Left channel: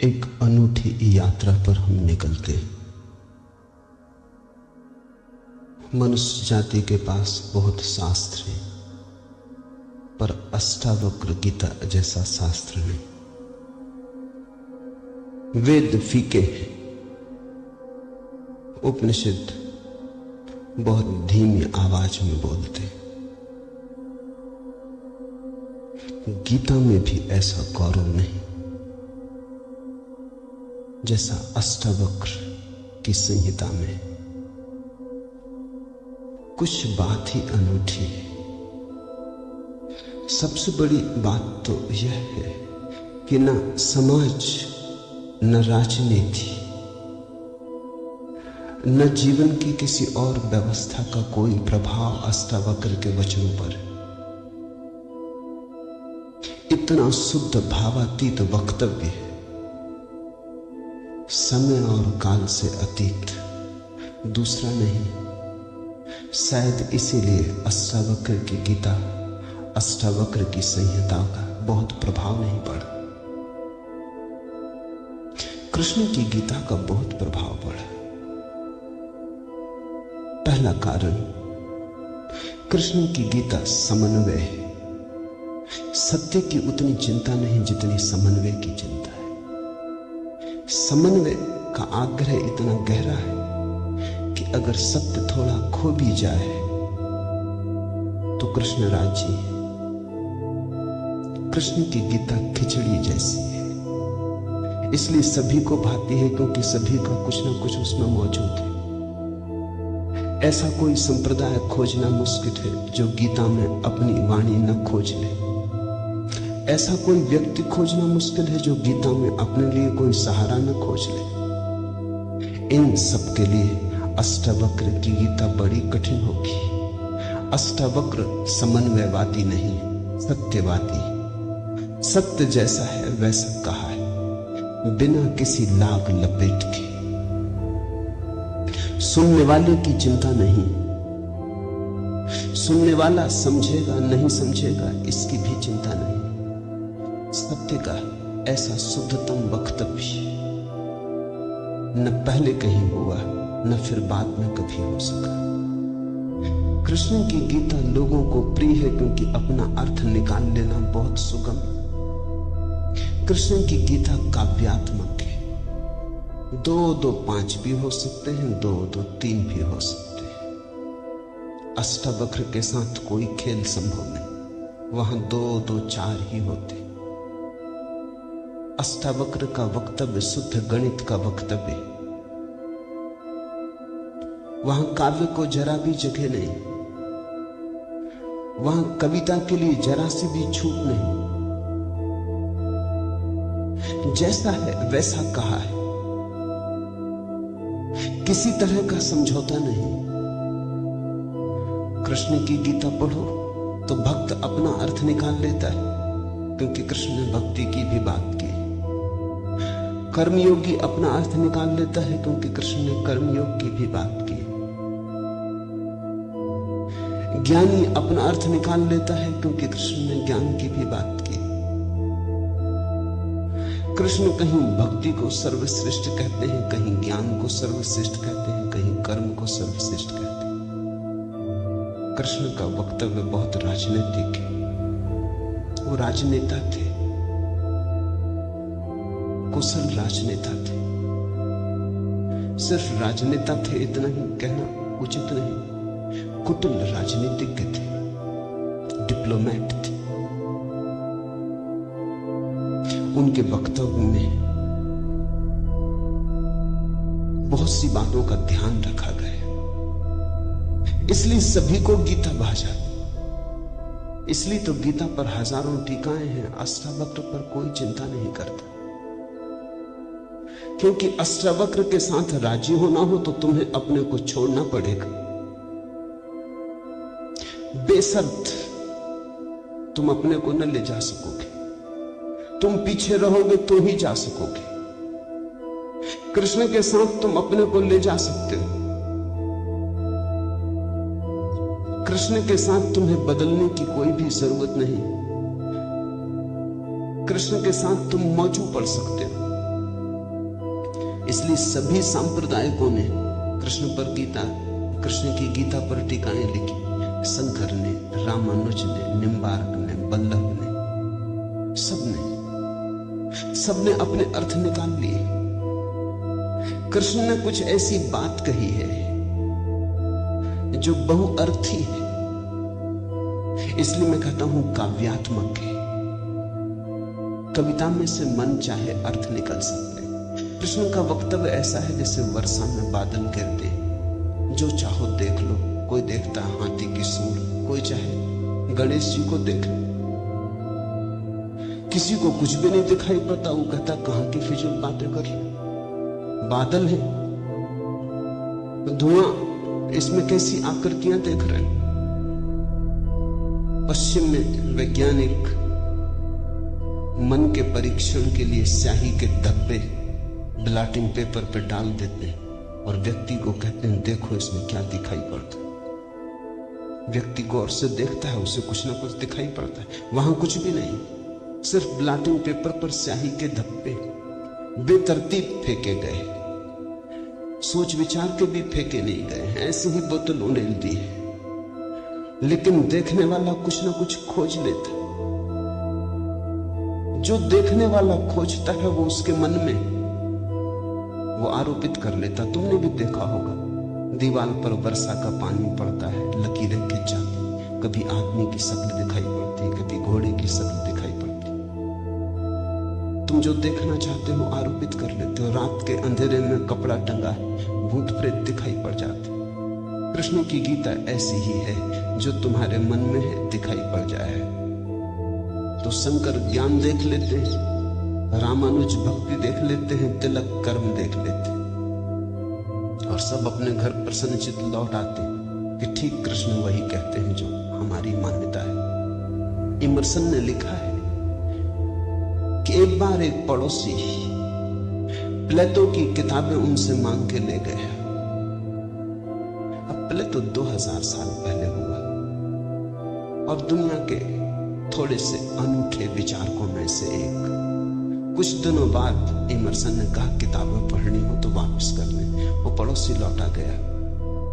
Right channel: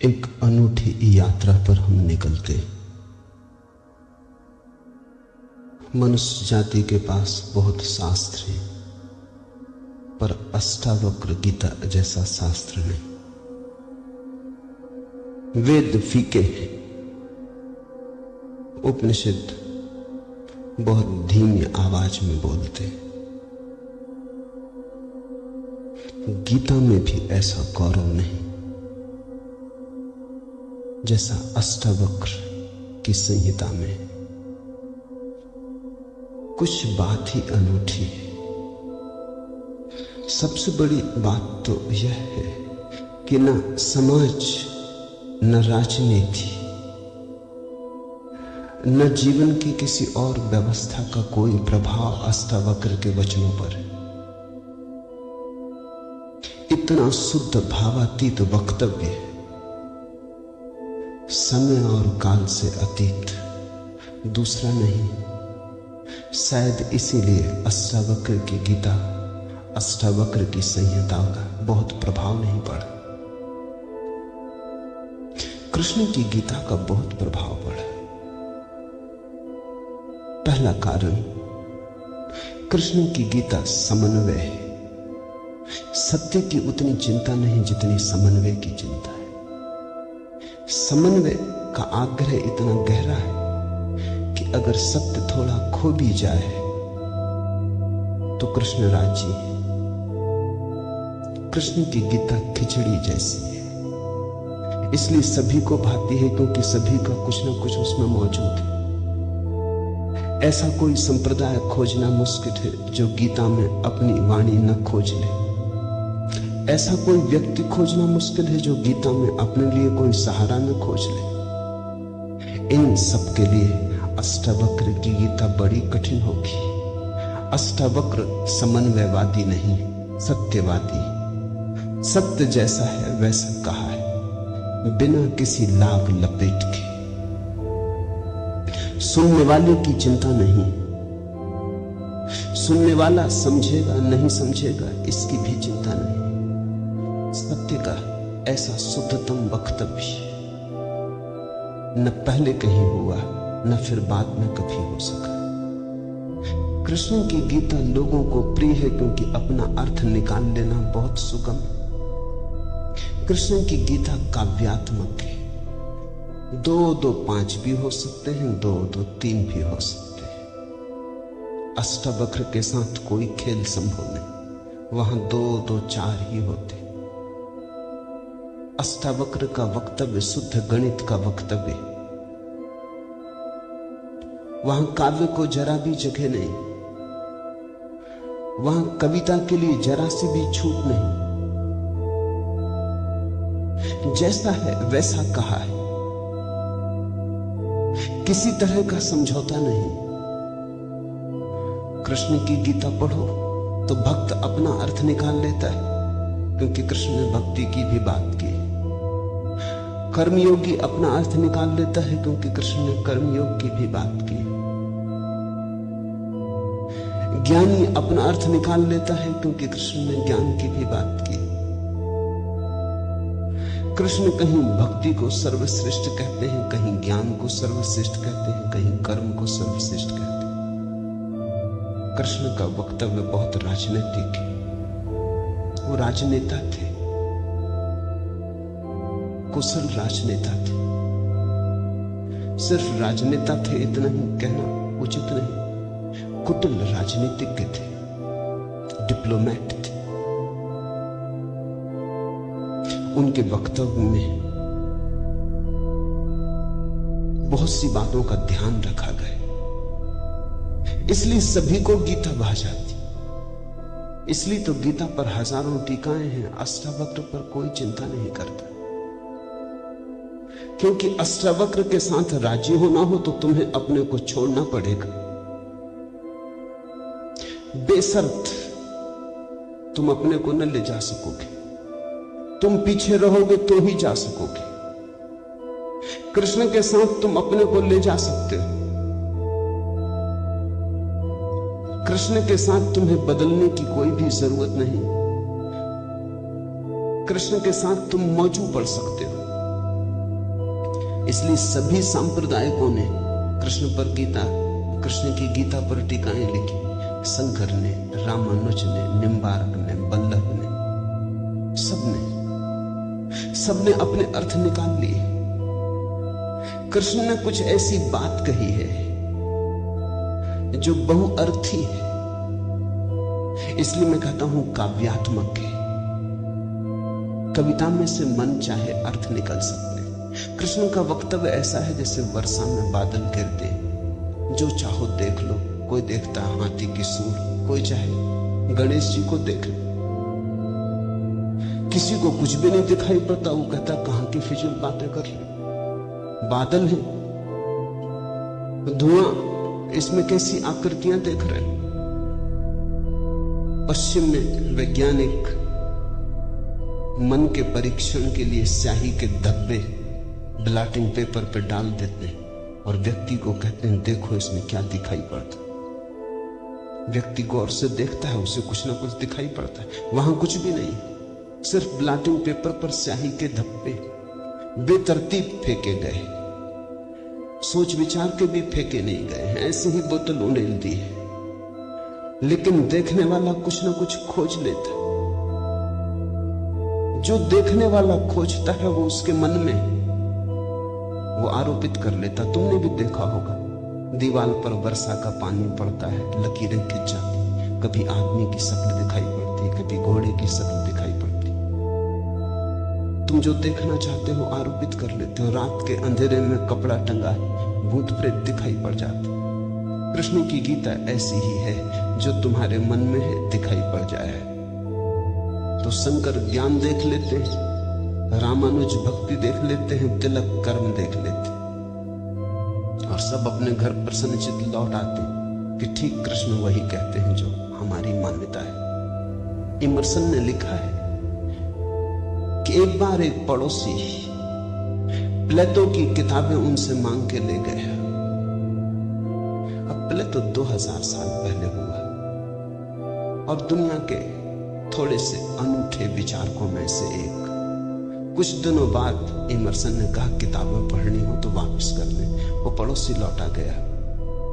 एक अनूठी यात्रा पर हम निकलते। मनुष्य जाति के पास बहुत शास्त्र है, पर अष्टावक्र गीता जैसा शास्त्र नहीं। वेद फीके, उपनिषद बहुत धीमी आवाज में बोलते। गीता में भी ऐसा गौरव नहीं जैसा अष्टावक्र की संहिता में। कुछ बात ही अनूठी है। सबसे बड़ी बात तो यह है कि न समाज, न राजनीति, न जीवन की किसी और व्यवस्था का कोई प्रभाव अष्टावक्र के वचनों पर है। इतना शुद्ध भावातीत वक्तव्य है, समय और काल से अतीत, दूसरा नहीं। शायद इसीलिए अष्टावक्र की गीता, अष्टावक्र की संहिता का बहुत प्रभाव नहीं पड़ा। कृष्ण की गीता का बहुत प्रभाव पड़ा। पहला कारण, कृष्ण की गीता समन्वय है। सत्य की उतनी चिंता नहीं जितनी समन्वय की चिंता है। समन्वय का आग्रह इतना गहरा है कि अगर सत्य थोड़ा खो भी जाए तो कृष्ण राजी है। कृष्ण की गीता खिचड़ी जैसी है, इसलिए सभी को भाती है क्योंकि सभी का कुछ ना कुछ उसमें मौजूद है। ऐसा कोई संप्रदाय खोजना मुश्किल है जो गीता में अपनी वाणी न खोज ले। ऐसा कोई व्यक्ति खोजना मुश्किल है जो गीता में अपने लिए कोई सहारा न खोज ले। इन सब के लिए अष्टावक्र की गीता बड़ी कठिन होगी। अष्टावक्र समन्वयवादी नहीं, सत्यवादी। सत्य जैसा है वैसा कहा है, बिना किसी लाभ लपेट के। सुनने वाले की चिंता नहीं, सुनने वाला समझेगा नहीं समझेगा इसकी भी चिंता नहीं। सत्य का ऐसा शुद्धतम वक्तव्य न पहले कहीं हुआ, न फिर बाद में कभी हो सका। कृष्ण की गीता लोगों को प्रिय है क्योंकि अपना अर्थ निकाल लेना बहुत सुगम। कृष्ण की गीता काव्यात्मक है। 2 2 5 भी हो सकते हैं, 2 2 3 भी हो सकते हैं। अष्टावक्र के साथ कोई खेल संभव नहीं, वहां 2 2 4 ही होते। अष्टावक्र का वक्तव्य शुद्ध गणित का वक्तव्य। वहां काव्य को जरा भी जगह नहीं, वहां कविता के लिए जरा सी भी छूट नहीं। जैसा है वैसा कहा है, किसी तरह का समझौता नहीं। कृष्ण की गीता पढ़ो तो भक्त अपना अर्थ निकाल लेता है क्योंकि कृष्ण ने भक्ति की भी बात की। कर्मयोगी अपना अर्थ निकाल लेता है क्योंकि कृष्ण ने कर्मयोग की भी बात की। ज्ञानी अपना अर्थ निकाल लेता है क्योंकि कृष्ण ने ज्ञान की भी बात की। कृष्ण कहीं भक्ति को सर्वश्रेष्ठ कहते हैं, कहीं ज्ञान को सर्वश्रेष्ठ कहते हैं, कहीं कर्म को सर्वश्रेष्ठ कहते हैं। कृष्ण का वक्तव्य बहुत राजनीतिक है। वो राजनेता थे, कुशल राजनेता थे। सिर्फ राजनेता थे इतना ही कहना उचित नहीं, कुटिल राजनीतिज्ञ थे, डिप्लोमेट थे। उनके वक्तव्य में बहुत सी बातों का ध्यान रखा गया, इसलिए सभी को गीता भा जाती। इसलिए तो गीता पर हजारों टीकाएं हैं, अष्टावक्र पर कोई चिंता नहीं करता। क्योंकि अष्टावक्र के साथ राजी होना हो तो तुम्हें अपने को छोड़ना पड़ेगा। बेशर्त तुम अपने को न ले जा सकोगे, तुम पीछे रहोगे तो ही जा सकोगे। कृष्ण के साथ तुम अपने को ले जा सकते हो। कृष्ण के साथ तुम्हें बदलने की कोई भी जरूरत नहीं। कृष्ण के साथ तुम मौजू पड़ सकते हो। इसलिए सभी सांप्रदायिकों ने कृष्ण की गीता पर टीकाएं लिखी। शंकर ने, रामानुज ने, निम्बार्क ने, बल्लभ ने, सबने अपने अर्थ निकाल लिए। कृष्ण ने कुछ ऐसी बात कही है जो बहुअर्थी है, इसलिए मैं कहता हूं काव्यात्मक है। कविता में से मन चाहे अर्थ निकल सकते हैं। कृष्ण का वक्तव्य ऐसा है जैसे वर्षा में बादल गिरते, जो चाहो देख लो। कोई देखता हाथी की सूंड, कोई चाहे गणेश जी को देख लो। किसी को कुछ भी नहीं दिखाई पड़ता, वो कहता कहां की फिजूल बातें कर लो। बादल है, धुआं, इसमें कैसी आकृतियां देख रहे हैं। पश्चिम में वैज्ञानिक मन के परीक्षण के लिए स्याही के धब्बे ब्लॉटिंग पेपर पर डाल देते हैं और व्यक्ति को कहते हैं देखो इसमें क्या दिखाई पड़ता है। व्यक्ति गौर से देखता है, उसे कुछ ना कुछ दिखाई पड़ता है। वहां कुछ भी नहीं, सिर्फ ब्लॉटिंग पेपर पर स्याही के धब्बे बेतरतीब फेंके गए, सोच विचार के भी फेंके नहीं गए हैं, ऐसे ही बोतल उड़ेल दी है। लेकिन देखने वाला कुछ ना कुछ खोज लेता। जो देखने वाला खोजता है वो उसके मन में वो आरोपित कर लेता। तुमने भी देखा होगा, दीवार पर वर्षा का पानी पड़ता है, लकीरें खिंच जाती, कभी आदमी की शक्ल दिखाई पड़ती, कभी घोड़े की शक्ल दिखाई पड़ती। तुम जो देखना चाहते हो आरोपित कर लेते हो। रात के अंधेरे में कपड़ा टंगा, भूत प्रेत दिखाई पड़ जाते। कृष्ण की गीता ऐसी ही है, जो तुम्हारे मन में है दिखाई पड़ जाए। तो शंकर ज्ञान देख लेते हैं, रामानुज भक्ति देख लेते हैं, तिलक कर्म देख लेते हैं, और सब अपने घर प्रसन्नचित लौट आते कि ठीक कृष्ण वही कहते हैं जो हमारी मान्यता है। इमर्सन ने लिखा है कि एक बार एक पड़ोसी प्लेटो की किताबें उनसे मांग के ले गया। अब प्लेटो 2000 साल पहले हुआ और दुनिया के थोड़े से अनूठे विचारकों में से एक। कुछ दिनों बाद इमर्सन ने कहा किताबें पढ़नी हो तो वापस कर लें। वो पड़ोसी लौटा गया।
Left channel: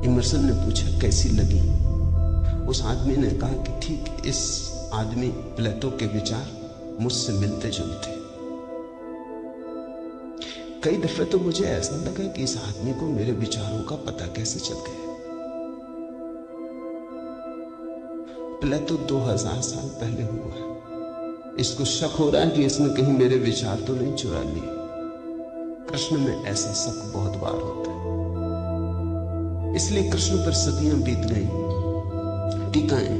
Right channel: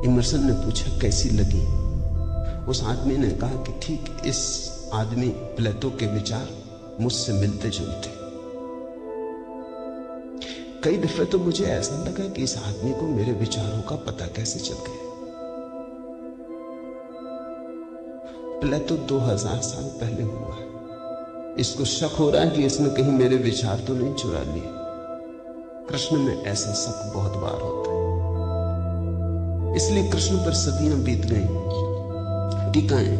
इमर्सन ने पूछा कैसी लगी। उस आदमी ने कहा कि ठीक इस आदमी प्लेटो के विचार मुझसे मिलते जुलते। कई दफे तो मुझे ऐसा लगा कि इस आदमी को मेरे विचारों का पता कैसे चल गया। प्लेटो 2000 साल पहले हुआ। इसको शक हो रहा है कि इसने कहीं मेरे विचार तो नहीं चुरा लिए। कृष्ण में ऐसा शक बहुत बार होता है। इसलिए कृष्ण पर सदियां बीत गई, टीकाएं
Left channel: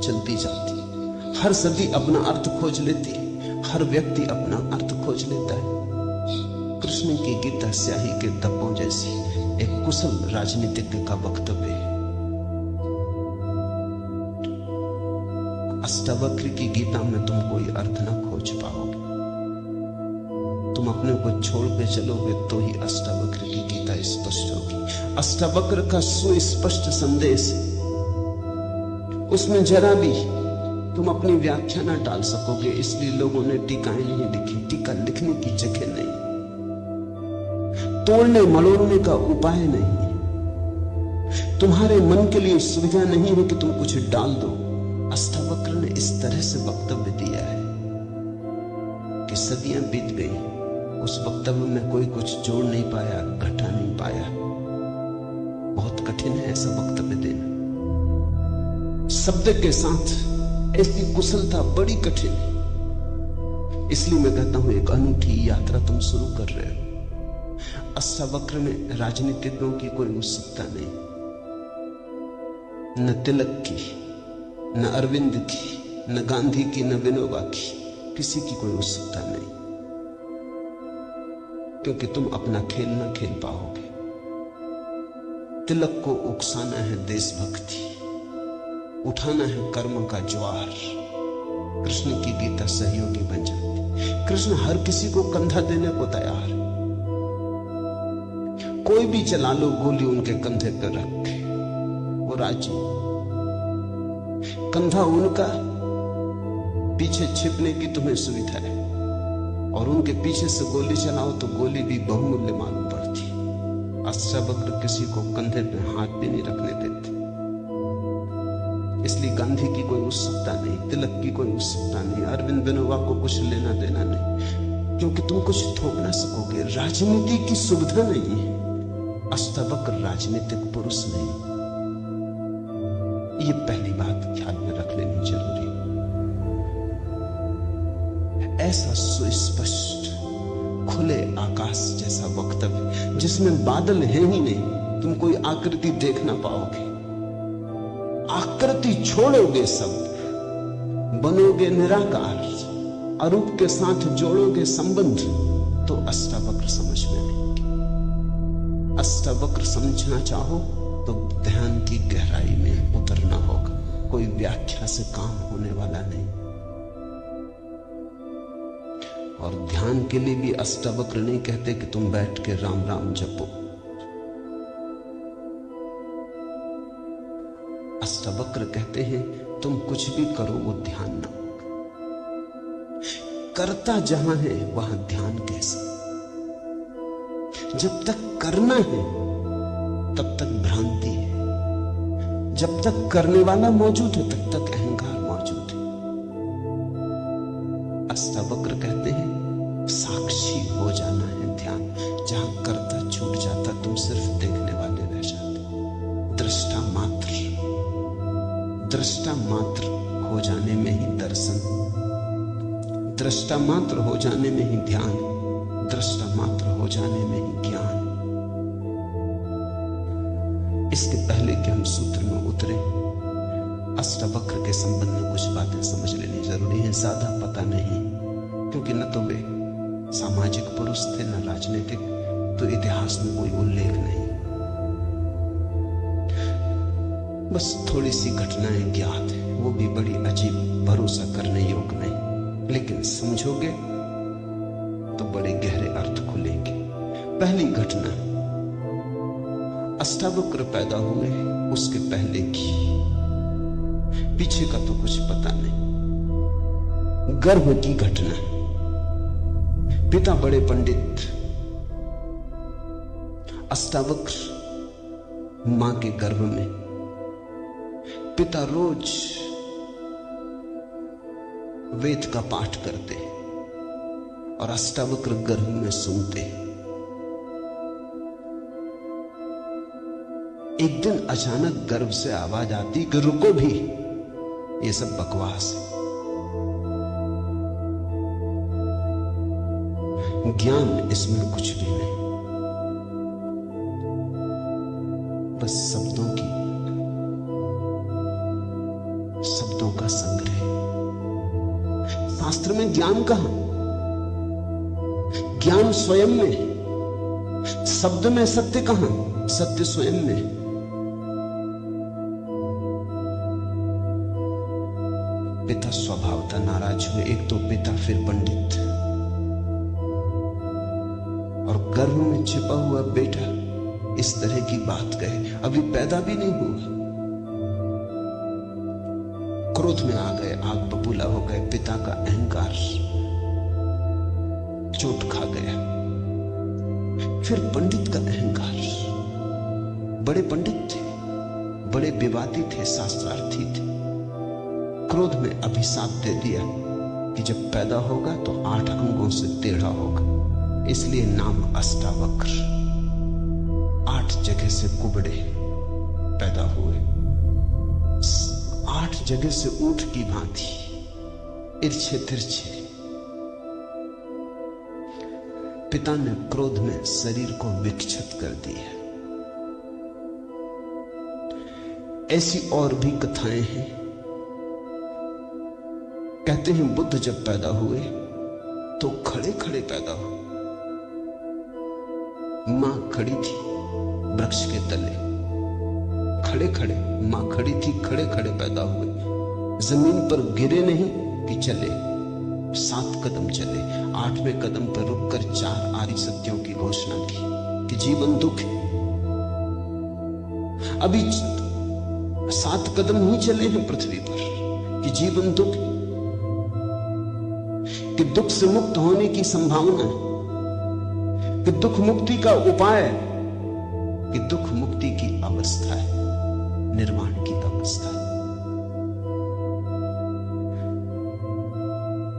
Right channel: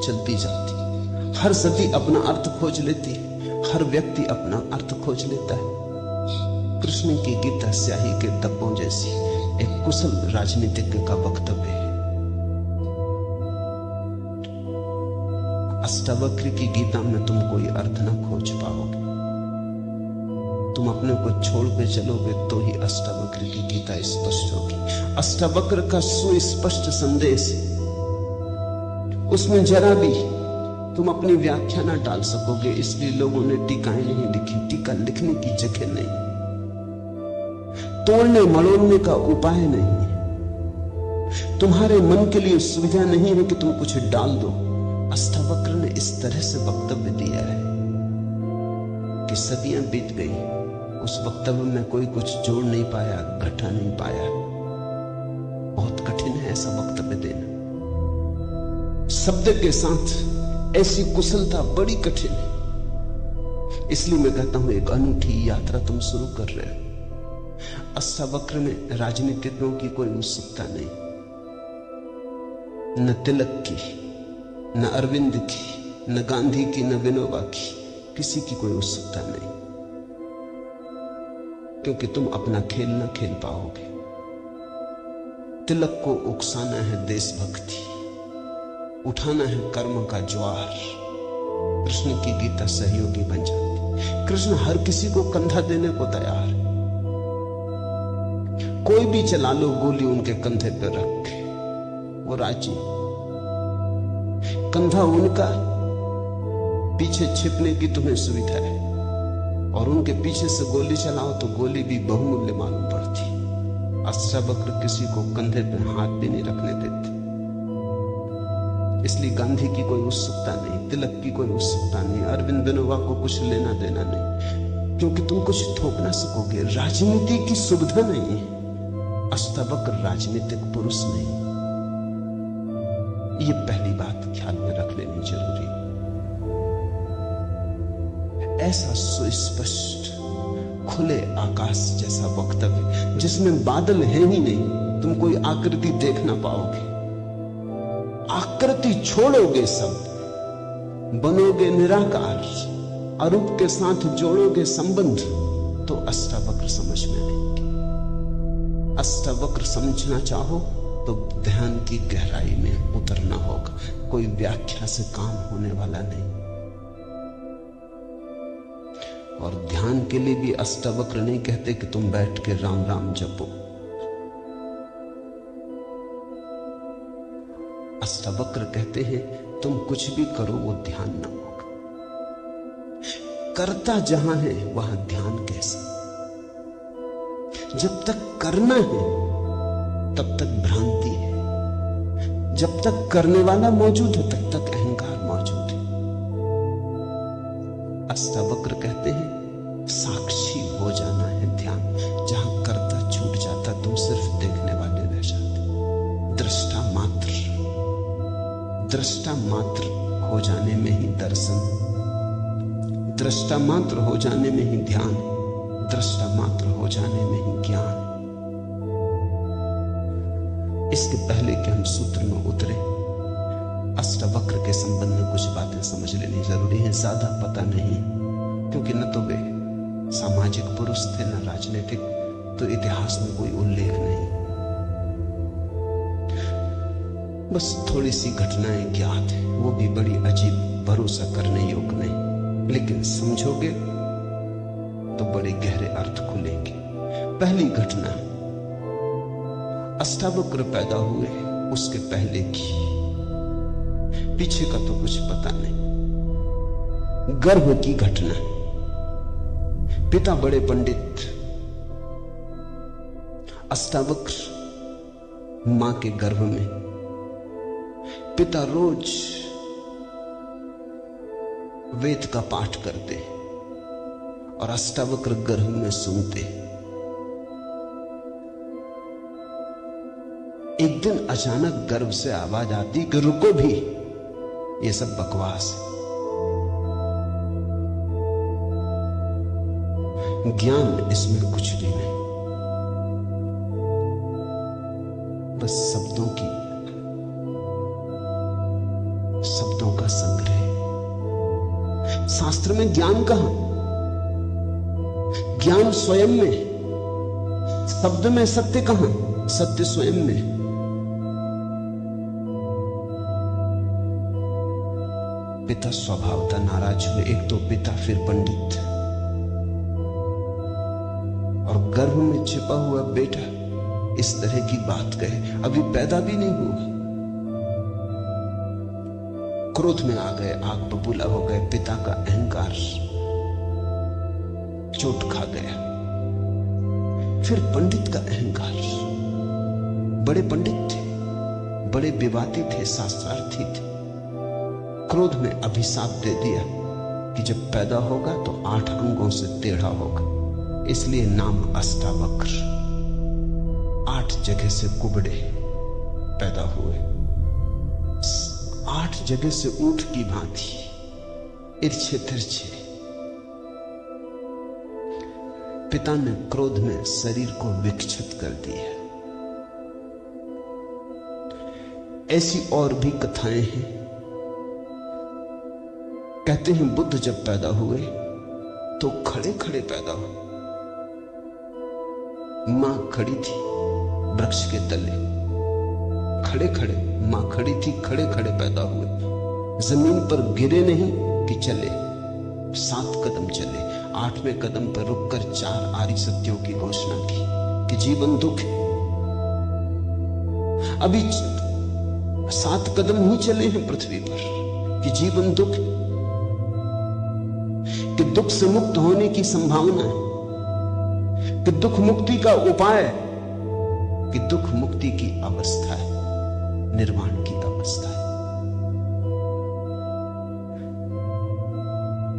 चलती जाती। हर सदी अपना अर्थ खोज लेती, हर व्यक्ति अपना अर्थ खोज लेता है। कृष्ण की गीता स्याही के धब्बों जैसी एक कुशल राजनीतिज्ञ का वक्तव्य है। अष्टावक्र की गीता में तुम कोई अर्थ ना खोज पाओगे। तुम अपने को छोड़ के चलोगे तो ही अष्टावक्र की गीता स्पष्ट होगी। अष्टावक्र का सुस्पष्ट संदेश है, उसमें जरा भी तुम अपनी व्याख्या ना डाल सकोगे। इसलिए लोगों ने टीकाएं नहीं लिखी। टीका लिखने की जगह नहीं, तोड़ने मड़ोड़ने का उपाय नहीं, तुम्हारे मन के लिए सुविधा नहीं है कि तुम कुछ डाल दो। अष्टावक्र ने इस तरह से वक्तव्य दिया है कि सदियां बीत गई, उस वक्तव्य में कोई कुछ जोड़ नहीं पाया, घटा नहीं पाया। बहुत कठिन है ऐसा वक्तव्य देना। शब्द के साथ ऐसी कुशलता बड़ी कठिन है। इसलिए मैं कहता हूं एक अनूठी यात्रा तुम शुरू कर रहे हो। अष्टावक्र में राजनीतिज्ञों की कोई उत्सुकता नहीं, न तिलक की, न अरविंद की, न गांधी की, न विनोबा की, किसी की कोई उत्सुकता नहीं, क्योंकि तुम अपना खेल न खेल पाओगे। तिलक को उकसाना है देशभक्ति, उठाना है कर्म का ज्वार। कृष्ण की गीता सहयोगी बन जाती। कृष्ण हर किसी को कंधा देने को तैयार है। कोई भी चला लो गोली उनके कंधे पर रख के, वो राजी। कंधा उनका, पीछे छिपने की तुम्हें सुविधा है। और उनके पीछे से गोली चलाओ तो गोली भी बहुमूल्य मालूम पड़ती। अष्टावक्र किसी को कंधे पे हाथ भी नहीं रखने देते। इसलिए गांधी की कोई उत्सुकता नहीं, तिलक की कोई उत्सुकता नहीं, अरविंद विनोबा को कुछ लेना देना नहीं, क्योंकि तुम कुछ ठोक ना सकोगे। राजनीति की सुविधा नहीं है। अष्टावक्र राजनीतिक पुरुष नहीं। ये पहली बात ख्याल में रख लेनी जरूरी है। ऐसा सुस्पष्ट खुले आकाश जैसा वक्तव्य जिसमें बादल है ही नहीं, तुम कोई आकृति देख ना पाओगे। आकृति छोड़ोगे, सब बनोगे निराकार, अरूप के साथ जोड़ोगे संबंध, तो अष्टावक्र समझ में नहीं। अष्टावक्र समझना चाहो तो ध्यान की गहराई में उतरना होगा। कोई व्याख्या से काम होने वाला नहीं। और ध्यान के लिए भी अष्टावक्र नहीं कहते कि तुम बैठ के राम राम जपो। अष्टावक्र कहते हैं तुम कुछ भी करो वो ध्यान न होगा। करता जहां है वहां ध्यान कैसे? जब तक करना है तब तक भ्रांति है, जब तक करने वाला मौजूद है तब तक अहंकार मौजूद है। अष्टावक्र कहते हैं साक्षी हो जाना है ध्यान। जहां करता छूट जाता तुम सिर्फ देखने वाले रह जाते। दृष्टा मात्र हो जाने में ही दर्शन, दृष्टा मात्र हो जाने में ही ध्यान, दृष्टा मात्र हो जाने में ही ज्ञान। इसके पहले कि हम सूत्र में उतरे, अष्टावक्र के संबंध में कुछ बातें समझ लेनी जरूरी है। ज्यादा पता नहीं, क्योंकि न तो वे सामाजिक पुरुष थे न राजनीतिक, तो इतिहास में कोई उल्लेख नहीं। बस थोड़ी सी घटनाएं ज्ञात है, वो भी बड़ी अजीब, भरोसा करने योग्य नहीं, लेकिन समझोगे तो बड़े गहरे अर्थ खुलेंगे। पहली घटना, अष्टावक्र पैदा हुए उसके पहले की, पीछे का तो कुछ पता नहीं। गर्भ की घटना, पिता बड़े पंडित, अष्टावक्र मां के गर्भ में। पिता रोज वेद का पाठ करते और अष्टावक्र गर्भ में सुनते। एक दिन अचानक गर्भ से आवाज आती कि रुको भी, ये सब बकवास है। ज्ञान इसमें कुछ भी नहीं, बस शब्दों का संग्रह। शास्त्र में ज्ञान कहां? ज्ञान स्वयं में। शब्द में सत्य कहां? सत्य स्वयं में। पिता स्वभावतः नाराज हुए। एक तो पिता, फिर पंडित, और गर्भ में छिपा हुआ बेटा इस तरह की बात कहे, अभी पैदा भी नहीं हुआ। क्रोध में आ गए, आग बबूला हो गए। पिता का अहंकार चोट खा गया। फिर पंडित का अहंकार, बड़े पंडित थे, बड़े विवादी थे, शास्त्रार्थी थे। क्रोध में अभिशाप दे दिया कि जब पैदा होगा तो 8 अंगों से टेढ़ा होगा, इसलिए नाम अष्टावक्र। 8 जगह से कुबड़े पैदा हुए, 8 जगह से ऊंट की भांति इर्छे तिरछे। पिता ने क्रोध में शरीर को विक्षिप्त कर दिया। ऐसी और भी कथाएं हैं। कहते हैं बुद्ध जब पैदा हुए तो खड़े खड़े पैदा हुए। मां खड़ी थी वृक्ष के तले, खड़े खड़े मां खड़ी थी, खड़े खड़े पैदा हुए। जमीन पर गिरे नहीं कि चले, 7 कदम चले। 8वें कदम पर रुककर 4 आर्य सत्यों की घोषणा की कि जीवन दुख है। अभी 7 कदम ही चले हैं पृथ्वी पर कि जीवन दुख है। कि दुख से मुक्त होने की संभावना, कि दुख मुक्ति का उपाय, कि दुख मुक्ति की अवस्था है, निर्वाण की अवस्था है।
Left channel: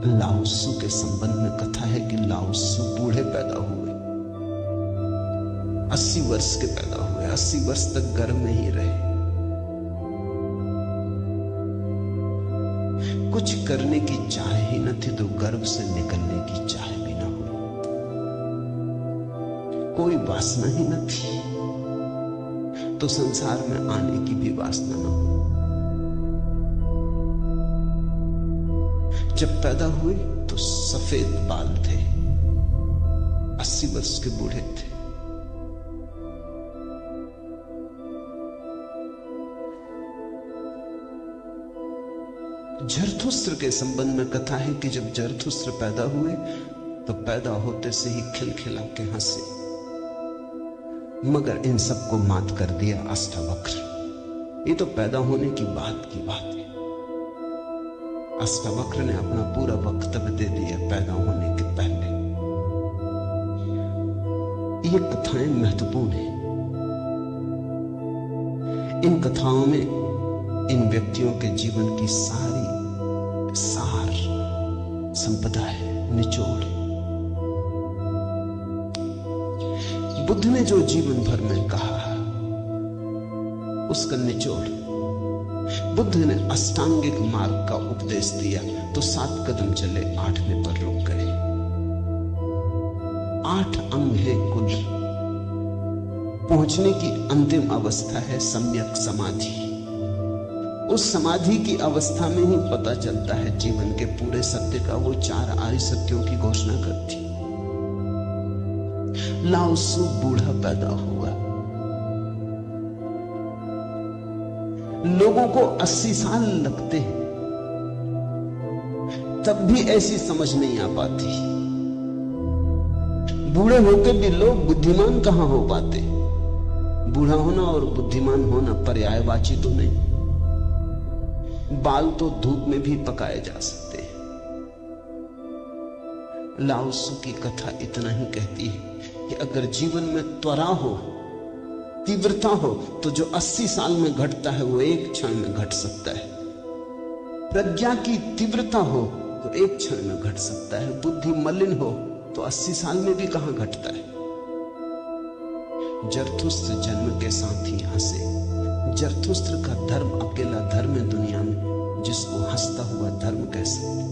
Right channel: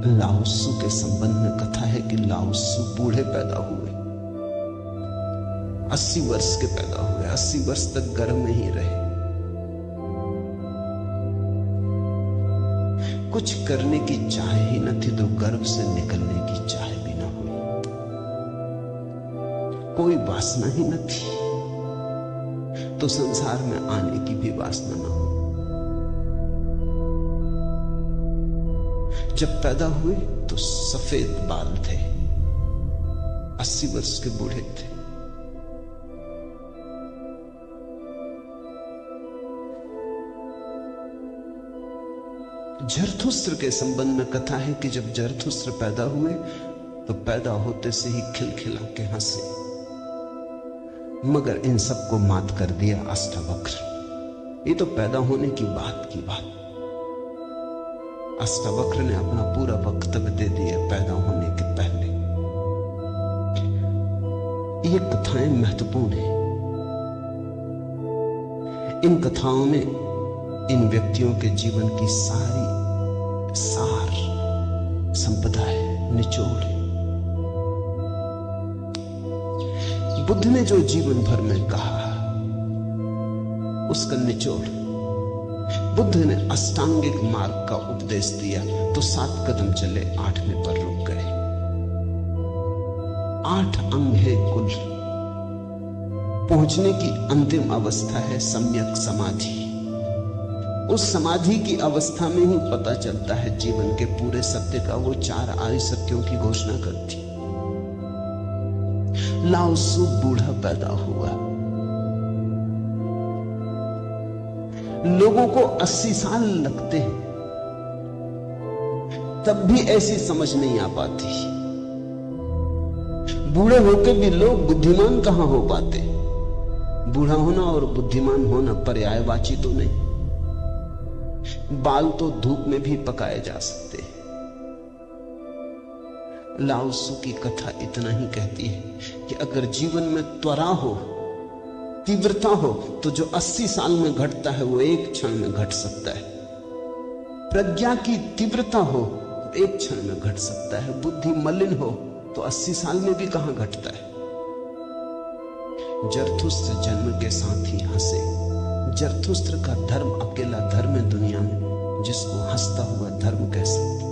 लाओत्सु के संबंध में कथा है कि लाओत्सु बूढ़े पैदा हुए, 80 वर्ष के पैदा हुए, 80 वर्ष तक गर्भ में ही रहे। कुछ करने की चाह ही न थी तो गर्भ से निकलने की चाह भी न हुई, कोई वासना ही न थी तो संसार में आने की भी वासना न हुई। जब पैदा हुए तो सफेद बाल थे, 80 वर्ष के बूढ़े थे। जरथुस्त्र के संबंध में कथा है कि जब जरथुस्त्र पैदा हुए तो पैदा होते से ही खिलखिला के हंसे, मगर इन सबको मात कर दिया अष्टावक्र। ये तो पैदा होने की बात है। अष्टावक्र ने अपना पूरा वक्तव्य दे दिया पैदा होने के पहले। ये कथाएं महत्वपूर्ण हैं। इन कथाओं में इन व्यक्तियों के जीवन की सारी सार संपदा है, निचोड़ है। बुद्ध ने जो जीवन भर में कहा उसका निचोड़। बुद्ध ने अष्टांगिक मार्ग का उपदेश दिया तो 7 कदम चले, 8वें पर रुक गए। 8 अंग है कुल। पहुंचने की अंतिम अवस्था है सम्यक समाधि। उस समाधि की अवस्था में ही पता चलता है जीवन के पूरे सत्य का। वो 4 आर्य सत्यों की घोषणा करती। लाओत्सु बूढ़ा पैदा हुआ। लोगों को 80 साल लगते हैं, तब भी ऐसी समझ नहीं आ पाती। बूढ़े होकर भी लोग बुद्धिमान कहां हो पाते। बूढ़ा होना और बुद्धिमान होना पर्यायवाची तो नहीं। बाल तो धूप में भी पकाए जा सकते हैं। लाओत्सु की कथा इतना ही कहती है कि अगर जीवन में त्वरा हो, तीव्रता हो, तो जो 80 साल में घटता है वो 1 क्षण में घट सकता है। प्रज्ञा की तीव्रता हो तो 1 क्षण में घट सकता है। बुद्धि मलिन हो तो 80 साल में भी कहां घटता है। जरथुस्त्र जन्म के साथ ही हंसे। जरथुस्त्र का धर्म अकेला धर्म है दुनिया में जिसको हंसता हुआ धर्म कह सकते।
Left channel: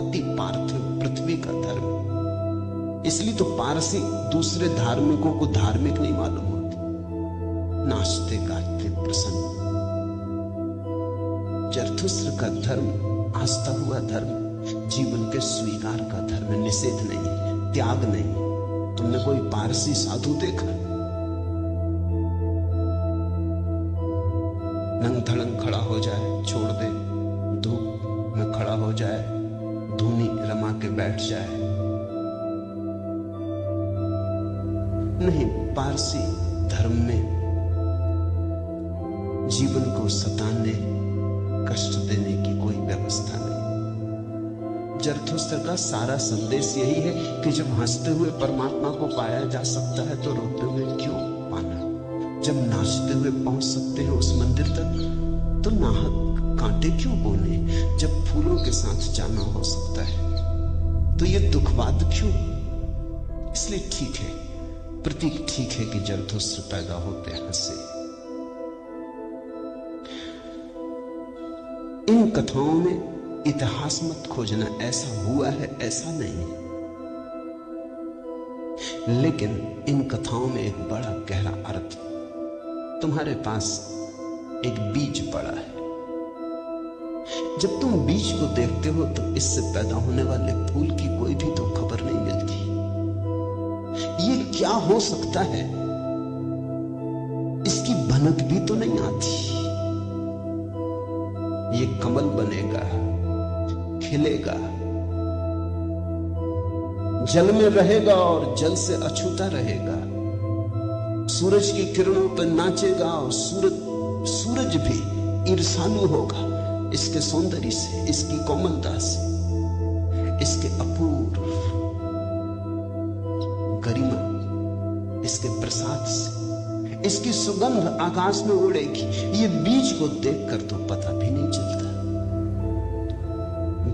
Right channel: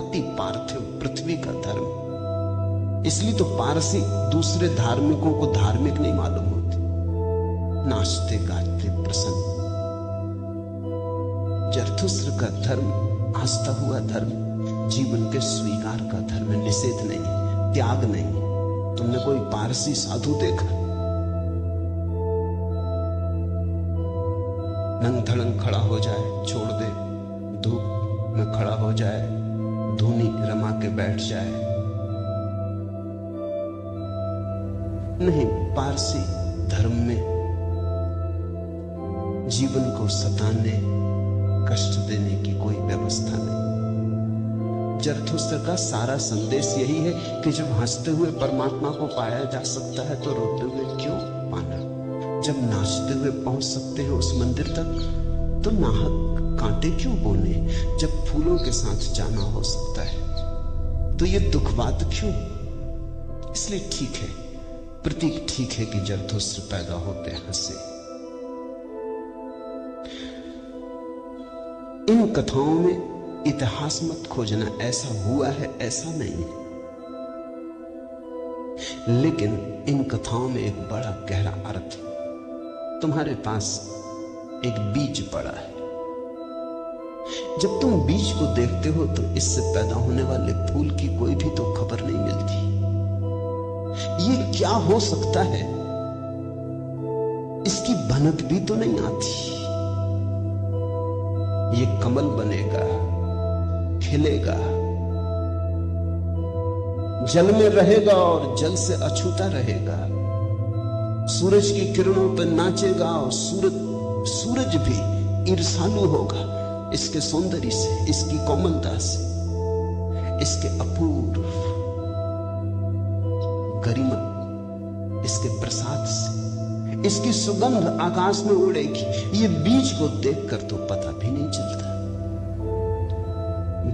अति पार्थिव पृथ्वी का धर्म। इसलिए तो पारसी दूसरे धार्मिकों को धार्मिक नहीं मालूम होते। नाचते गाते प्रसन्न। जरथुस्त्र का धर्म हंसता हुआ धर्म, जीवन के स्वीकार का धर्म, निषेध नहीं, त्याग नहीं। तुमने कोई पारसी साधु देखा? नंग धड़ंग खड़ा हो जाए, छोड़ दे, धूप में खड़ा हो जाए, धूनी रमा के बैठ जाए। नहीं, पारसी धर्म में जीवन को सताने, कष्ट देने की कोई व्यवस्था नहीं। जरथुस्त्र का सारा संदेश यही है कि जब हंसते हुए परमात्मा को पाया जा सकता है तो रोते हुए क्यों पाना। जब नाचते हुए पहुंच सकते हैं उस मंदिर तक तो नाहक कांटे क्यों बोने। जब फूलों के साथ जाना हो सकता है तो ये दुखवाद क्यों। इसलिए ठीक है, प्रतीक ठीक है कि जरथुस्त्र पैदा होते हंसे। इन कथाओं में इतिहास मत खोजना, ऐसा हुआ है ऐसा नहीं, लेकिन इन कथाओं में एक बड़ा गहरा अर्थ है। तुम्हारे पास एक बीज पड़ा है। जब तुम बीज को देखते हो तो इससे पैदा होने वाले फूल की कोई भी तो खबर नहीं मिलती। ये क्या हो सकता है, इसकी भनक भी तो नहीं आती। ये कमल बनेगा, खिलेगा, जल में रहेगा और जल से अछूता रहेगा, सूरज की किरणों पर नाचेगा और सूरज भी ईर्ष्यालु होगा इसके सौंदर्य से, इसकी कोमलता से। इसके अपूर्व गरिमा, इसके प्रसाद से, इसकी सुगंध आकाश में उड़ेगी। ये बीज को देखकर तो पता भी नहीं चलता।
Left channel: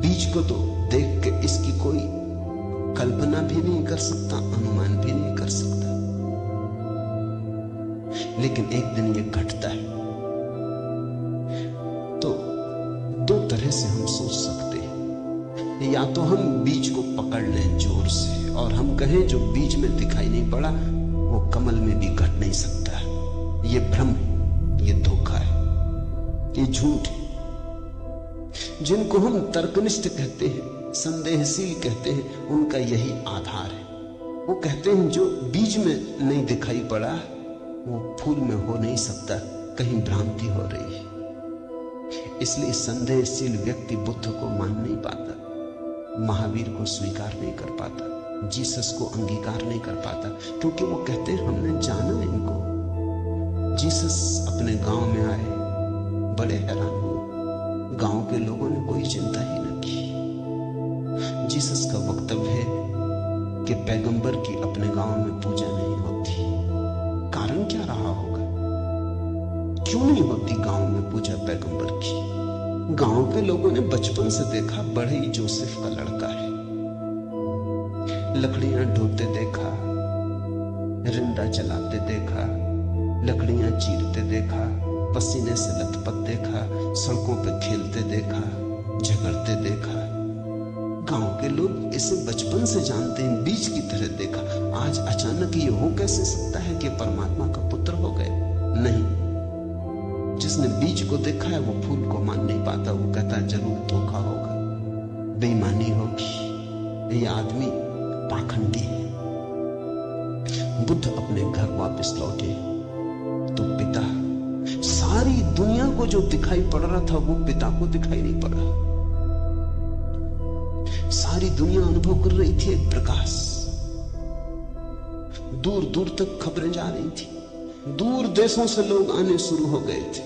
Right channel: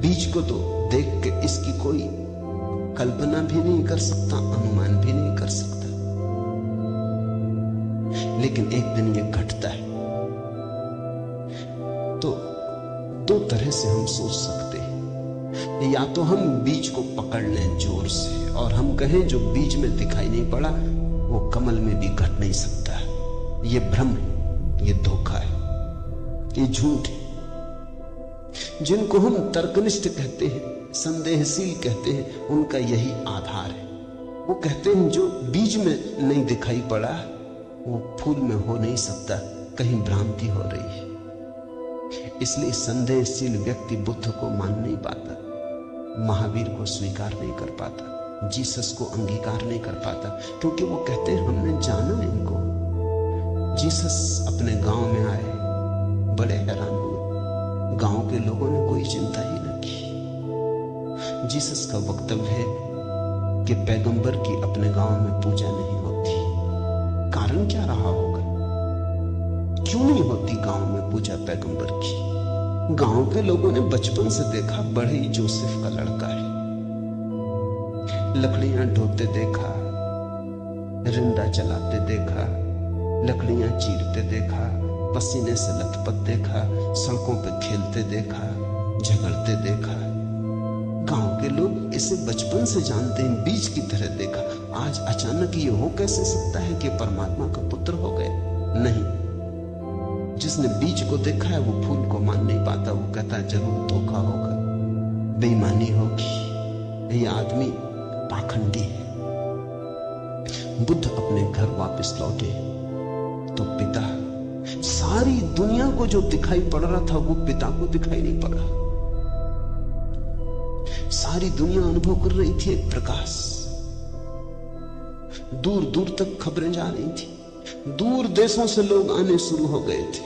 बीज को तो देख के इसकी कोई कल्पना भी नहीं कर सकता, अनुमान भी नहीं कर सकता। लेकिन एक दिन ये घटता है। तो दो तरह से हम सोच सकते हैं। या तो हम बीज को पकड़ लें जोर से और हम कहें जो बीज में दिखाई नहीं पड़ा वो कमल में भी घट नहीं सकता। ये भ्रम, ये धोखा है, ये झूठ है। जिनको हम तर्कनिष्ठ कहते हैं, संदेहशील कहते हैं, उनका यही आधार है। वो कहते हैं जो बीज में नहीं दिखाई पड़ा वो फूल में हो नहीं सकता, कहीं भ्रांति हो रही है। इसलिए संदेहशील व्यक्ति बुद्ध को मान नहीं पाता, महावीर को स्वीकार नहीं कर पाता, जीसस को अंगीकार नहीं कर पाता, क्योंकि वो कहते हैं हमने जाना इनको। जीसस अपने गांव में आए, बड़े हैरान हुए। गांव के लोगों ने कोई चिंता ही न की। जीसस का वक्तव्य है कि पैगंबर की अपने गांव में पूजा नहीं होती। कारण क्या रहा होगा? क्यों नहीं होती गांव में पूजा पैगंबर की? गांव के लोगों ने बचपन से देखा, बड़े ही जोसेफ का लड़का है, लकड़ियां ढोते देखा, रिंदा चलाते देखा, लकड़ियां चीरते देखा, पसीने से लथपथ देखा, सड़कों पे खेलते देखा, झगड़ते देखा। गांव के लोग इसे बचपन से जानते हैं, बीज की तरह देखा। आज अचानक ये हो कैसे सकता है कि परमात्मा का पुत्र हो गए? नहीं, जिसने बीज को देखा है वो फूल को मान नहीं पाता। वो कहता है जरूर धोखा होगा, बेईमानी होगी, ये आदमी पाखंडी है। बुद्ध अपने घर वापस लौटे तो पिता, सारी दुनिया को जो दिखाई पड़ रहा था वो पिता को दिखाई नहीं पड़ रहा। सारी दुनिया अनुभव कर रही थी एक प्रकाश। दूर दूर तक खबरें जा रही थी, दूर देशों से लोग आने शुरू हो गए थे।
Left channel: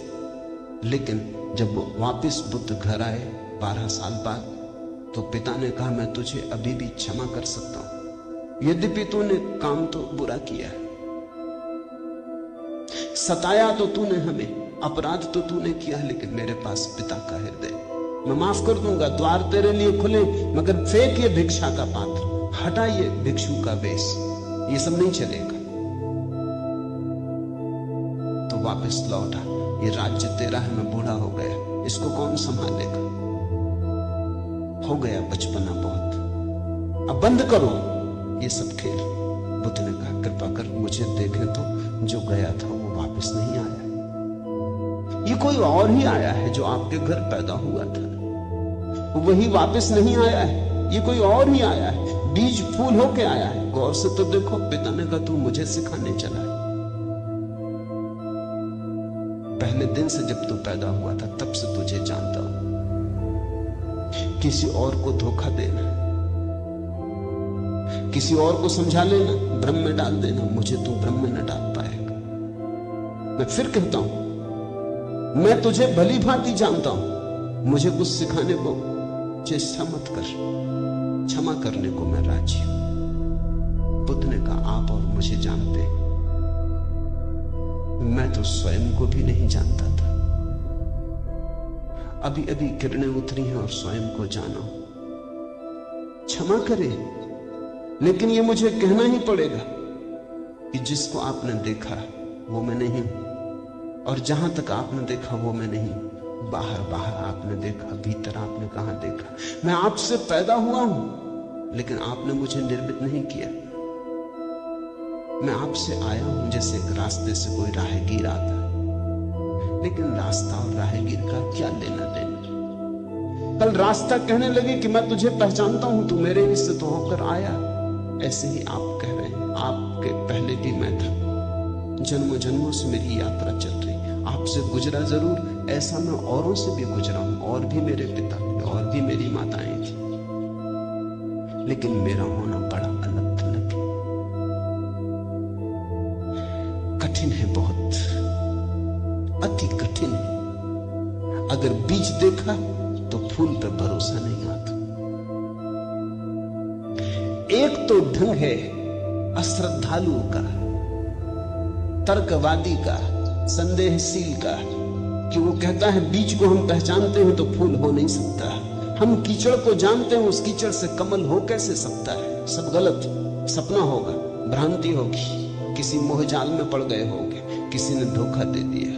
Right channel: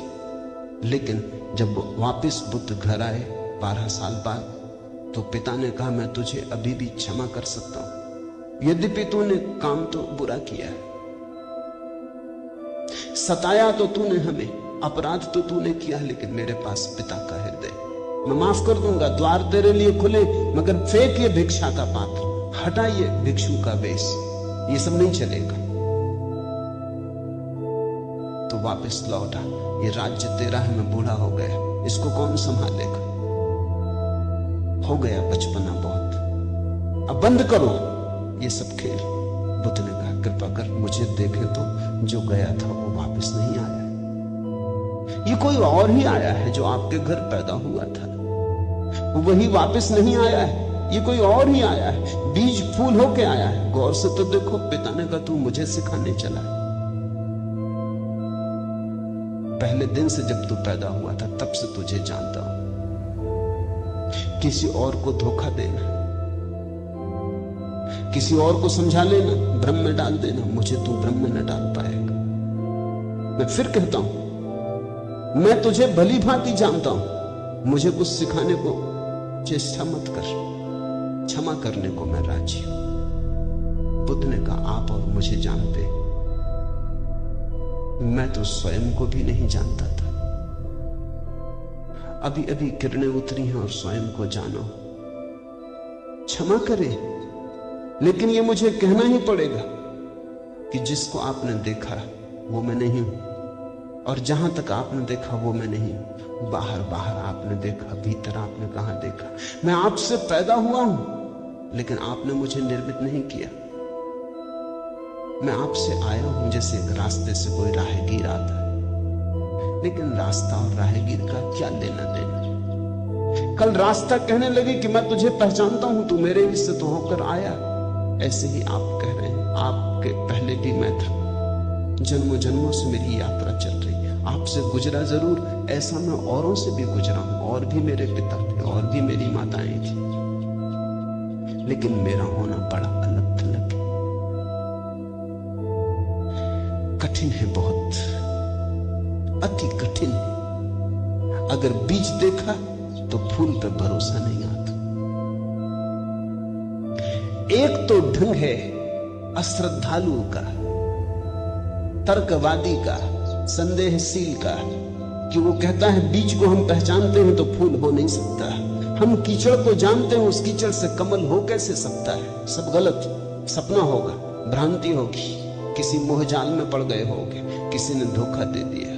लेकिन जब वापस बुद्ध घर आए 12 साल बाद, तो पिता ने कहा मैं तुझे अभी भी क्षमा कर सकता हूं, यद्यपि तूने काम तो बुरा किया है, सताया तो तूने हमें, अपराध तो तूने किया, लेकिन मेरे पास पिता का हृदय, मैं माफ कर दूंगा। द्वार तेरे लिए खुले, मगर फेंक ये भिक्षा का पात्र, हटा ये भिक्षु का वेश, ये सब नहीं चलेगा। तो वापस लौटा। ये राज्य तेरा है, मैं बूढ़ा हो गया, इसको कौन संभालेगा? हो गया बचपना बहुत, अब बंद करो ये सब खेल। बुद्ध ने कहा कृपा कर मुझे देखे तो, जो गया था वो वापस नहीं आया। ये कोई और ही आया है जो आपके घर पैदा हुआ था, वही वापस नहीं आया है। ये कोई और ही आया है, बीज फूल होके आया है। गौर से तो देखो। पिता ने कहा तू मुझे सिखाने चला। पहले दिन से जब तू पैदा हुआ था तब से तुझे जानता हूं। किसी और को धोखा देना, किसी और को समझा लेना, भ्रम में डाल देना, मुझे तू भ्रम में न डाल पाएगा। मैं फिर कहता हूं, मैं तुझे भली भांति जानता हूं, मुझे कुछ सिखाने को चेष्टा मत कर, क्षमा करने को मैं राजी हूं। बुद्ध ने कहा आप और मुझे जानते, मैं तो स्वयं को भी नहीं जानता था। अभी अभी किरणें उतरी हैं और स्वयं को जानो। क्षमा करे, लेकिन ये मुझे कहना ही पड़ेगा कि जिसको आपने देखा वो मैं नहीं हूं, और जहां तक आपने देखा वो मैं नहीं हूं। बाहर बाहर आपने देखा, भीतर आपने कहां देखा? मैं आपसे पैदा हुआ हूं, लेकिन आपने मुझे निर्मित नहीं किया। मैं आपसे आया हूं जैसे एक रास्ते से कोई राहगीर आता, लेकिन रास्ता और राहगीर का क्या लेना देना? कल रास्ता कहने लगे कि मैं तुझे पहचानता हूं, तू मेरे हिस्से तो होकर आया। ऐसे ही आप कह रहे हैं आपके पहले भी मैं था, जन्मों जन्मों से मेरी यात्रा चल रही, आपसे गुजरा जरूर, ऐसा मैं औरों से भी गुजरा हूं, और भी मेरे पिता थे, और भी मेरी माताएं थी, लेकिन मेरा होना बड़ा अलग थलग है, कठिन है, बहुत अति कठिन है। अगर बीज देखा तो फूल पे भरोसा नहीं आता। एक तो ढंग है अश्रद्धालु का, तर्कवादी का, संदेहशील का, कि वो कहता है बीज को हम पहचानते हैं तो फूल हो नहीं सकता, हम कीचड़ को जानते हैं उस कीचड़ से कमल हो कैसे सकता है, सब गलत, सपना होगा, भ्रांति होगी, किसी मोहजाल में पड़ गए होगे, किसी ने धोखा दे दिया,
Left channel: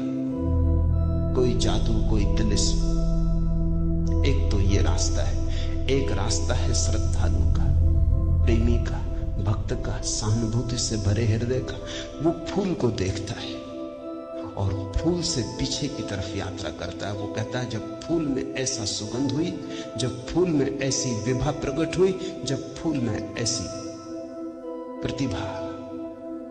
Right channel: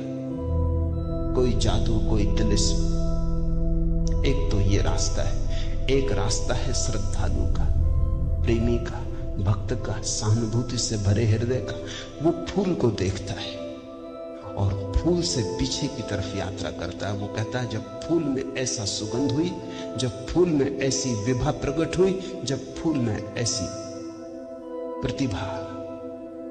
कोई जादू, कोई तिलिस्म। एक तो ये रास्ता है, एक रास्ता है श्रद्धालु का, प्रेमी का, भक्त का, सहानुभूति से भरे हृदय का। वो फूल को देखता है और फूल से पीछे की तरफ यात्रा करता है। वो कहता है जब फूल में ऐसा सुगंध हुई, जब फूल में ऐसी विभा प्रकट हुई, जब फूल में ऐसी प्रतिभा,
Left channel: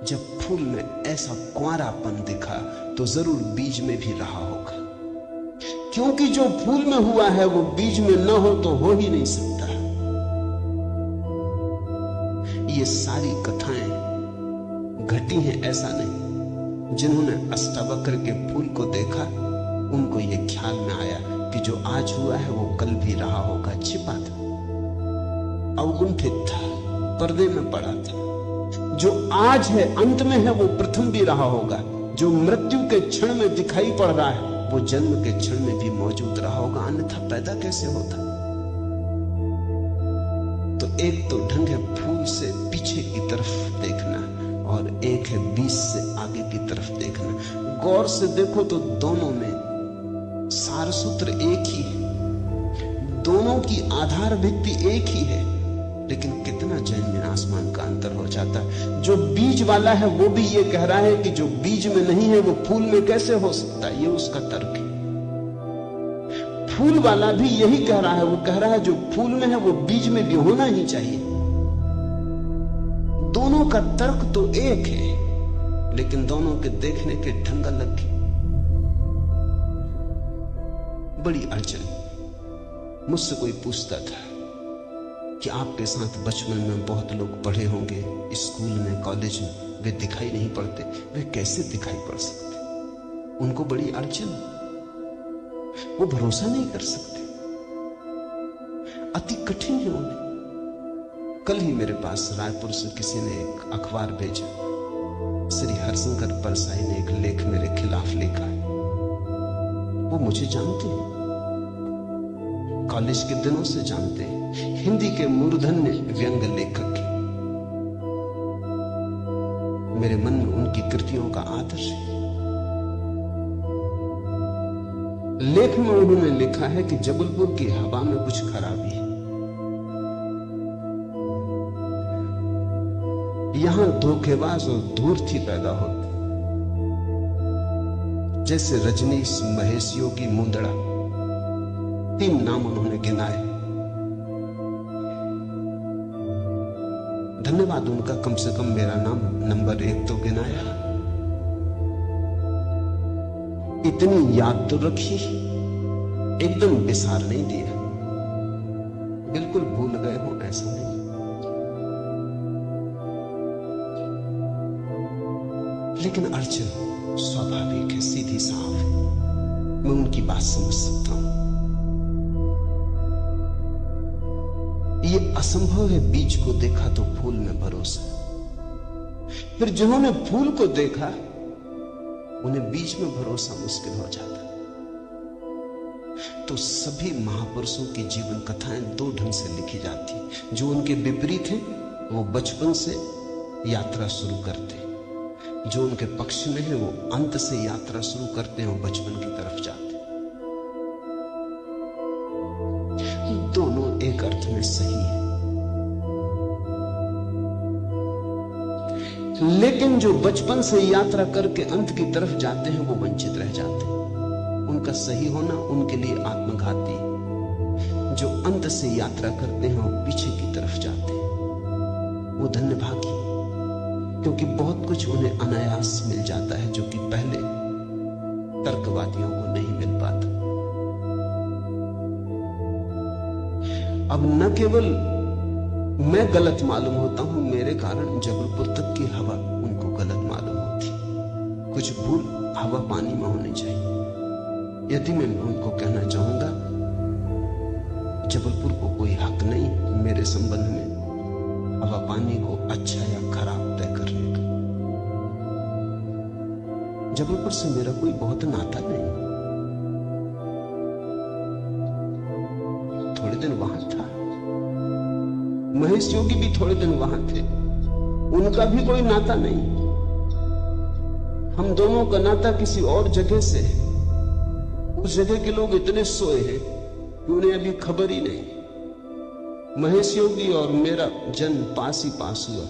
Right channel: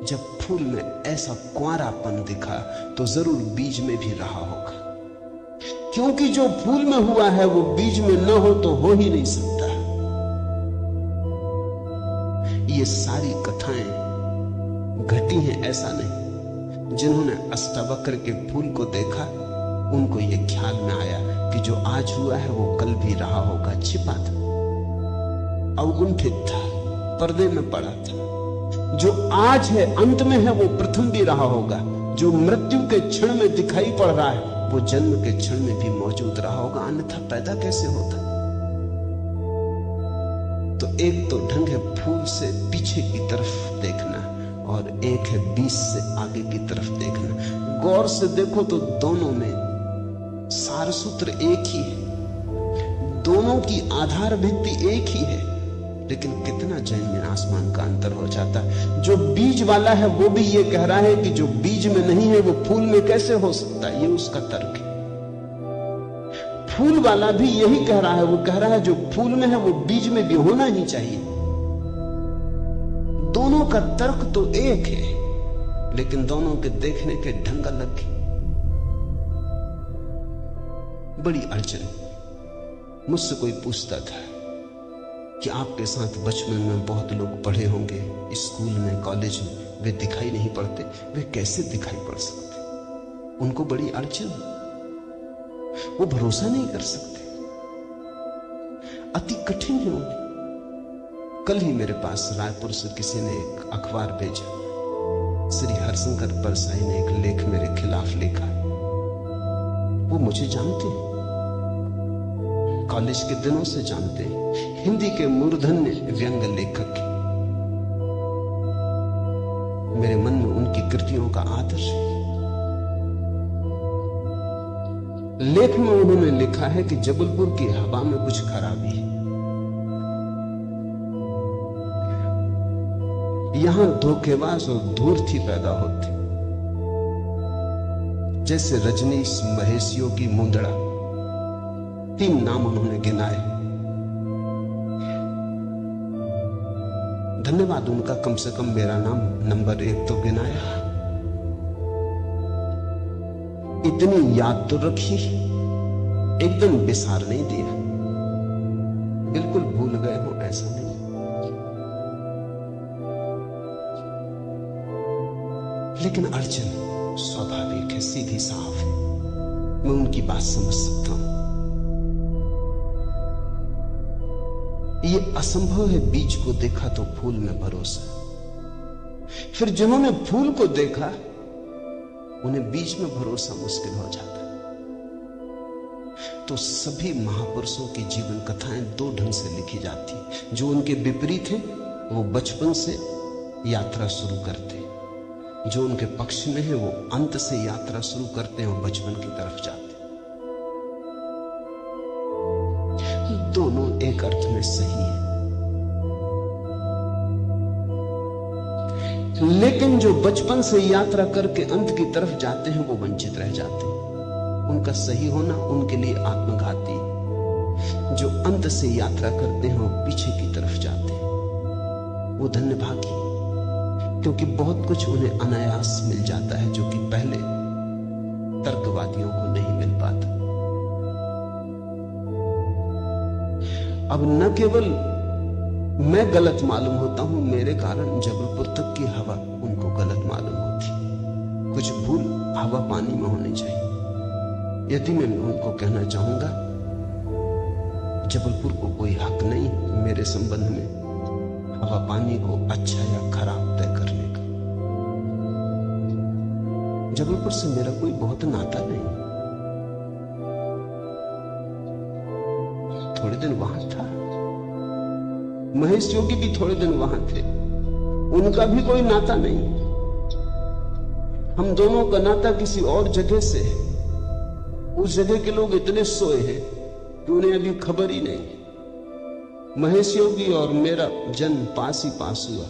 जब फूल में ऐसा कुंवारापन दिखा, तो जरूर बीज में भी रहा होगा, क्योंकि जो फूल में हुआ है वो बीज में न हो तो हो ही नहीं सकता। ये सारी कथाएं घटी हैं ऐसा नहीं। जिन्होंने अष्टावक्र के फूल को देखा, उनको ये ख्याल में आया कि जो आज हुआ है वो कल भी रहा होगा, छिपा था, अवगुंठित था, पर्दे में पड़ा था। जो आज है अंत में है वो प्रथम भी रहा होगा। जो मृत्यु के क्षण में दिखाई पड़ रहा है वो जन्म के क्षण में भी मौजूद रहा होगा, अन्यथा पैदा कैसे होता। तो एक तो ढंग है फूल से पीछे की तरफ देखना और एक है बीज से आगे की तरफ देखना। गौर से देखो तो दोनों में सार सूत्र एक ही है, दोनों की आधार भित्ति एक ही है, लेकिन कितना जमीन आसमान का अंतर हो जाता है। जो बीज वाला है वो भी ये कह रहा है कि जो बीज में नहीं है वो फूल में कैसे हो सकता है, ये उसका तर्क है। फूल वाला भी यही कह रहा है, वो कह रहा है जो फूल में है वो बीज में भी होना ही चाहिए। दोनों का तर्क तो एक है, लेकिन दोनों के देखने के ढंग अलग है। बड़ी अड़चन। मुझसे कोई पूछता था कि आपके साथ बचपन में बहुत लोग पढ़े होंगे, स्कूल में, कॉलेज में, वे दिखाई नहीं पड़ते, वे कैसे दिखाई पड़ सकते? उनको बड़ी अड़चन, वो भरोसा नहीं कर सकते, अति कठिन है उन्हें। कल ही मेरे पास रायपुर से किसी ने एक अखबार भेजा, श्री हरिशंकर परसाई ने एक लेख मेरे खिलाफ लिखा। वो मुझे जानते हैं, कॉलेज के दिनों से जानते हैं, हिंदी के मूर्धन्य व्यंग्य लेखक हैं। मेरे मन में उनकी कृतियों का आदर्श है। लेख में उन्होंने लिखा है कि जबलपुर की हवा में कुछ खराबी है, यहां धोखेबाज और धूर्ती पैदा होती, जैसे रजनीश, महेश योगी, मुंदड़ा, 3 नाम उन्होंने गिनाए। धन्यवाद उनका, कम से कम मेरा नाम नंबर 1 तो गिनाया। इतनी याद तो रखी, एकदम विसार नहीं दिया, बिल्कुल भूल गए हो ऐसा नहीं। लेकिन अड़चन स्वाभाविक है, सीधी साफ है, मैं उनकी बात समझ सकता हूं। ये असंभव है बीज को देखा तो फूल में भरोसा। फिर जिन्होंने फूल को देखा उन्हें बीज में भरोसा मुश्किल हो जाता। तो सभी महापुरुषों की जीवन कथाएं 2 ढंग से लिखी जाती हैं। जो उनके विपरीत हैं वो बचपन से यात्रा शुरू करते हैं, जो उनके पक्ष में है वो अंत से यात्रा शुरू करते हैं और बचपन की तरफ जाते हैं। दोनों एक अर्थ में सही है, लेकिन जो बचपन से यात्रा करके अंत की तरफ जाते हैं वो वंचित रह जाते हैं। उनका सही होना उनके लिए आत्मघाती है। जो अंत से यात्रा करते हैं वो पीछे की तरफ जाते हैं, वो धन्यभागी, क्योंकि बहुत कुछ उन्हें अनायास मिल जाता है जो कि पहले तर्कवादियों को नहीं मिल पाता। अब न केवल मैं गलत मालूम होता हूं, मेरे कारण जबलपुर तक की हवा उनको गलत मालूम होती। कुछ भूल हवा पानी में होनी चाहिए। यदि मैं उनको कहना चाहूंगा जबलपुर को कोई हक नहीं मेरे संबंध में, हवा पानी को अच्छा या खराब तय करने का। जबलपुर से मेरा कोई बहुत नाता नहीं, थोड़े दिन वहां था। महेश योगी भी थोड़े दिन वहां थे, उनका भी कोई नाता नहीं। हम दोनों का नाता किसी और जगह से है। उस जगह के लोग इतने सोए हैं कि उन्हें अभी खबर ही नहीं। महेश योगी और मेरा जन्म पास ही पास हुआ,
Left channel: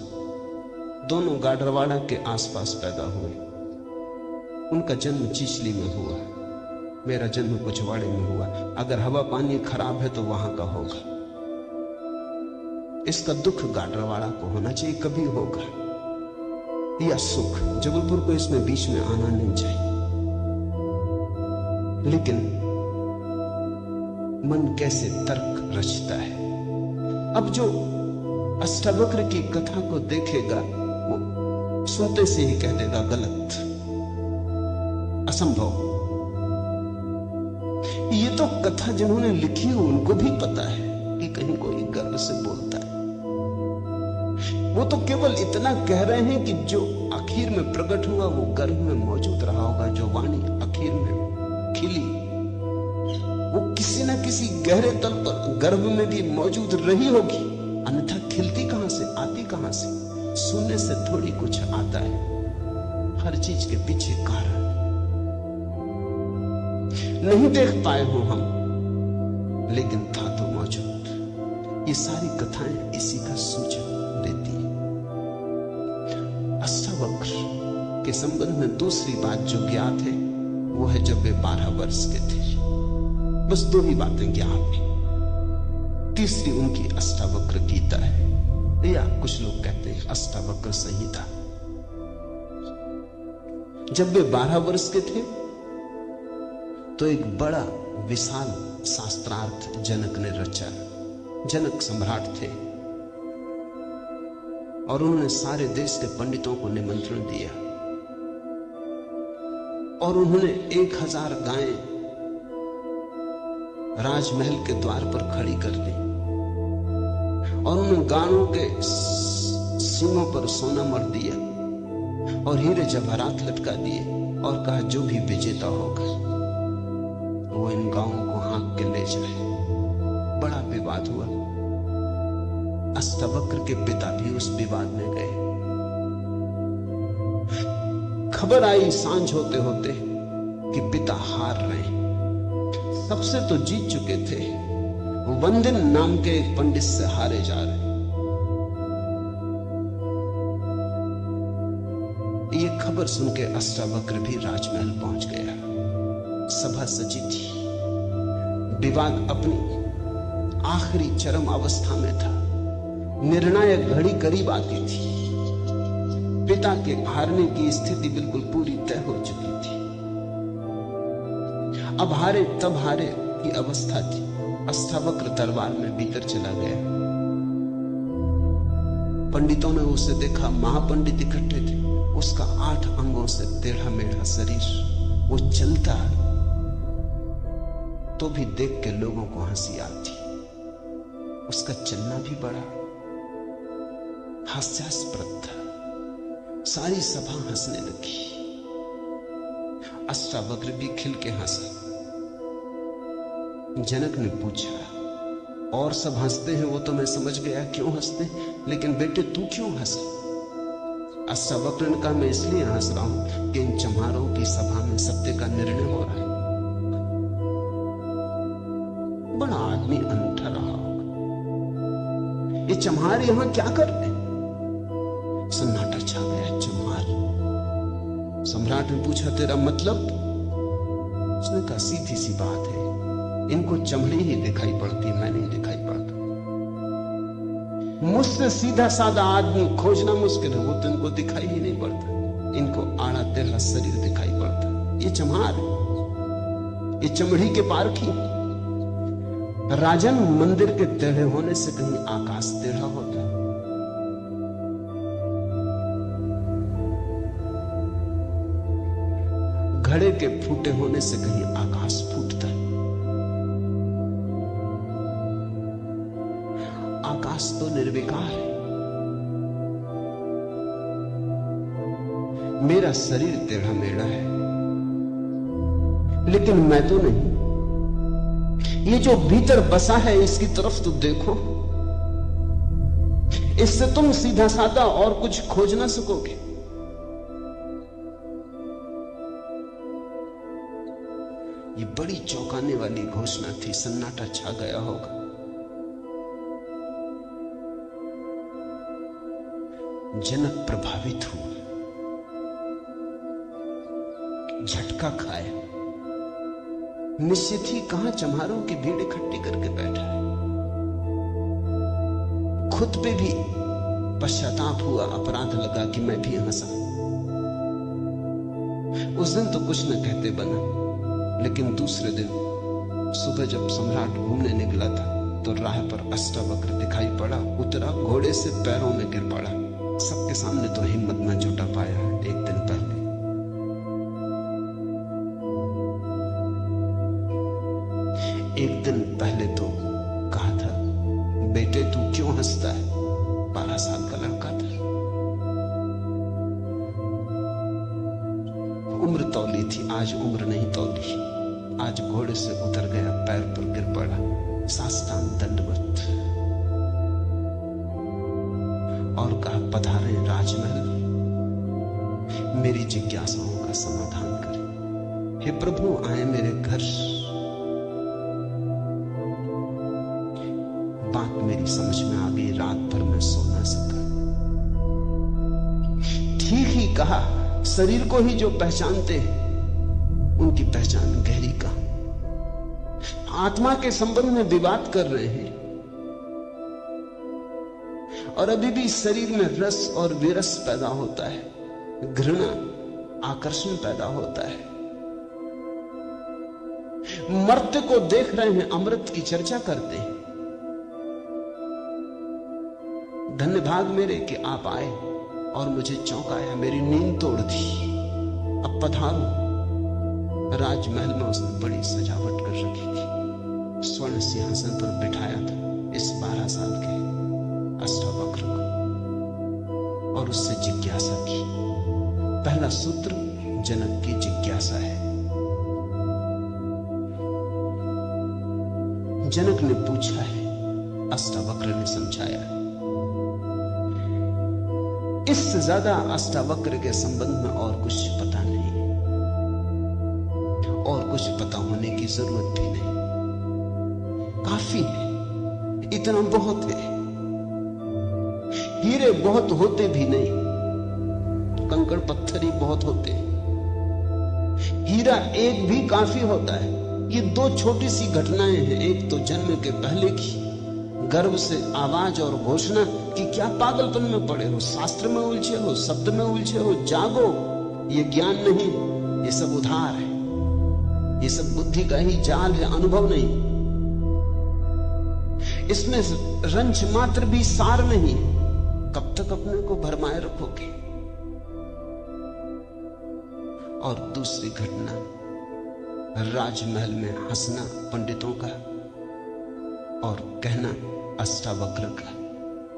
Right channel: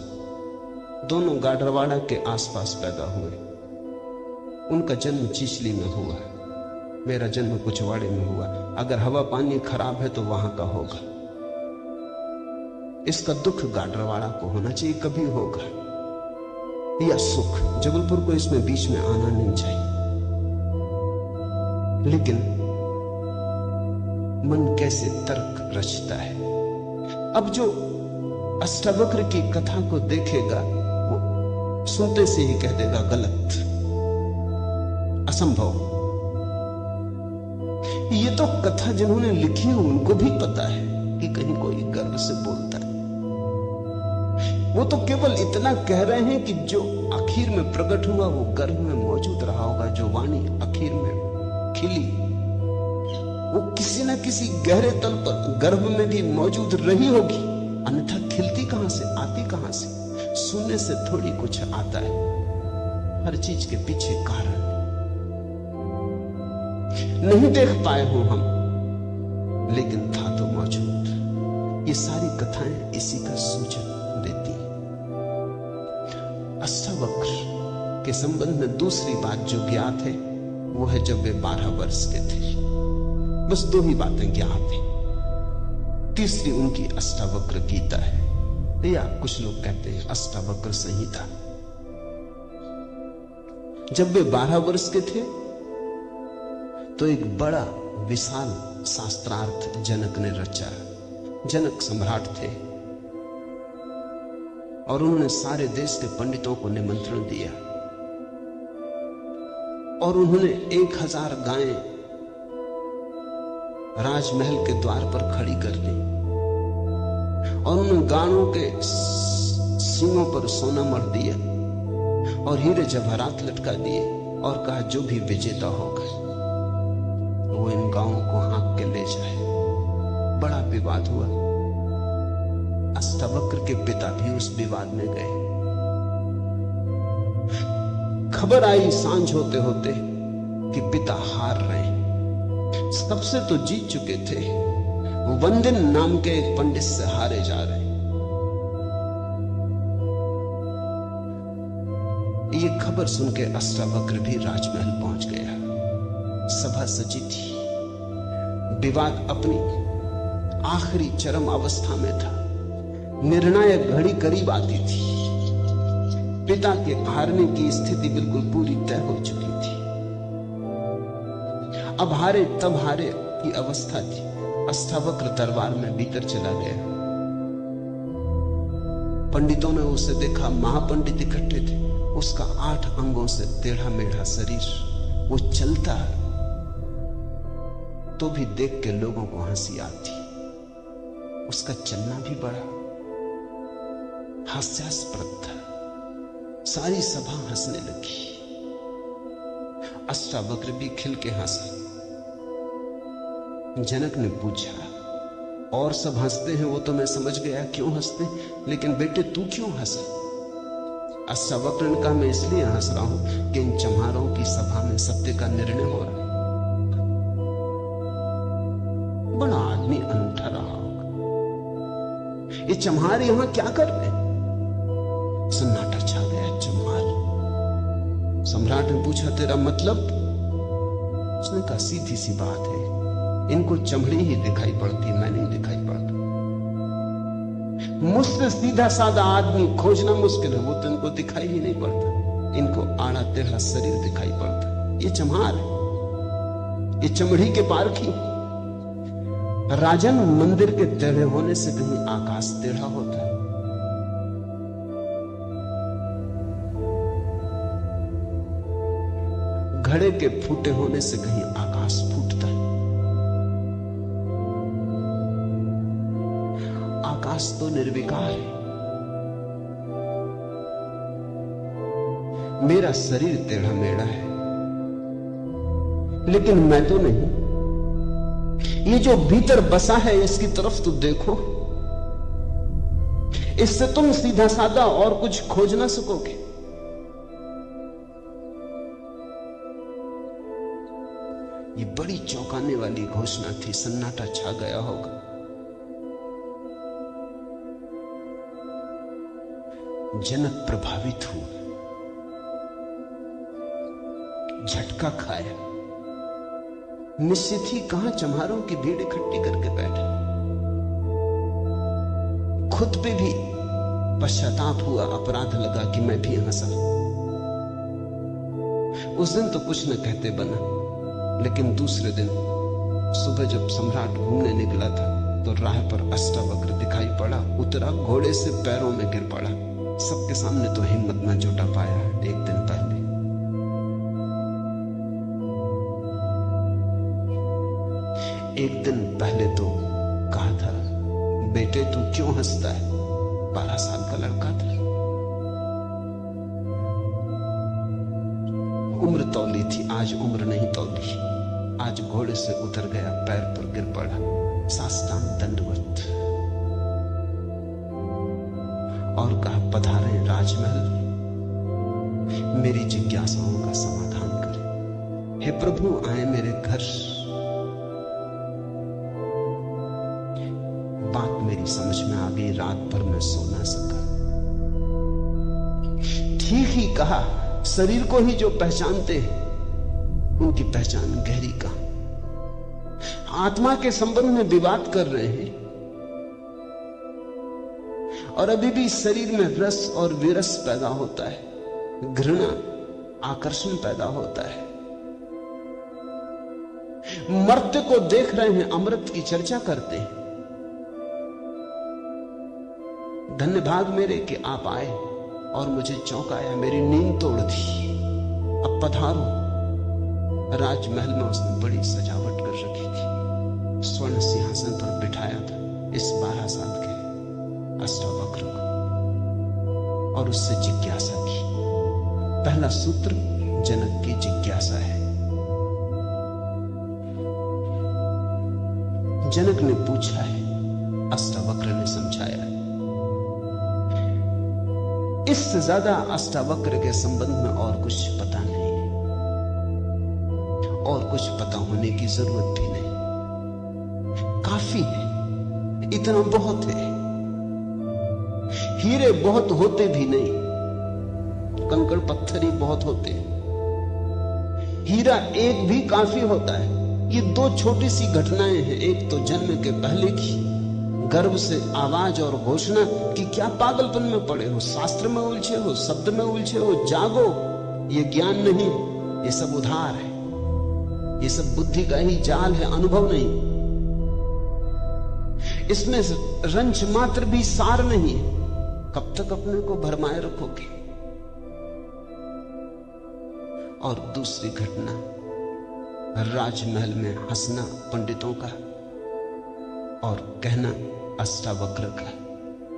दोनों गाडरवाड़ा के आसपास पैदा हुए। उनका जन्म चिचली में हुआ, मेरा जन्म कुचवाड़े में हुआ। अगर हवा पानी खराब है तो वहां का होगा। इसका दुख गाडरवाड़ा को होना चाहिए, कभी होगा, या सुख। जबलपुर को इसमें बीच में आना नहीं चाहिए। लेकिन मन कैसे तर्क रचता है। अब जो अष्टावक्र की कथा को देखेगा वो सुनते से ही कह देगा गलत, असंभव। ये तो कथा जिन्होंने लिखी है उनको भी पता है कि कहीं कोई गर्व से बोलता है। वो तो केवल इतना कह रहे हैं कि जो आखिर में प्रकट हुआ वो गर्भ में मौजूद रहा होगा। जो वाणी आखिर में खिली वो किसी न किसी गहरे तल पर गर्भ में भी मौजूद रही होगी, अन्यथा खिलती कहां से, आती कहां से। सुनने से थोड़ी कुछ आता है, हर चीज के पीछे कारण। नहीं देख पाए हो हम, लेकिन था तो मौजूद। ये सारी कथाएं इसी का सूचक देती हैं। अष्टावक्र के संबंध में दूसरी बात जो ज्ञात है वो है जब वे 12 वर्ष के थे। बस 2 ही बातें ज्ञात हैं। तीसरी उनकी अष्टावक्र गीता है, या कुछ लोग कहते हैं अष्टावक्र संहिता। जब वे 12 वर्ष के थे तो एक बड़ा विशाल शास्त्रार्थ जनक ने रचा। जनक सम्राट थे और उन्होंने सारे देश के पंडितों को निमंत्रण दिया और उन्होंने 1000 गायें राजमहल के द्वार पर खड़ी कर दी और उन्होंने गायों के सींगों पर सोना मर दिया और हीरे जवाहरात लटका दिए और कहा जो भी विजेता होगा वो इन गायों को हाँक के ले जाए। बड़ा विवाद हुआ। अष्टावक्र के पिता भी उस विवाद में गए। खबर आई सांझ होते होते कि पिता हार रहे हैं। सबसे तो जीत चुके थे, वंदन नाम के एक पंडित से हारे जा रहे। ये खबर सुन के अष्टावक्र भी राजमहल पहुंच गया। सभा सजी थी, विवाद अपनी आखिरी चरम अवस्था में था। निर्णायक घड़ी करीब आती थी। पिता के हारने की स्थिति बिल्कुल पूरी तय हो चुकी थी। अब हारे तब हारे की अवस्था थी। अष्टावक्र दरबार में भीतर चला गया। पंडितों ने उसे देखा, महापंडित इकट्ठे थे। उसका 8 अंगों से टेढ़ा मेढ़ा शरीर, वो चलता है तो भी देख के लोगों को हंसी आती। उसका चलना भी बड़ा हास्यास्पद था। सारी सभा हंसने लगी। अष्टावक्र भी खिल के हंसा। जनक ने पूछा, और सब हंसते हैं वो तो मैं समझ गया क्यों हंसते, लेकिन बेटे तू क्यों हंसा? अष्टावक्र ने कहा, मैं इसलिए हंस रहा हूं कि इन चम्हारों की सभा में सत्य का निर्णय हो रहा है। बड़ा आदमी अनूठा रहा होगा। ये चम्हार यहां क्या कर रहे? सन्नाटा छा गया। चम्हार। सम्राट ने पूछा, तेरा मतलब? उसने कहा, सीधी सी बात है, इनको चमड़ी ही दिखाई पड़ती, मैं नहीं दिखाई पड़ता। मुझसे सीधा साधा आदमी खोजना मुश्किल है, वो तो इनको दिखाई ही नहीं पड़ता। इनको आड़ा टेढ़ा शरीर दिखाई पड़ता। ये चम्हार, ये चमड़ी के पारखी। राजन मंदिर के टेढ़े होने से कहीं आकाश टेढ़ा होता है। घड़े के फूटे होने से कहीं आकाश फूटता है। आकाश तो निर्विकार है, मेरा शरीर टेढ़ा मेढ़ा है, लेकिन मैं तो नहीं। ये जो भीतर बसा है इसकी तरफ तो देखो। इससे तुम सीधा साधा और कुछ खोज ना सकोगे। ये बड़ी चौंकाने वाली घोषणा थी। सन्नाटा छा गया होगा। जनक प्रभावित हुआ, झटका खाया। निश्चित ही कहां चम्हारों की भीड़ इकट्ठी करके बैठा। खुद पे भी पश्चाताप हुआ, अपराध लगा कि मैं भी हंसा। उस दिन तो कुछ न कहते बना, लेकिन दूसरे दिन सुबह जब सम्राट घूमने निकला था तो राह पर अष्टावक्र दिखाई पड़ा। उतरा, घोड़े से पैरों में गिर पड़ा। सबके सामने तो हिम्मत न जुटा पाया। एक दिन पहले तो कहा था, बेटे तू क्यों हंसता है? 12 साल का लड़का था। उम्र तौली थी, आज उम्र नहीं तौली। आज घोड़े से उतर गया, पैर पर गिर पड़ा, साष्टांग दंडवत, और कहा, पधारे राजमहल, मेरी जिज्ञासाओं का समाधान कर। हे प्रभु, आए मेरे घर। बात मेरी समझ में आ गई। रात भर में सो ना सका। ठीक ही कहा। शरीर को ही जो पहचानते हैं उनकी पहचान गहरी का। आत्मा के संबंध में विवाद कर रहे हैं और अभी भी शरीर में रस और विरस पैदा होता है, घृणा, आकर्षण पैदा होता है। मर्त्य को देख रहे हैं, अमृत की चर्चा करते हैं। धन्य भाग मेरे कि आप आए और मुझे चौंकाया, मेरी नींद तोड़ दी। अब पधारो। राजमहल में उसने बड़ी सजावट कर रखी थी। स्वर्ण सिंहासन पर बिठाया था इस 12 साल के अष्टावक्र को और उससे जिज्ञासा की। पहला सूत्र जनक की जिज्ञासा है। जनक ने पूछा है, अष्टावक्र ने समझाया। इससे ज्यादा अष्टावक्र के संबंध में और कुछ पता नहीं, और कुछ पता होने की जरूरत भी नहीं। काफी है, इतना बहुत है। हीरे बहुत होते भी नहीं, कंकड़ पत्थर ही बहुत होते हैं। हीरा एक भी काफी होता है। ये 2 छोटी सी घटनाएं हैं। एक तो जन्म के पहले की गर्भ से आवाज और घोषणा कि क्या पागलपन में पड़े हो, शास्त्र में उलझे हो, शब्द में उलझे हो, जागो। ये ज्ञान नहीं, ये सब उधार है, ये सब बुद्धि का ही जाल है, अनुभव नहीं। इसमें रंच मात्र भी सार नहीं। कब तक अपने को भरमाए रखोगे? और दूसरी घटना, राजमहल में हंसना पंडितों का और कहना अष्टावक्र का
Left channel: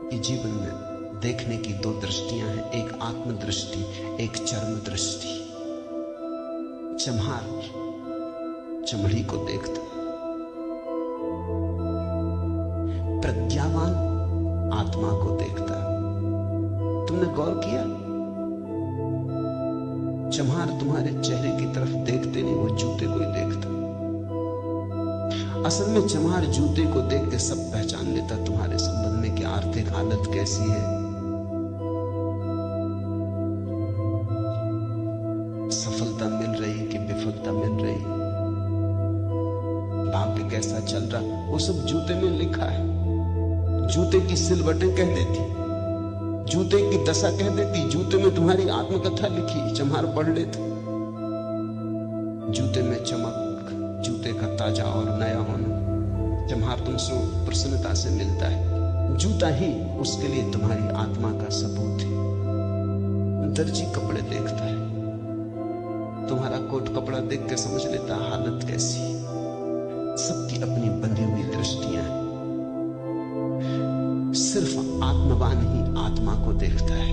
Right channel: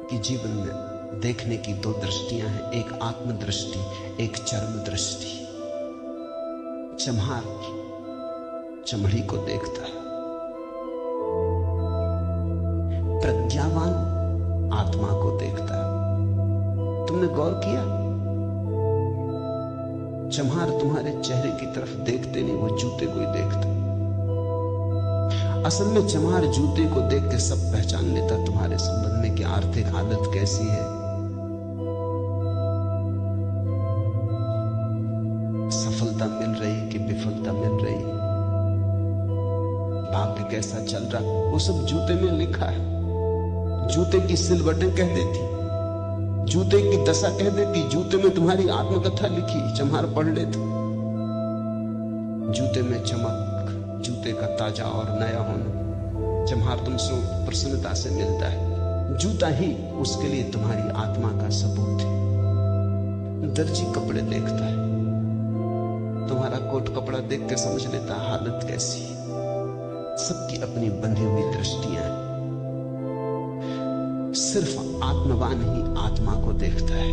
कि जीवन में देखने की 2 दृष्टियां हैं, एक आत्मदृष्टि, एक चरम दृष्टि। चम्हार चमड़ी को देखता, प्रज्ञावान आत्मा को देखता। तुमने गौर किया? चम्हार तुम्हारे चेहरे की तरफ देखते नहीं, वो जूते को ही देखता। असल में चम्हार जूते को देख के सब पहचान लेता तुम्हारे संबंध में कि आर्थिक हालत कैसी है, सफलता मिल रही कि विफलता मिल रही, भाग्य कैसा चल रहा, वो सब जूते में लिखा है। जूते की सिलवटें कह देती, जूते की दशा कह देती, जूते में तुम्हारी आत्मकथा लिखी। चम्हार पढ़ लेता। जूते में चमक, जूते का ताजा और नया होना चम्हार तुमसे प्रसन्नता से मिलता है। जूता ही उसके लिए तुम्हारी आत्मा का सबूत है। दर्जी कपड़े देखता है, तुम्हारा कोट कपड़ा देख के समझ लेता हालत कैसी है। सबकी अपनी बंधी हुई दृष्टियां, सिर्फ आत्मवान ही आत्मा को देखता है,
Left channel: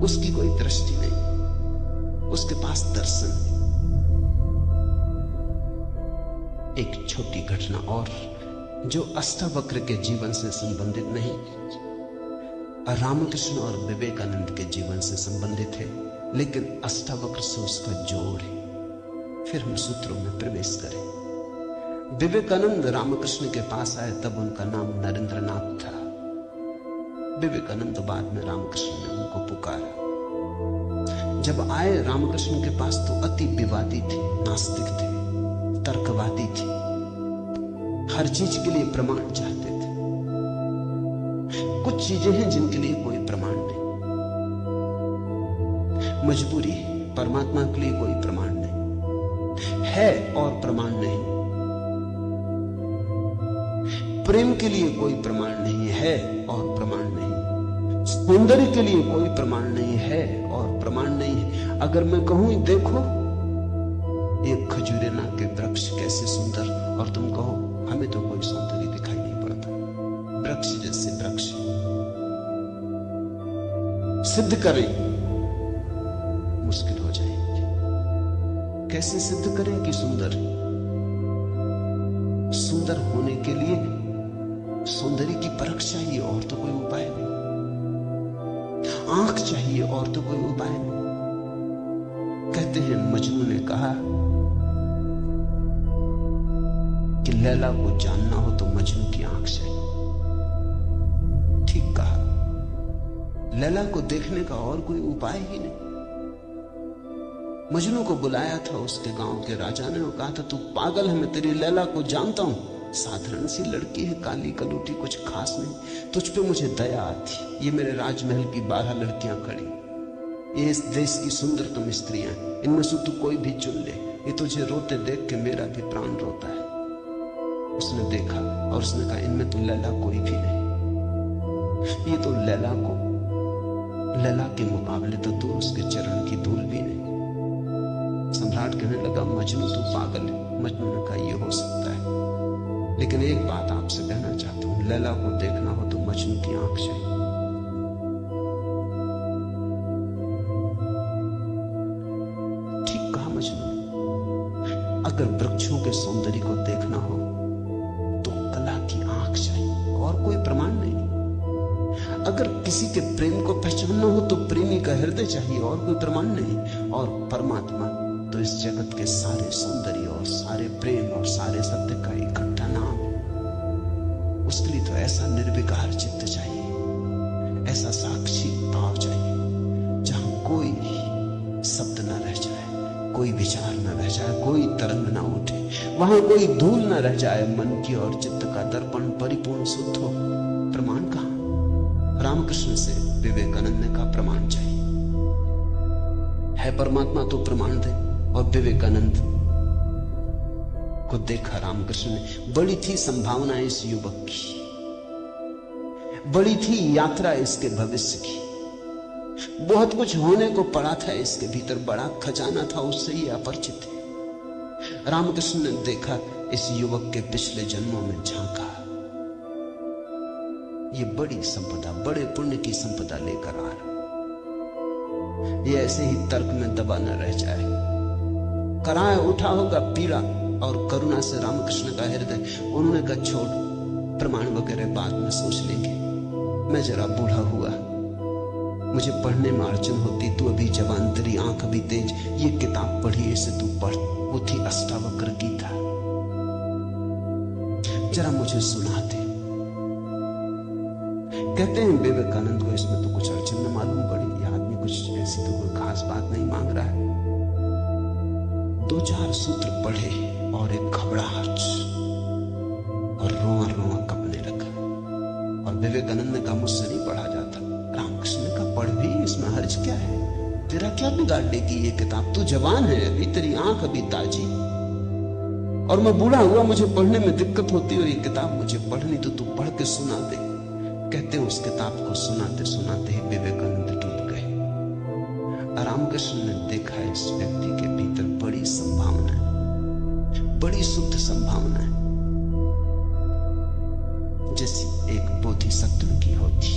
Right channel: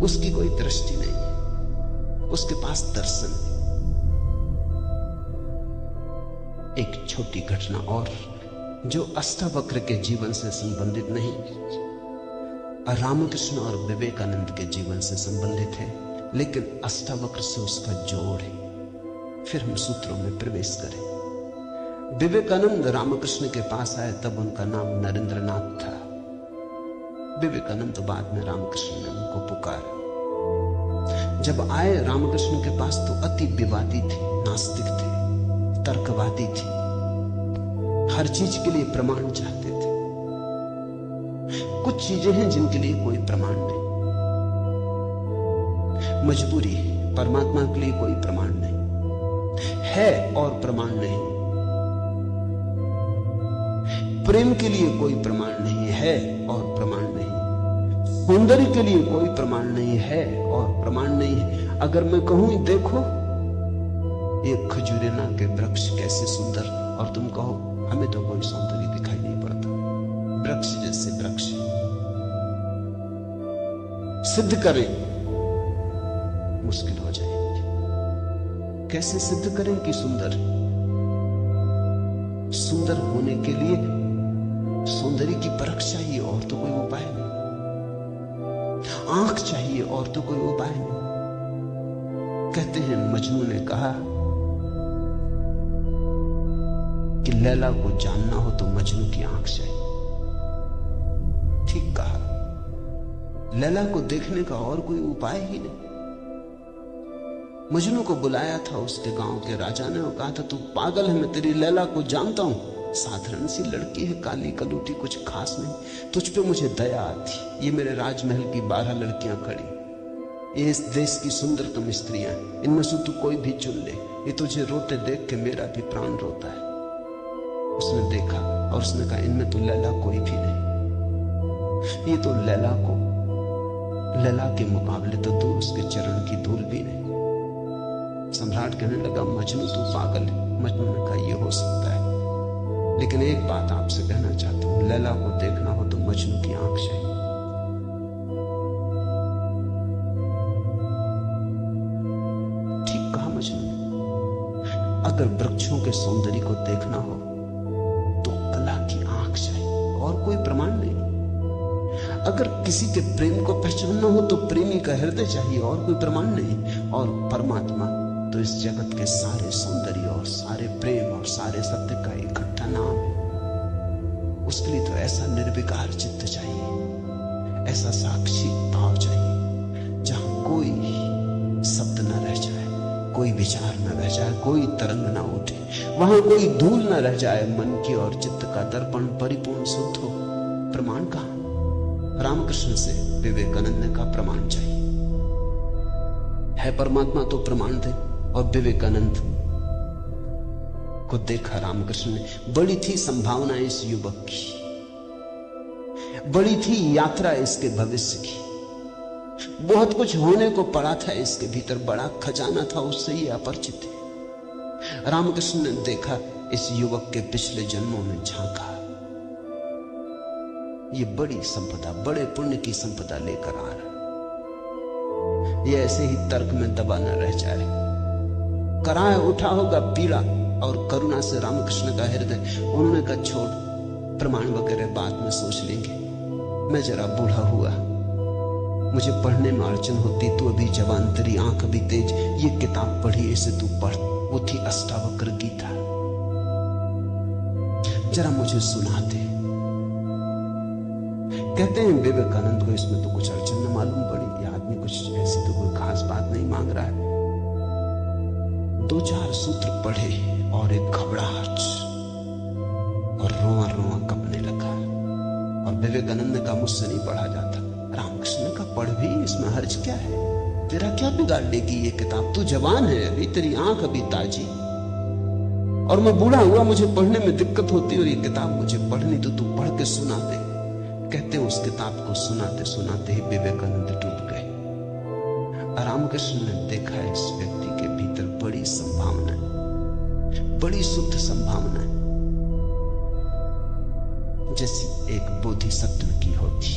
उसकी कोई दृष्टि नहीं। उसके पास दर्शन। एक छोटी घटना और जो अष्टावक्र के जीवन से संबंधित नहीं, रामकृष्ण और विवेकानंद के जीवन से संबंधित है, लेकिन अष्टावक्र से उसका जोड़ है। फिर हम सूत्रों में प्रवेश करें। विवेकानंद रामकृष्ण के पास आए तब उनका नाम नरेंद्रनाथ था। विवेकानंद बाद में रामकृष्ण ने उनको पुकारा। जब आए रामकृष्ण के पास तो अति विवादी थे, नास्तिक थे, तर्कवादी थे, हर चीज के लिए प्रमाण चाहते थे। कुछ चीजें हैं जिनके लिए कोई प्रमाण नहीं, मजबूरी है। परमात्मा के लिए कोई प्रमाण नहीं है और प्रमाण नहीं। प्रेम के लिए कोई प्रमाण नहीं है और प्रमाण नहीं। सौंदर्य के लिए कोई प्रमाण नहीं है और प्रमाण नहीं है। अगर मैं कहूं देखो एक खजूरेना के वृक्ष कैसे सुंदर, और तुम कहो हमें तो कोई सौंदर्य दिखाई नहीं पड़ता, वृक्ष जैसे वृक्ष, सिद्ध करें मुश्किल हो जाएगी। कैसे सिद्ध करें कि सुंदर? सुंदर होने के लिए सौंदर्य की परख चाहिए और तो कोई उपाय नहीं। आंख चाहिए और तो कोई उपाय नहीं। कहते हैं मजनू ने कहा कि लैला को जानना हो तो मजनू की आंख चाहिए। ठीक कहा। लैला को देखने का और कोई उपाय ही नहीं। मजनू को बुलाया था उसके गांव के राजा ने और कहा था तू पागल है, मैं तेरी लैला को जानता हूं, साधारण सी लड़की है, काली कलूटी, कुछ खास नहीं, तुझ पे मुझे दया आती। ये मेरे राजमहल की 12 लड़कियां खड़ी, ये इस देश की सुंदरतम स्त्रियां, इनमें से तू कोई भी चुन ले। ये तुझे रोते देख के मेरा भी प्राण रोता है। उसने देखा और उसने कहा इनमें तो लैला कोई भी नहीं। ये तो लैला के मुकाबले तो तू उसके चरण की धूल भी नहीं। सम्राट कहने लगा मजनू तू पागल है। मजनू ने कहा ये हो सकता है, लेकिन एक बात आपसे कहना चाहता हूं, लैला को देखना हो तो मजनू की आंख चाहिए। ठीक कहा मजनू। अगर वृक्षों के सौंदर्य को देखना हो तो कला की आंख चाहिए और कोई प्रमाण नहीं। अगर किसी के प्रेम को पहचानना हो तो प्रेमी का हृदय चाहिए और कोई प्रमाण नहीं। और परमात्मा तो इस जगत के सारे सौंदर्य और सारे प्रेम और सारे सत्य का इकट्ठा नाम है। उसके लिए तो ऐसा निर्विकार चित्त चाहिए, ऐसा साक्षी भाव चाहिए जहां कोई शब्द न रह जाए, कोई विचार न रह जाए, कोई तरंग ना उठे, वहां कोई धूल न रह जाए। मन की और चित्त का दर्पण परिपूर्ण शुद्ध हो। प्रमाण कहां? रामकृष्ण से विवेकानंद का प्रमाण चाहिए। है परमात्मा तो प्रमाण दे। और विवेकानंद को देखा रामकृष्ण ने। बड़ी थी संभावना इस युवक की, बड़ी थी यात्रा इसके भविष्य की। बहुत कुछ होने को पड़ा था इसके भीतर, बड़ा खजाना था, उससे ही अपरिचित थे। रामकृष्ण ने देखा इस युवक के पिछले जन्मों में झांका। ये बड़ी संपदा, बड़े पुण्य की संपदा लेकर आ रहा। ये ऐसे ही तर्क में दबा न रह जाए। कराए उठा होगा पीड़ा और करुणा से रामकृष्ण का हृदय। उन्होंने कहा छोड़, प्रमाण वगैरह बाद में सोच लेंगे। मैं जरा बूढ़ा हुआ, मुझे पढ़ने में अड़चन होती, तू अभी जवान, तेरी आंख अभी तेज, ये किताब पढ़ी, इसे तू पढ़। वो थी अष्टावक्र गीता, जरा मुझे सुना दे। कहते हैं विवेकानंद को इसमें तो कुछ अड़चन न मालूम पड़ी। ये आदमी कुछ ऐसी तो कोई खास बात नहीं मांग रहा है। 2-4 सूत्र पढ़े और एक घबराहट और रोआ रोआ कपने लगा। और विवेकानंद ने कहा मुझसे नहीं पढ़ा जाता। रामकृष्ण ने कहा पढ़ भी, इसमें हर्ज क्या है, तेरा क्या बिगाड़ लेगी ये किताब? तू जवान है अभी, तेरी आंख अभी ताजी, और मैं बूढ़ा हुआ, मुझे पढ़ने में दिक्कत होती, और ये किताब मुझे पढ़नी तो तू पढ़ के सुना दे। कहते उस किताब को सुनाते सुनाते ही विवेकानंद टूट गए। रामकृष्ण ने देखा इस व्यक्ति के भीतर बड़ी संभावना, बड़ी शुद्ध संभावना है, जैसी एक बोधिसत्व की होती,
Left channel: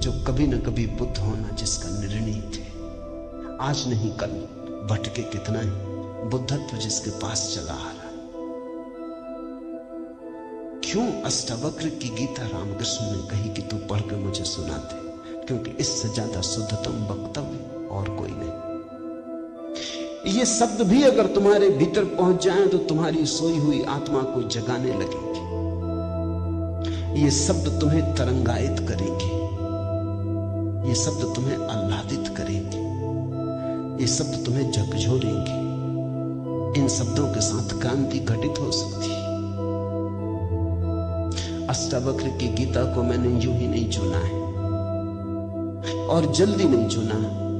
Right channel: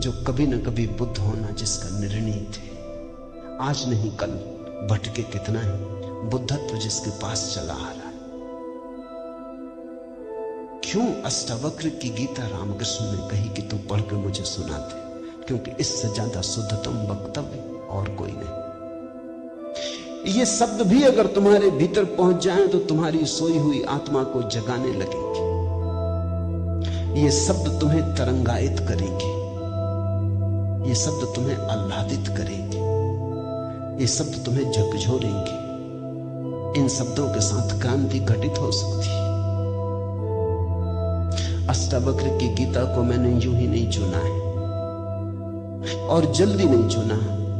जो कभी न कभी बुद्ध होना जिसका निर्णय थे। आज नहीं कल भटके कितना है, बुद्धत्व जिसके पास चला आ रहा। क्यों अष्टावक्र की गीता रामकृष्ण ने कही कि तू पढ़ के मुझे सुनाते, क्योंकि इससे ज्यादा शुद्धतम वक्तव्य और कोई नहीं। ये शब्द भी अगर तुम्हारे भीतर पहुंच जाएं तो तुम्हारी सोई हुई आत्मा को जगाने लगेंगे। ये शब्द तुम्हें तरंगायित करेंगे, ये शब्द तुम्हें आह्लादित करेंगे, ये शब्द तुम्हें झकझोरेंगे। इन शब्दों के साथ क्रांति घटित हो सकती है। अष्टावक्र की गीता को मैंने यूं ही नहीं चुना है, और जल्दी नहीं चुना,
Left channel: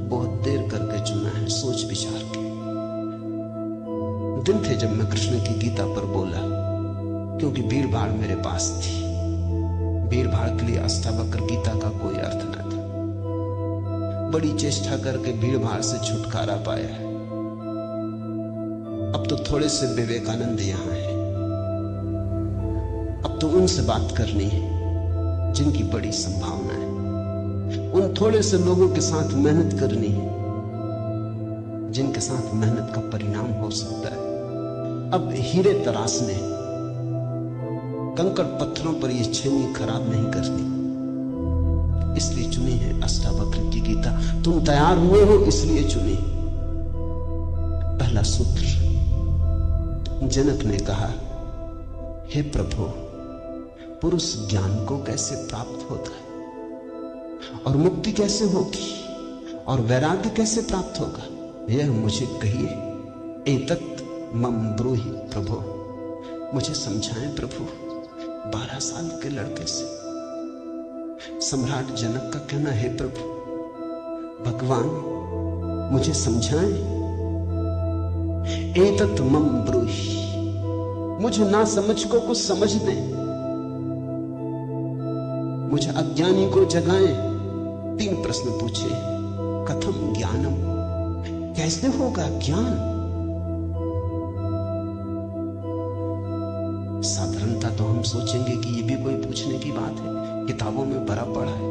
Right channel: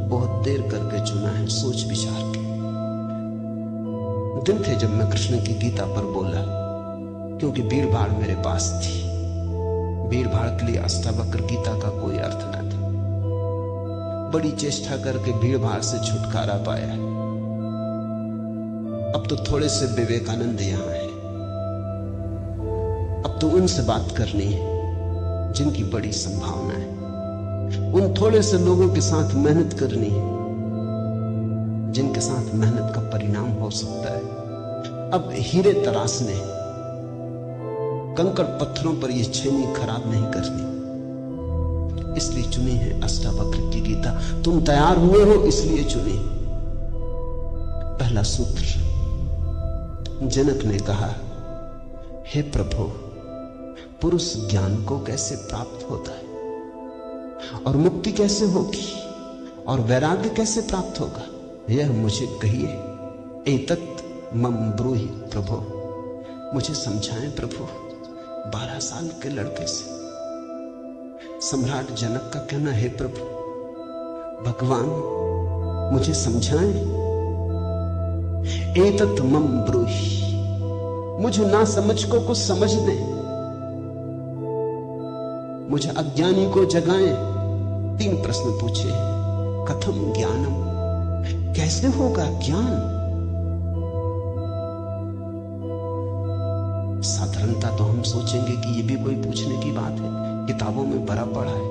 बहुत देर करके चुना है, सोच विचार के। दिन थे जब मैं कृष्ण की गीता पर बोला, क्योंकि भीड़ भाड़ मेरे पास थी। भीड़ भाड़ के लिए अष्टावक्र गीता का कोई अर्थ न था। बड़ी चेष्टा करके भीड़ भाड़ से छुटकारा पाया। अब तो थोड़े से विवेकानंद यहां है, अब तो उनसे बात करनी है जिनकी बड़ी संभावना है। उन थोड़े से लोगों के साथ मेहनत करनी है जिनके साथ मेहनत का परिणाम हो सकता है। अब हीरे तराशने, कंकड़ पत्थरों पर यह छेनी खराब नहीं करनी, इसलिए चुनी है अष्टावक्र की गीता। तुम तैयार हुए हो इसलिए चुनी। पहला सूत्र, जनक ने कहा, हे प्रभु, पुरुष ज्ञान को कैसे प्राप्त होता है और मुक्ति कैसे होगी और वैराग्य कैसे प्राप्त होगा, यह मुझे कहिए। एतत् मम ब्रूहि प्रभु, मुझे समझाएं प्रभु। 12 साल के लड़के से सम्राट जनक का कहना है, प्रभु भगवान मुझे समझाएं। एतत् मम ब्रूहि, मुझे ना समझ को कुछ समझ दें, मुझे अज्ञानी को जगाएं। 3 प्रश्न पूछे। कथम ज्ञानम, कैसे होगा ज्ञान? साधारणता तो हम सोचेंगे कि ये भी कोई पूछने की बात है, किताबों में भरा पड़ा है।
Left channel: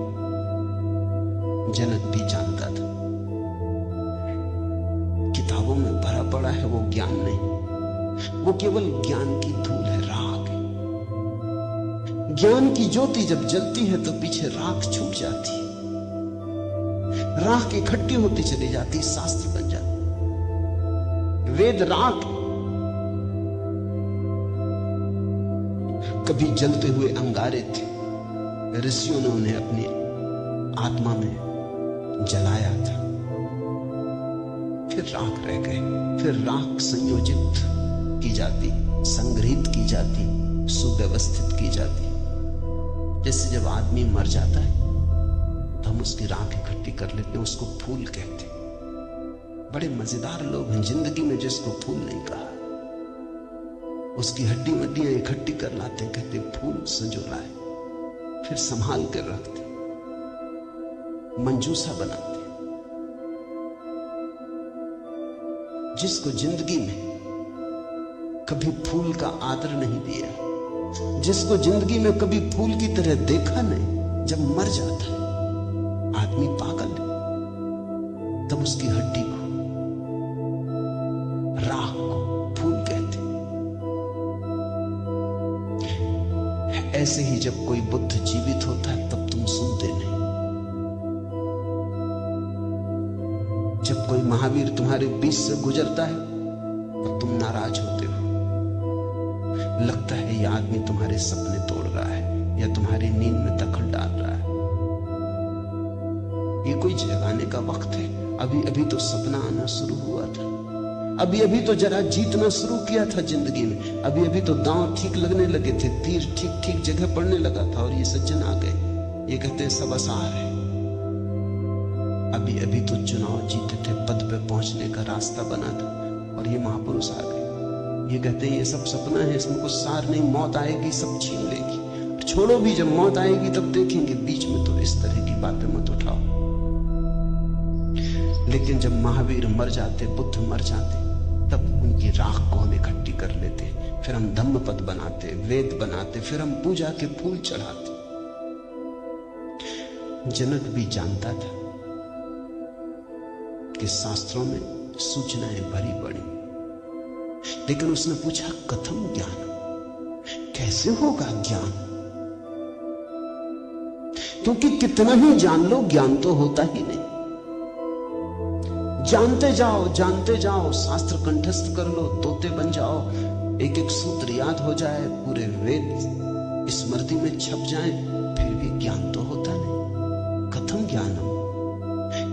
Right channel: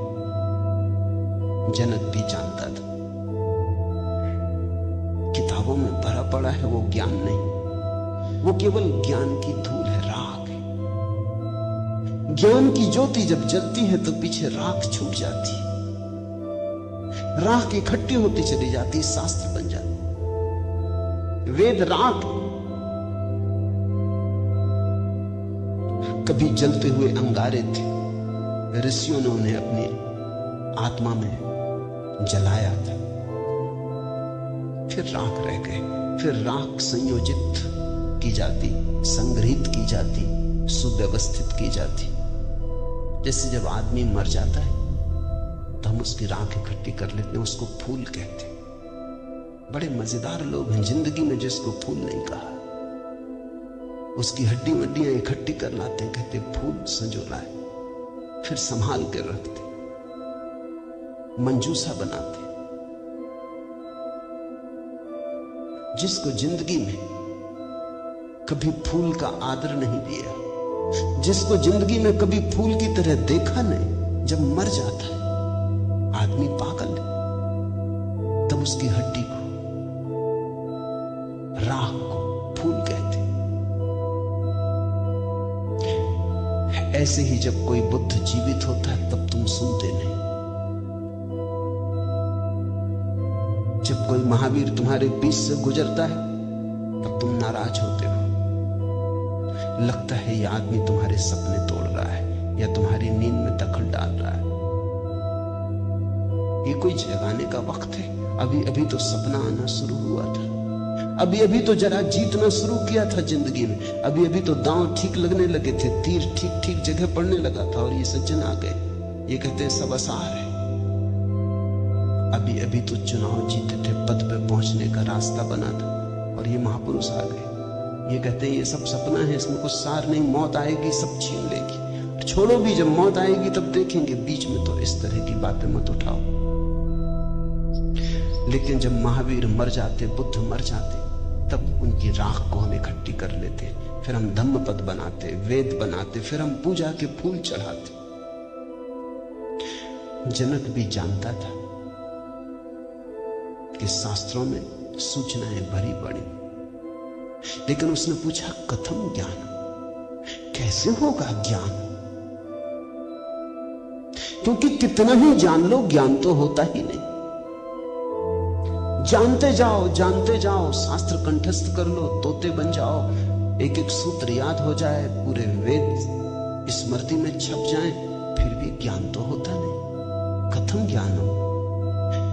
जनक भी जानता था किताबों में भरा पड़ा है वो ज्ञान नहीं, वो केवल ज्ञान की धूल है, राख है। ज्ञान की ज्योति जब जलती है तो पीछे राख छूट जाती है, राख इकट्ठी होती चली जाती, शास्त्र बन जाती। वेद राख, कभी जलते हुए अंगारे थे, ऋषियों ने उन्हें अपनी आत्मा में जलाया था, फिर राख रह गए, फिर राख संयोजित की जाती, संग्रहित की जाती, सुव्यवस्थित की जाती। जैसे जब आदमी मर जाता है तो हम उसकी राख इकट्ठी कर लेते हैं, उसको फूल कहते हैं। बड़े मजेदार लोग हैं जिंदगी में जिसको फूल नहीं कहा, उसकी हड्डी वड्डियां इकट्ठी कर लाते, कहते फूल संजोला है, फिर संभाल कर रखते, मंजूसा बनाते। जिसको जिंदगी में कभी फूल का आदर नहीं दिया, जिसको जिंदगी में कभी फूल की तरह देखा नहीं, जब मर जाता है आदमी पागल है, तब उसकी हड्डी को, राख को फूल कहते। ऐसे ही जब कोई बुद्ध जीवित होता है तब तुम सुनते नहीं, जब कोई महावीर तुम्हारे बीच से गुजरता है तब तुम नाराज होते हो। लगता है ये आदमी तुम्हारे सपने तोड़ रहा है या तुम्हारी नींद में दखल डाल रहा है। ये कोई जगाने का वक्त है? अभी अभी तो सपना आना शुरू हुआ था, अभी अभी तो जरा जीतना शुरू किया था जिंदगी में, अभी अभी तो दांव ठीक लगने लगे थे, तीर ठीक ठीक जगह पड़ने लगा था, और ये सज्जन आ गए। ये कहते हैं सब आसार है। अभी अभी तो चुनाव जीते थे, पद पे पहुंचने का रास्ता बना था, और ये महापुरुष आ गए। ये कहते हैं ये सब सपना है, इसमें कुछ सार नहीं, मौत आएगी सब छीन लेगी। छोड़ो भी, जब मौत आएगी तब देखेंगे, बीच में तो इस तरह की बातें मत उठाओ। लेकिन जब महावीर मर जाते, बुद्ध मर जाते, तब उनकी राख को हम इकट्ठी कर लेते, फिर हम धम्म पद बनाते, वेद बनाते, फिर हम पूजा के फूल चढ़ाते। जनक भी जानता था कि शास्त्रों में सूचनाएं भरी पड़ी। लेकिन उसने पूछा, कथम ज्ञान, कैसे होगा ज्ञान? क्योंकि कितना ही जान लो, ज्ञान तो होता ही नहीं। जानते जाओ, शास्त्र कंठस्थ कर लो, तोते बन जाओ, एक एक सूत्र याद हो जाए, पूरे वेद स्मृति में छप जाएं, फिर भी ज्ञान तो होता नहीं। कथम ज्ञानम,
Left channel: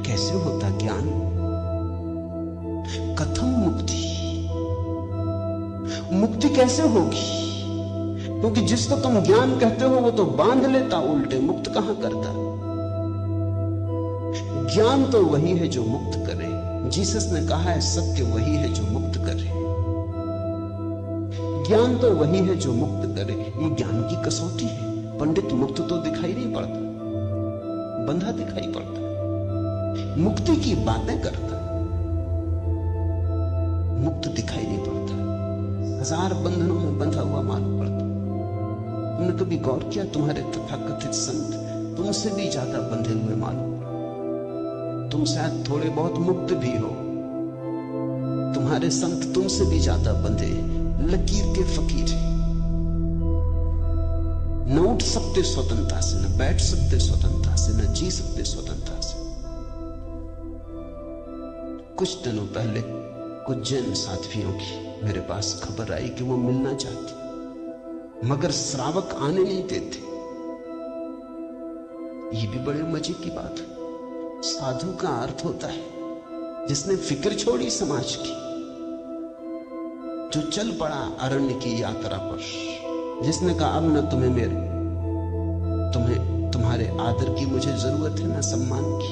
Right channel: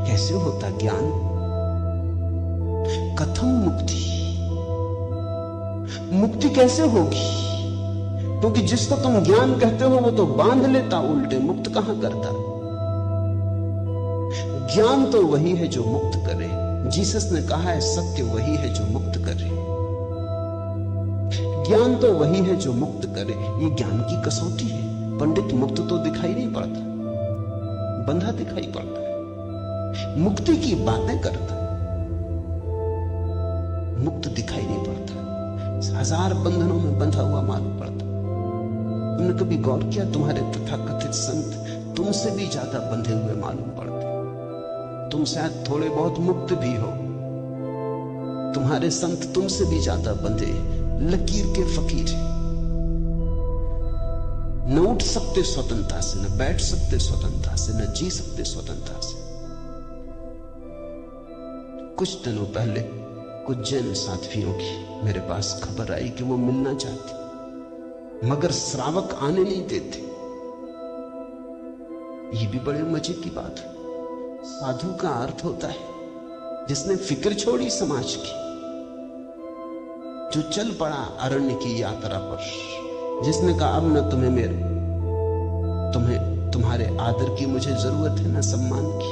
कैसे होता ज्ञान? कथम मुक्ति, मुक्ति कैसे होगी? क्योंकि जिसको तुम ज्ञान कहते हो वो तो बांध लेता उल्टे, मुक्त कहां करता। ज्ञान तो वही है जो मुक्त करे। जीसस ने कहा है, सत्य वही है जो मुक्त करे। ज्ञान तो वही है जो मुक्त करे। ये ज्ञान की कसौटी है। पंडित मुक्त तो दिखाई नहीं पड़ता, बंधा दिखाई पड़ता, मुक्ति की बातें करता, मुक्त दिखाई नहीं पड़ता, हजार बंधनों में बंधा हुआ मालूम पड़ता। तुमने कभी गौर किया, तुम्हारे तथाकथित संत तुमसे भी ज्यादा बंधे हुए मालूम पड़ते। तुम शायद थोड़े बहुत मुक्त भी हो, तुम्हारे संत तुमसे भी ज्यादा बंधे, लकीर के फकीर हैं। न उठ सकते स्वतंत्रता से, न बैठ सकते स्वतंत्रता से, न जी सकते स्वतंत्रता से। कुछ दिनों पहले कुछ जैन साथियों की मेरे पास खबर आई कि वो मिलना चाहते, मगर श्रावक आने नहीं देते। ये भी बड़े मजे की बात है। साधु का अर्थ होता है जिसने फिक्र छोड़ी समाज की, जो चल पड़ा अरण्य की यात्रा पर, जिसने कहा अब न तुम्हारे आदर की मुझे जरूरत है, न सम्मान की।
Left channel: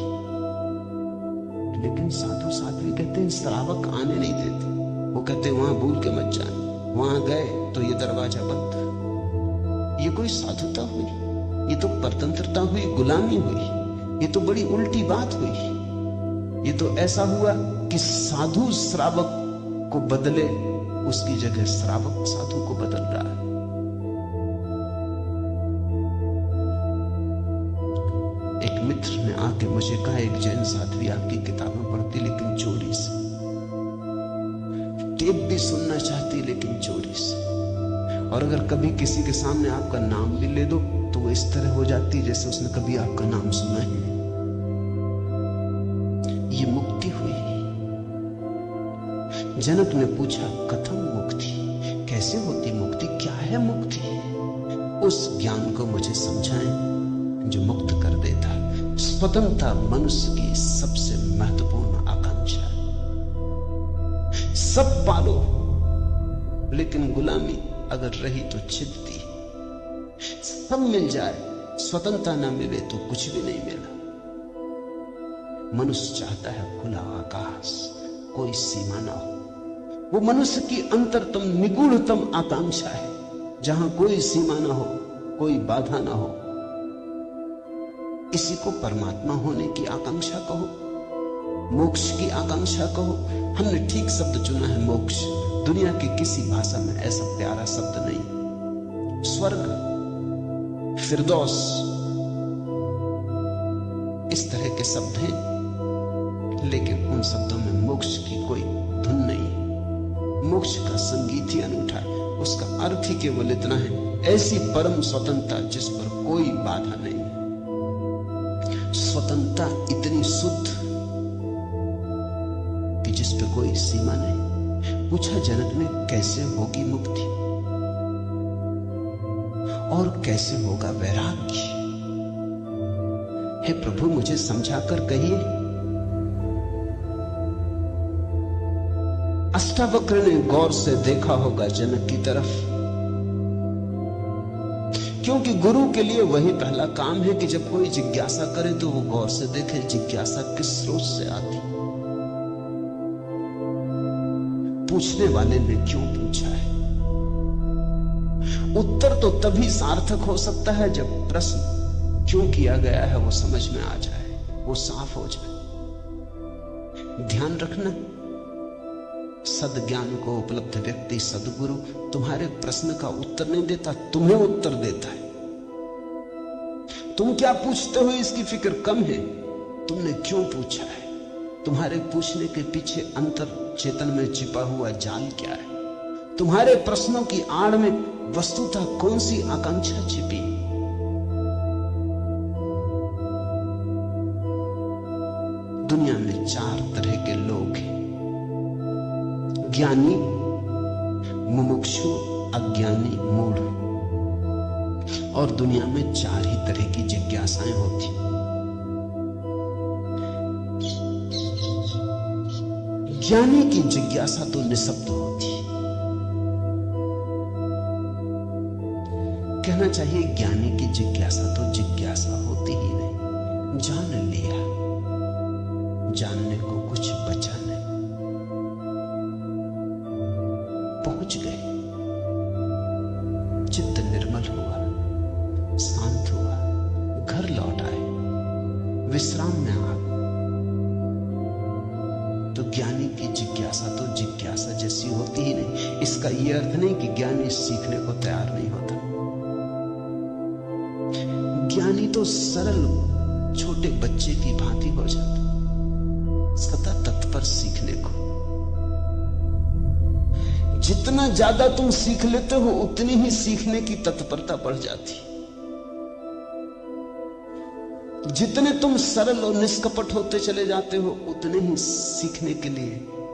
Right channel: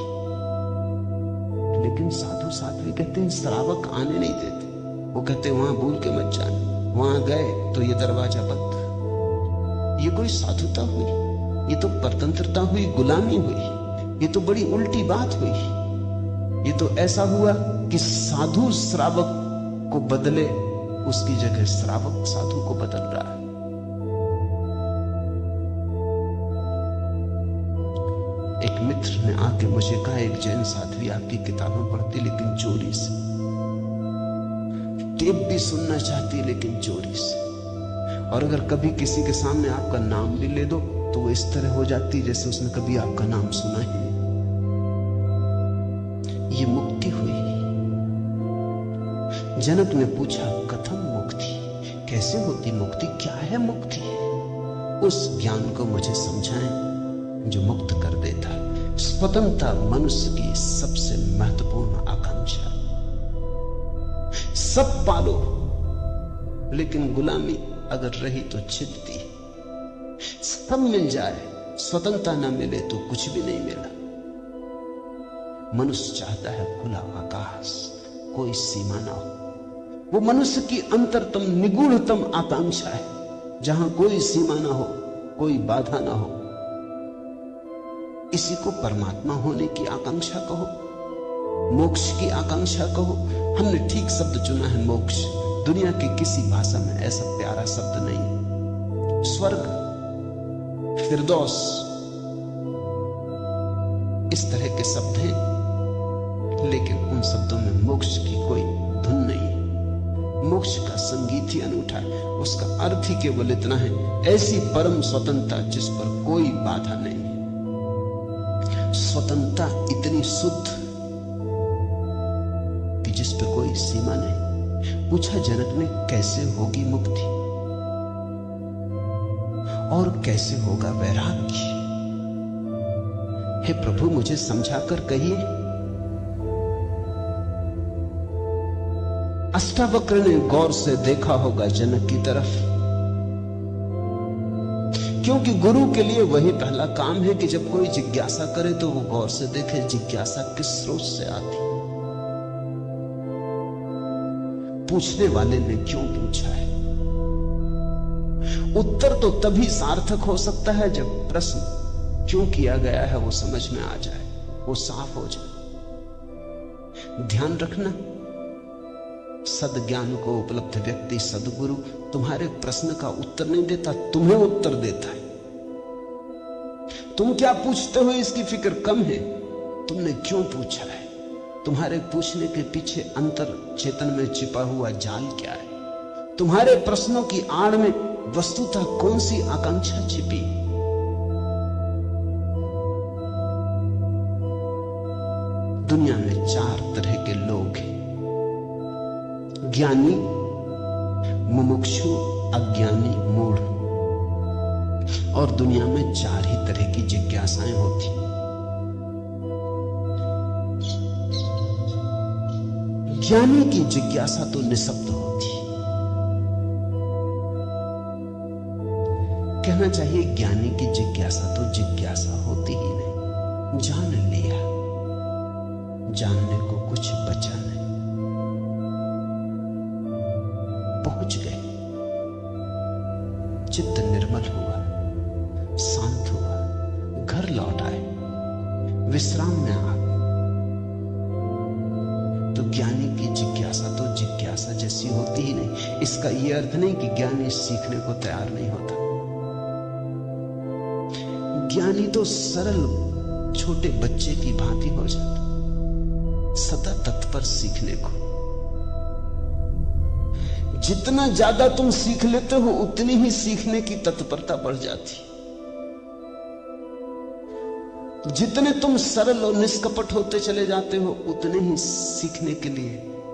लेकिन साधु साध्वी कहते हैं श्रावक आने नहीं देते। वो कहते हैं वहां भूल के मत जाना, वहां गए तो ये दरवाजा बंद। ये कोई साधुता हुई? ये तो परतंत्रता हुई, गुलामी हुई। ये तो बड़ी उल्टी बात हुई। ये तो ऐसा हुआ कि साधु श्रावक को बदले, उसकी जगह श्रावक साधु को बदल रहा है। एक मित्र ने आके मुझे कहा, एक जैन साध्वी आपकी किताबें पढ़ती लेकिन चोरी से, टेप भी सुनना चाहती लेकिन चोरी से, और अगर कभी किसी के सामने आपका नाम भी ले दो तो वो इस तरह हो जाती जैसे उसने कभी आपका नाम सुना ही नहीं। ये मुक्ति हुई। जनक ने पूछा, कथम मुक्ति, कैसे होती मुक्ति, क्या है मुक्ति? उस ज्ञान को मुझे समझाएं जो मुक्त कर देता है। स्वतंत्रता मनुष्य की सबसे महत्वपूर्ण आकांक्षा। सब पालो, लेकिन गुलामी अगर रही तो छिदती। सब मिल जाए, स्वतंत्रता न मिले तो कुछ भी नहीं मिला। मनुष्य चाहता है खुला आकाश, कोई सीमा ना हो। वो मनुष्य की अंतरतम निगूढ़तम आकांक्षा है, जहां कोई सीमा ना हो, कोई बाधा ना हो। इसी को परमात्मा होने की आकांक्षा कहो, मोक्ष की आकांक्षा कहो। हमने ठीक शब्द चुना है, मोक्ष। दुनिया की किसी भाषा में ऐसा प्यारा शब्द नहीं। स्वर्ग, फिरदौस, इस तरह के शब्द हैं, लेकिन उन शब्दों में मोक्ष की कोई धुन नहीं है। मोक्ष का संगीत ही अनूठा है। उसका अर्थ ही केवल इतना है, ऐसी परम स्वतंत्रता जिस पर कोई बाधा नहीं है। स्वतंत्रता इतनी शुद्ध कि जिस पे कोई सीमा नहीं। पूछा जनक ने, कैसे होगी मुक्ति और कैसे होगा वैराग्य? हे प्रभु, मुझे समझाकर कहिए। अष्टावक्र ने गौर से देखा होगा जनक की तरफ, क्योंकि गुरु के लिए वही पहला काम है कि जब कोई जिज्ञासा करे तो वो गौर से देखे जिज्ञासा किस स्रोत से आती, पूछने वाले ने क्यों पूछा है। उत्तर तो तभी सार्थक हो सकता है जब प्रश्न क्यों किया गया है वो समझ में आ जाए, वो साफ हो जाए। ध्यान रखना, सद्ज्ञान को उपलब्ध व्यक्ति सद्गुरु तुम्हारे प्रश्न का उत्तर नहीं देता, तुम्हें उत्तर देता है। तुम क्या पूछते हो इसकी फिक्र कम है, तुमने क्यों पूछा है। तुम्हारे पूछने के पीछे अंतर चेतन में छिपा हुआ जाल क्या है? तुम्हारे प्रश्नों की आड़ में वस्तुतः कौन सी आकांक्षा छिपी? दुनिया में 4 तरह के लोग हैं, ज्ञानी, मुमुक्षु, अज्ञानी, मूढ़। और दुनिया में 4 ही तरह की जिज्ञासाएं होती। ज्ञानी की जिज्ञासा तो निःशब्द होती। कहना चाहिए ज्ञानी की जिज्ञासा तो जिज्ञासा होती ही नहीं। जान लिया, जानने को कुछ बचा नहीं, पहुंच गए, चित्त निर्मल हुआ, शांत हुआ, घर लौट आए, विश्राम में आ। तो ज्ञानी की जिज्ञासा तो जिज्ञासा जैसी होती ही नहीं। इसका यह अर्थ नहीं कि ज्ञानी सीखने को तैयार नहीं होता। ज्ञानी तो सरल छोटे बच्चे की भांति हो जाता, सदा तत्पर सीखने को। जितना ज्यादा तुम सीख लेते हो उतनी ही सीखने की तत्परता बढ़ जाती। जितने तुम सरल और निष्कपट होते चले जाते हो उतने ही सीखने के लिए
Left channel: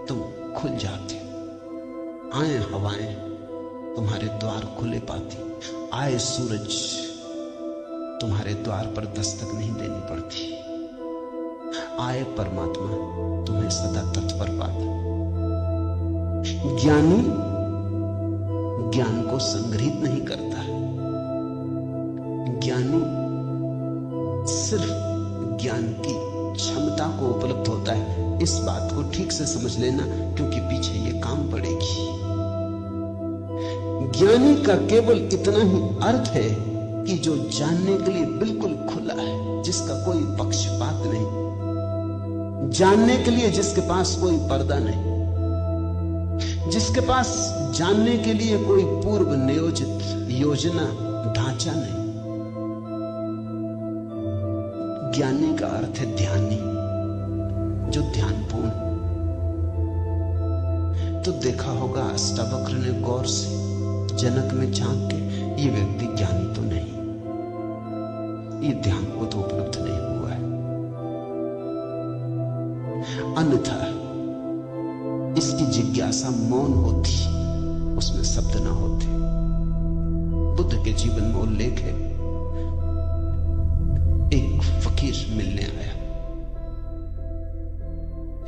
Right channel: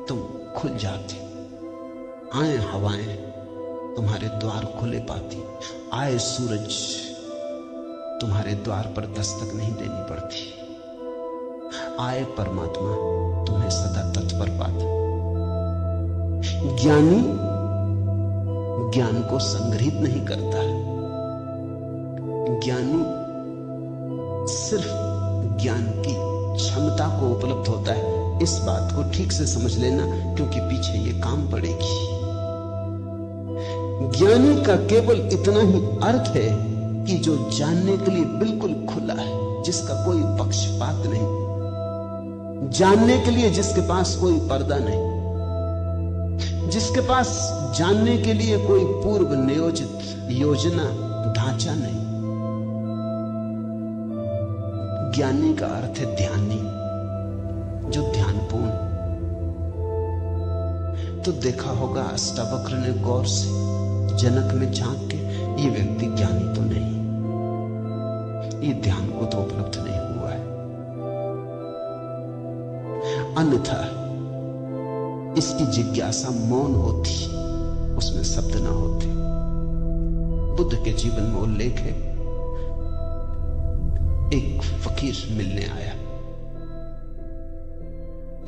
तुम खुल जाते हो। आए हवाएं तुम्हारे द्वार खुले पाती, आए सूरज तुम्हारे द्वार पर दस्तक नहीं देनी पड़ती, आए परमात्मा तुम्हें सदा तत्पर पाता। ज्ञानी ज्ञान को संग्रहित नहीं करता। ज्ञानी सिर्फ ज्ञान की क्षमता को उपलब्ध होता है। इस बात को ठीक से समझ लेना, क्योंकि पीछे ये काम पड़ेगी। ज्ञानी का केवल इतना ही अर्थ है कि जो जानने के लिए बिल्कुल खुला है, जिसका कोई पक्षपात नहीं, जानने के लिए जिसके पास कोई पर्दा नहीं, जिसके पास जानने के लिए कोई पूर्व नियोजित योजना ढांचा नहीं। ज्ञानी का अर्थ है ध्यानी, जो ध्यानपूर्ण। तो देखा होगा अष्टावक्र ने गौर से जनक में झांक के, ये व्यक्ति ज्ञानी तो नहीं, ये ध्यान को तो उपलब्ध नहीं हुआ है। अन्यथा इसकी जिज्ञासा मौन होती, उसमें शब्द ना होते। बुद्ध के जीवन में उल्लेख है, एक फकीर मिलने आया,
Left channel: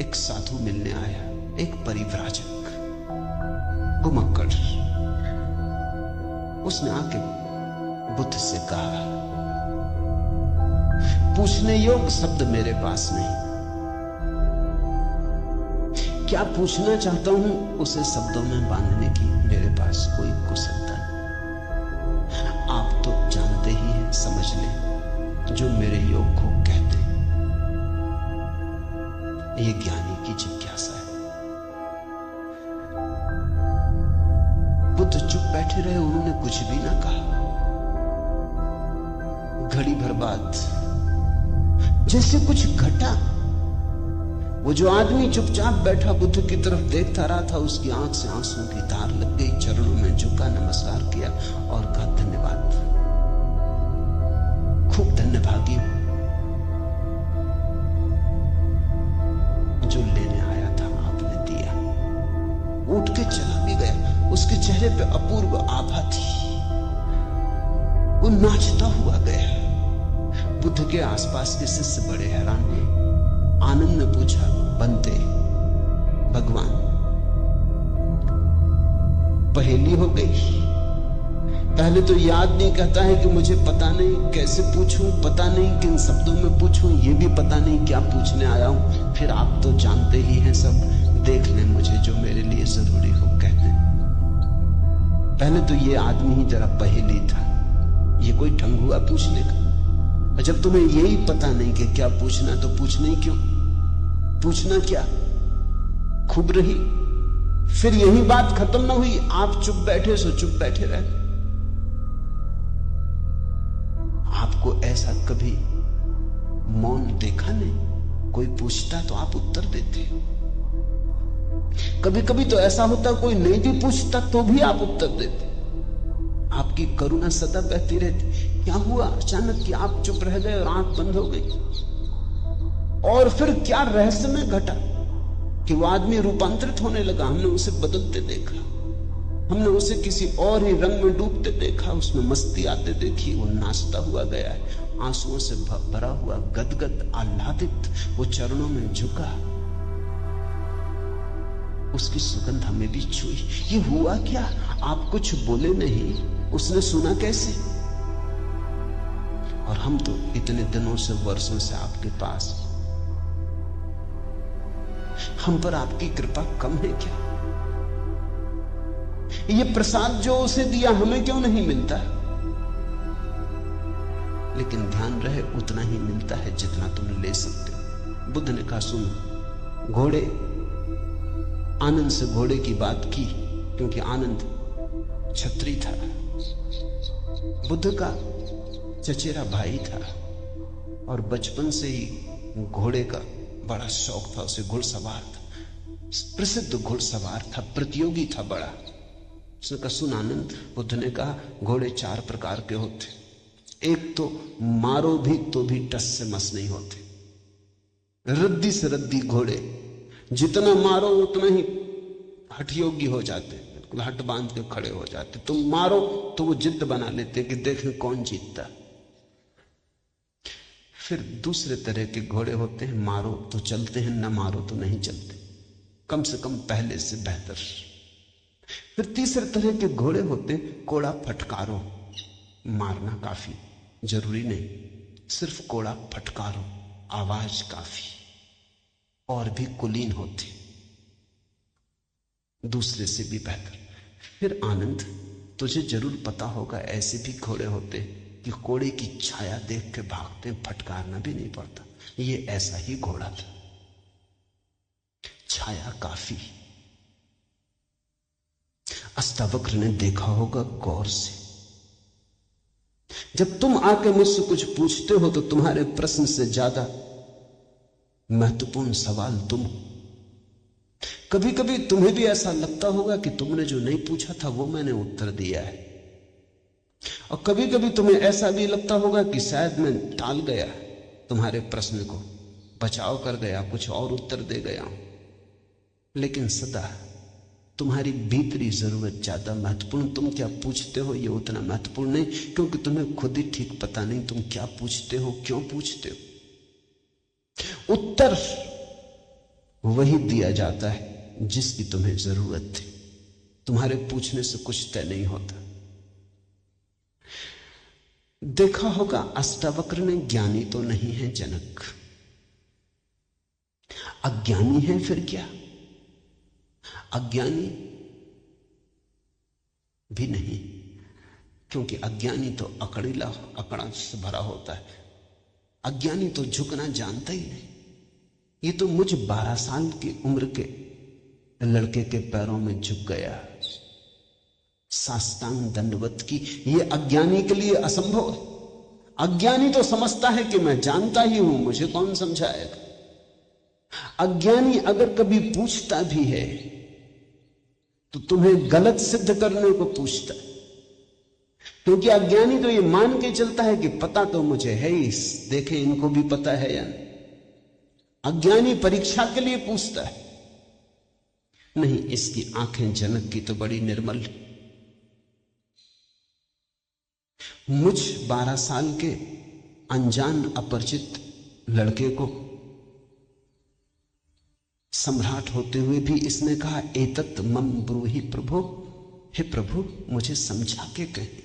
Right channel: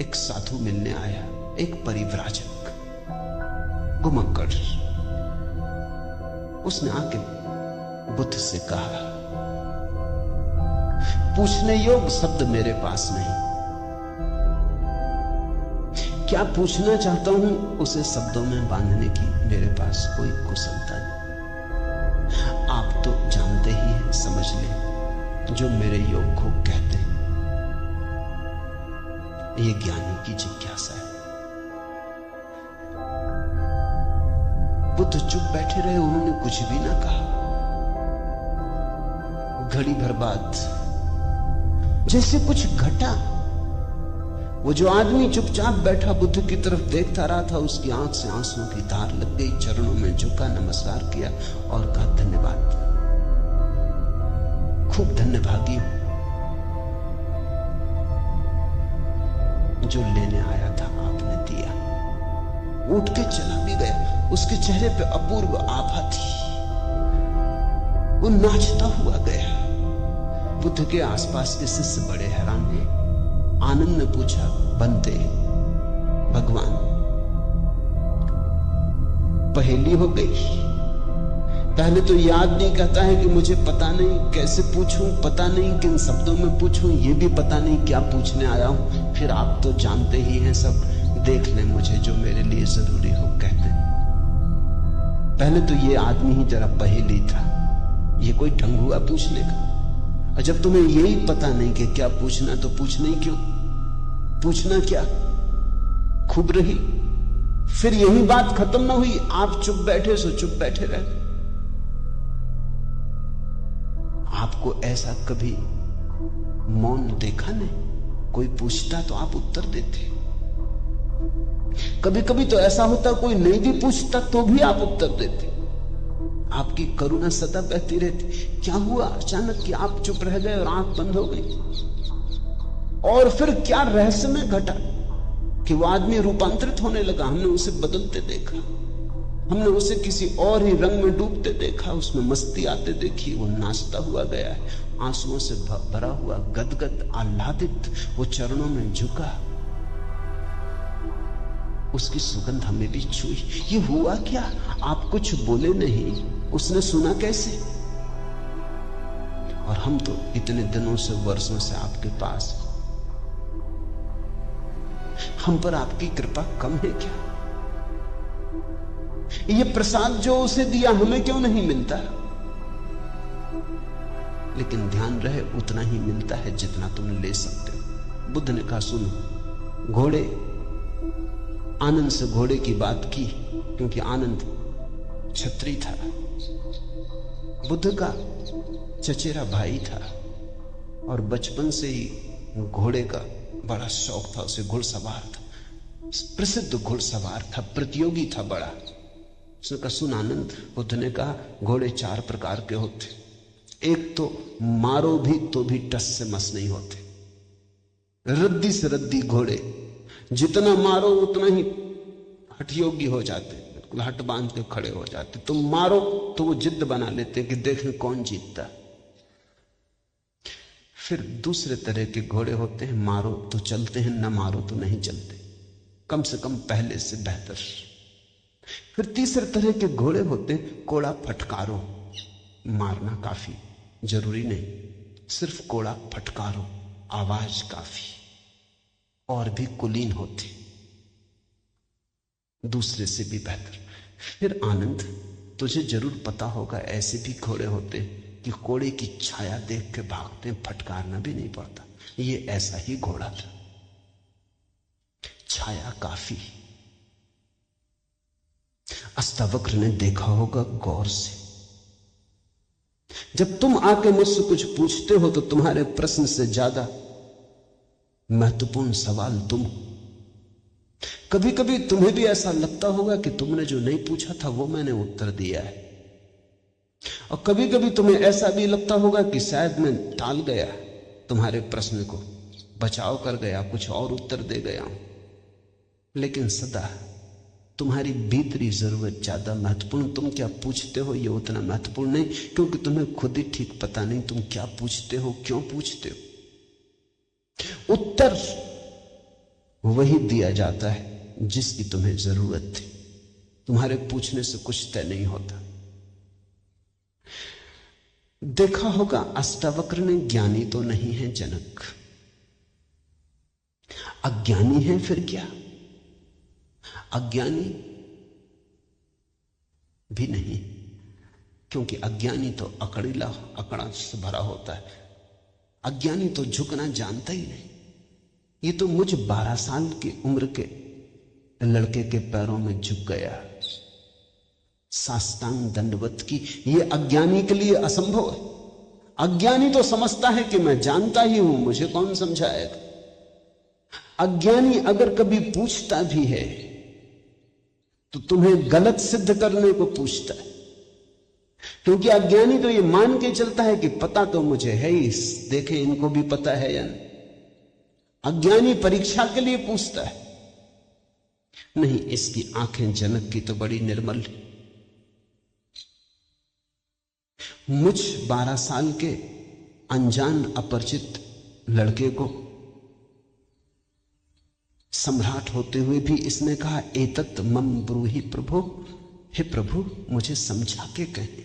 एक साधु मिलने आया, एक परिव्राजक, घुमक्कड़। उसने आके बुद्ध से कहा, पूछने योग्य शब्द मेरे पास नहीं, क्या पूछना चाहता हूं उसे शब्दों में बांधने की मेरे पास कोई कुशलता नहीं। आप तो जानते ही हैं, समझ लें, जो मेरे योग को कहते हैं। ये ज्ञानी की जिज्ञासा है। बुद्ध चुप बैठे रहे, उन्होंने कुछ भी ना कहा। घड़ी भर बाद जैसे कुछ घटा। वो जो आदमी चुपचाप बैठा बुद्ध की तरफ देखता रहा था, उसकी आंख से आंसुओं की धार लग गई। चरणों में झुका, नमस्कार किया और कहा, धन्यवाद, खूब धन्यभागी हूं। जो लेने आया था आपने दिया। उठ के चला भी गया। उसके चेहरे पे अपूर्व आभा थी, वो नाचता हुआ गया। बुद्ध के आसपास के शिष्य बड़े हैरान हुए। आनंद ने पूछा, बनते भगवान, पहेली हो गई। पहले तो याद नहीं कहता है कि मुझे पता नहीं कैसे पूछूं, पता नहीं किन शब्दों में पूछूं, ये भी पता नहीं क्या पूछने आया हूं। फिर आप तो जानते ही हैं सब, देख लें मुझे जो मेरे लिए जरूरी हो कहते हैं। पहले तो ये आदमी ही जरा पहेली था, ये कोई ढंग हुआ पूछने का। और जब तुम्हें यही पता नहीं कि क्या पूछना, तो पूछना ही क्यों? पूछना क्या? खूब रही। फिर यही बात खत्म ना हुई, आप चुप बैठे सो चुप बैठे रहे। आपको ऐसा कभी मौन देखा नहीं? कोई पूछता तो आप उत्तर देते। कभी कभी तो ऐसा होता कोई नहीं भी पूछता तो भी आप उत्तर देते। आपकी करुणा सदा बहती रहती। क्या हुआ अचानक कि आप चुप रह गए और आंख बंद हो गई? और फिर क्या रहस्य में घटा कि वो आदमी रूपांतरित होने लगा? हमने उसे बदलते देखा, हमने उसे किसी और ही रंग में डूबते देखा, उसमें मस्ती आते देखी। वो नाचता हुआ गया है, आंसुओं से भरा हुआ, गदगद आह्लादित, वो चरणों में झुका, उसकी सुगंध हमें भी छुई। ये हुआ क्या? आप कुछ बोले नहीं, उसने सुना कैसे? और हम तो इतने दिनों से, वर्षों से आपके पास, हम पर आपकी कृपा कम है क्या? ये प्रसाद जो उसे दिया हमें क्यों नहीं मिलता? लेकिन ध्यान रहे उतना ही मिलता है जितना तुम ले सकते हो। बुद्ध ने कहा सुनो, घोड़े, आनंद से घोड़े की बात की क्योंकि आनंद छत्री था, बुद्ध का चचेरा भाई था और बचपन से ही घोड़े का बड़ा शौक था। उसे घुड़सवार था, प्रसिद्ध घुड़सवार था, प्रतियोगी था बड़ा। उसने कहा सुन आनंद, बुद्ध ने कहा घोड़े 4 प्रकार के होते। एक तो मारो भी तो भी टस से मस नहीं होते, रद्दी से रद्दी घोड़े, जितना मारो उतना ही हठयोगी हो जाते, बिल्कुल हट बांध के खड़े हो जाते। तुम मारो तो वो जिद बना लेते कि देखें कौन जीतता है। फिर दूसरे तरह के घोड़े होते हैं, मारो तो चलते हैं, न मारो तो नहीं चलते, कम से कम पहले से बेहतर। फिर तीसरे तरह के घोड़े होते हैं, कोड़ा फटकारो, मारना काफी जरूरी नहीं, सिर्फ कोड़ा फटकारो, आवाज काफी, और भी कुलीन होते, दूसरे से भी बेहतर। फिर आनंद, तुझे जरूर पता होगा ऐसे भी घोड़े होते कि कोड़े की छाया देख के भागते, फटकारना भी नहीं पड़ता। ये ऐसा ही घोड़ा था, छाया काफी। अष्टावक्र ने देखा होगा गौर से, जब तुम आके मुझसे कुछ पूछते हो तो तुम्हारे प्रश्न से ज्यादा महत्वपूर्ण सवाल तुम। कभी कभी तुम्हें भी ऐसा लगता होगा कि तुमने जो नहीं पूछा था वो मैंने उत्तर दिया है, और कभी कभी तुम्हें ऐसा भी लगता होगा कि शायद मैं टाल गया तुम्हारे प्रश्न को, बचाव कर गया, कुछ और उत्तर दे गया हूं। लेकिन सदा तुम्हारी भीतरी जरूरत ज्यादा महत्वपूर्ण। तुम क्या पूछते हो ये उतना महत्वपूर्ण नहीं, क्योंकि तुम्हें खुद ही ठीक पता नहीं तुम क्या पूछते हो, क्यों पूछते हो। उत्तर वही दिया जाता है जिसकी तुम्हें जरूरत थी। तुम्हारे पूछने से कुछ तय नहीं होता। देखा होगा अष्टावक्र ने ज्ञानी तो नहीं है जनक, अज्ञानी है फिर क्या? अज्ञानी भी नहीं, क्योंकि अज्ञानी तो अकड़ीला, अकड़ा से भरा होता है। अज्ञानी तो झुकना जानता ही नहीं। ये तो मुझ 12 साल की उम्र के लड़के के पैरों में झुक गया, साष्टांग दंडवत की। ये अज्ञानी के लिए असंभव है। अज्ञानी तो समझता है कि मैं जानता ही हूं, मुझे कौन समझाएगा। अज्ञानी अगर कभी पूछता भी है तो तुम्हें गलत सिद्ध करने को पूछता है, क्योंकि अज्ञानी तो ये मान के चलता है कि पता तो मुझे है ही, देखे इनको भी पता है या नहीं। अज्ञानी परीक्षा के लिए पूछता है। नहीं, इसकी आंखें जनक की तो बड़ी निर्मल। मुझ 12 साल के अनजान अपरिचित लड़के को सम्राट होते हुए भी इसने कहा एतत् मम ब्रूहि प्रभो, हे प्रभु मुझे समझा के कहे।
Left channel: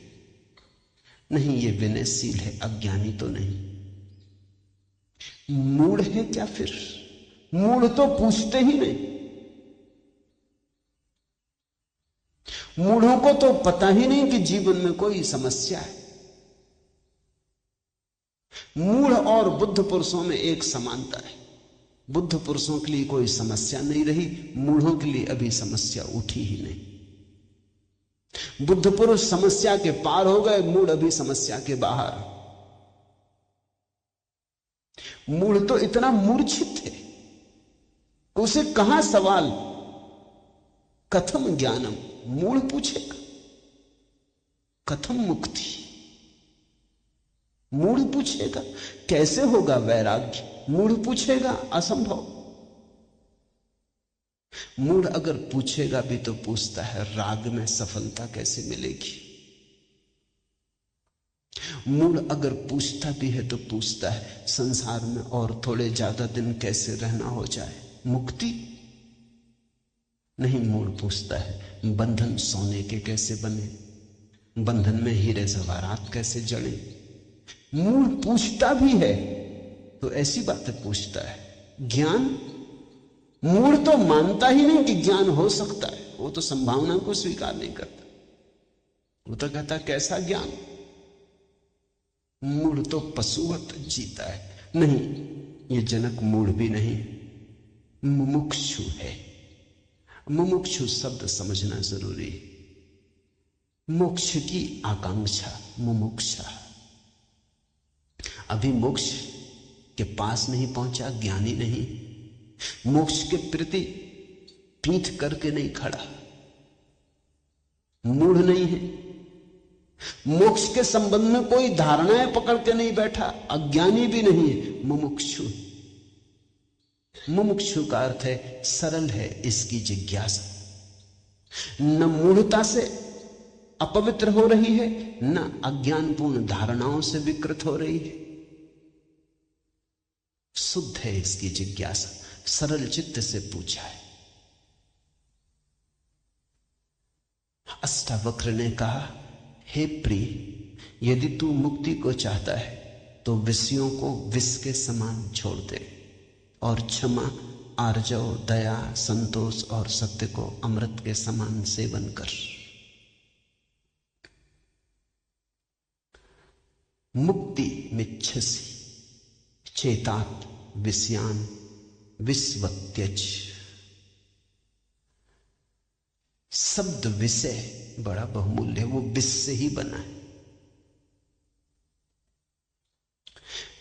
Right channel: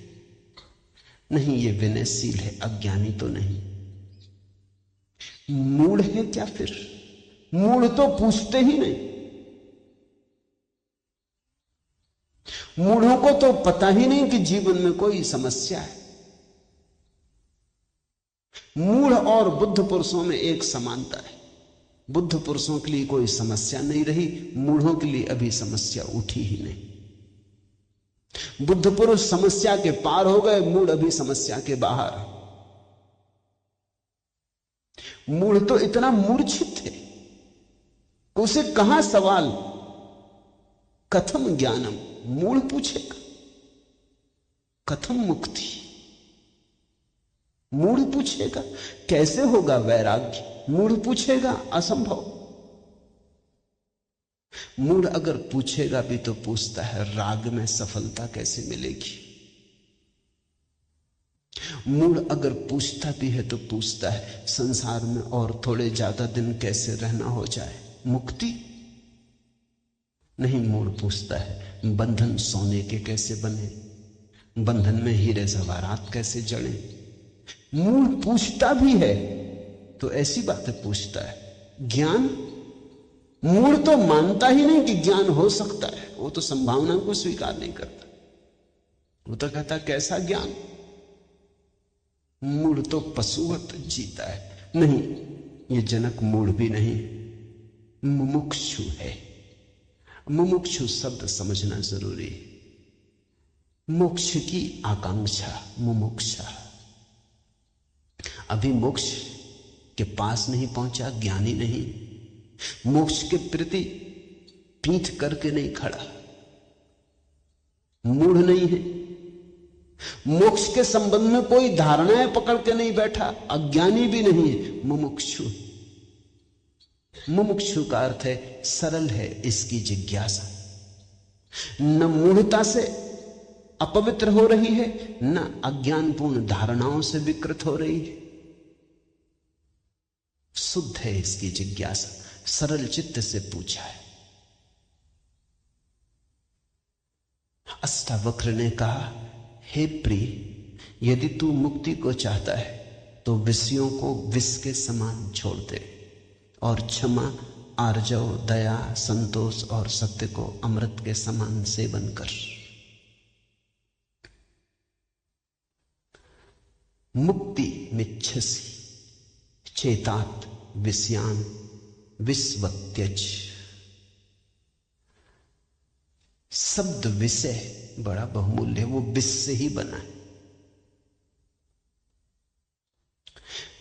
नहीं, ये विनयशील है, अज्ञानी तो नहीं। मूढ़ है क्या फिर? मूढ़ तो पूछते ही नहीं। मूढ़ों को तो पता ही नहीं कि जीवन में कोई समस्या है। मूढ़ और बुद्ध पुरुषों में एक समानता है। बुद्ध पुरुषों के लिए कोई समस्या नहीं रही, मूढ़ों के लिए अभी समस्या उठी ही नहीं। बुद्ध पुरुष समस्या के पार हो गए, मूढ़ अभी समस्या के बाहर। मूढ़ तो इतना मूर्छित है, उसे कहां सवाल कथम ज्ञानम, मूढ़ पूछेगा कथम मुक्ति, मूढ़ पूछेगा कैसे होगा वैराग्य, मूढ़ पूछेगा असंभव। मूढ़ अगर पूछेगा भी तो पूछता है राग में सफलता कैसे मिलेगी। मूढ़ अगर पूछता भी है तो पूछता है संसार में और थोड़े ज्यादा दिन कैसे रहना हो जाए, मुक्ति नहीं। मूढ़ पूछता है बंधन सोने के कैसे बने, बंधन में हीरे जवाहरात कैसे जड़े। मूढ़ पूछता भी है तो ऐसी बातें पूछता है। ज्ञान, मूढ़ तो मानता ही नहीं कि ज्ञान हो सकता है, वो तो संभावना को स्वीकार नहीं करता। वो तो कहता कैसा ज्ञान। मूढ़ तो पशुवत जीता है। नहीं, ये जनक मूढ़ भी नहीं, मुमुक्षु है। मुमुक्षु शब्द समझना जरूरी है। मोक्ष की आकांक्षा मुमुक्षा। अभी मोक्ष के पास नहीं पहुंचा, ज्ञानी नहीं, मोक्ष के प्रति पीठ करके नहीं खड़ा, मूढ़ नहीं है। मोक्ष के संबंध में कोई धारणाएं पकड़ के नहीं बैठा, अज्ञानी भी नहीं है, मुमुक्षु। मुमुक्षु का अर्थ है सरल है इसकी जिज्ञासा, न मूढ़ता से अपवित्र हो रही है, न अज्ञानपूर्ण धारणाओं से विकृत हो रही है। शुद्ध है इसकी जिज्ञासा, सरल चित्त से पूछा है। अष्टावक्र ने कहा, हे प्रिय, यदि तू मुक्ति को चाहता है तो विषयों को विष के समान छोड़ दे और क्षमा, आर्जव, दया, संतोष और सत्य को अमृत के समान सेवन कर। मुक्ति मिच्छसि चेतात विषयान विस्वत्यज। शब्द विषय बड़ा बहुमूल्य है, वो विष से ही बना है।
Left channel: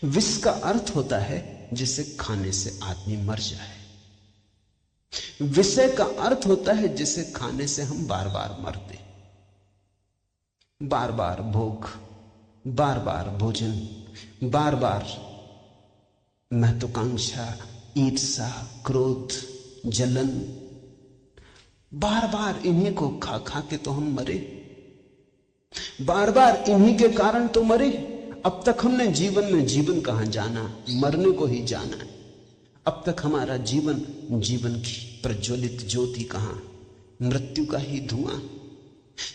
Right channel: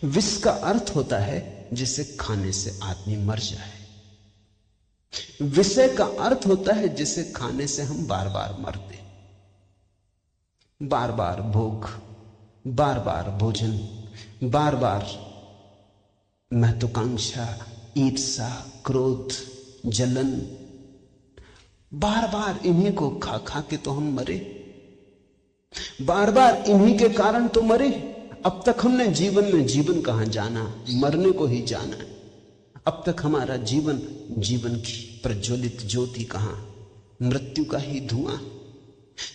विष का अर्थ होता है जिसे खाने से आदमी मर जाए। विषय का अर्थ होता है जिसे खाने से हम बार बार मरते, बार बार भोग, बार बार भोजन, बार बार महत्वाकांक्षा, ईर्ष्या, क्रोध, जलन, बार बार इन्हीं को खा खा के तो हम मरे, बार बार इन्हीं के कारण तो मरे। अब तक हमने जीवन में जीवन कहां जाना, मरने को ही जाना। अब तक हमारा जीवन, जीवन की प्रज्वलित ज्योति कहां, मृत्यु का ही धुआं।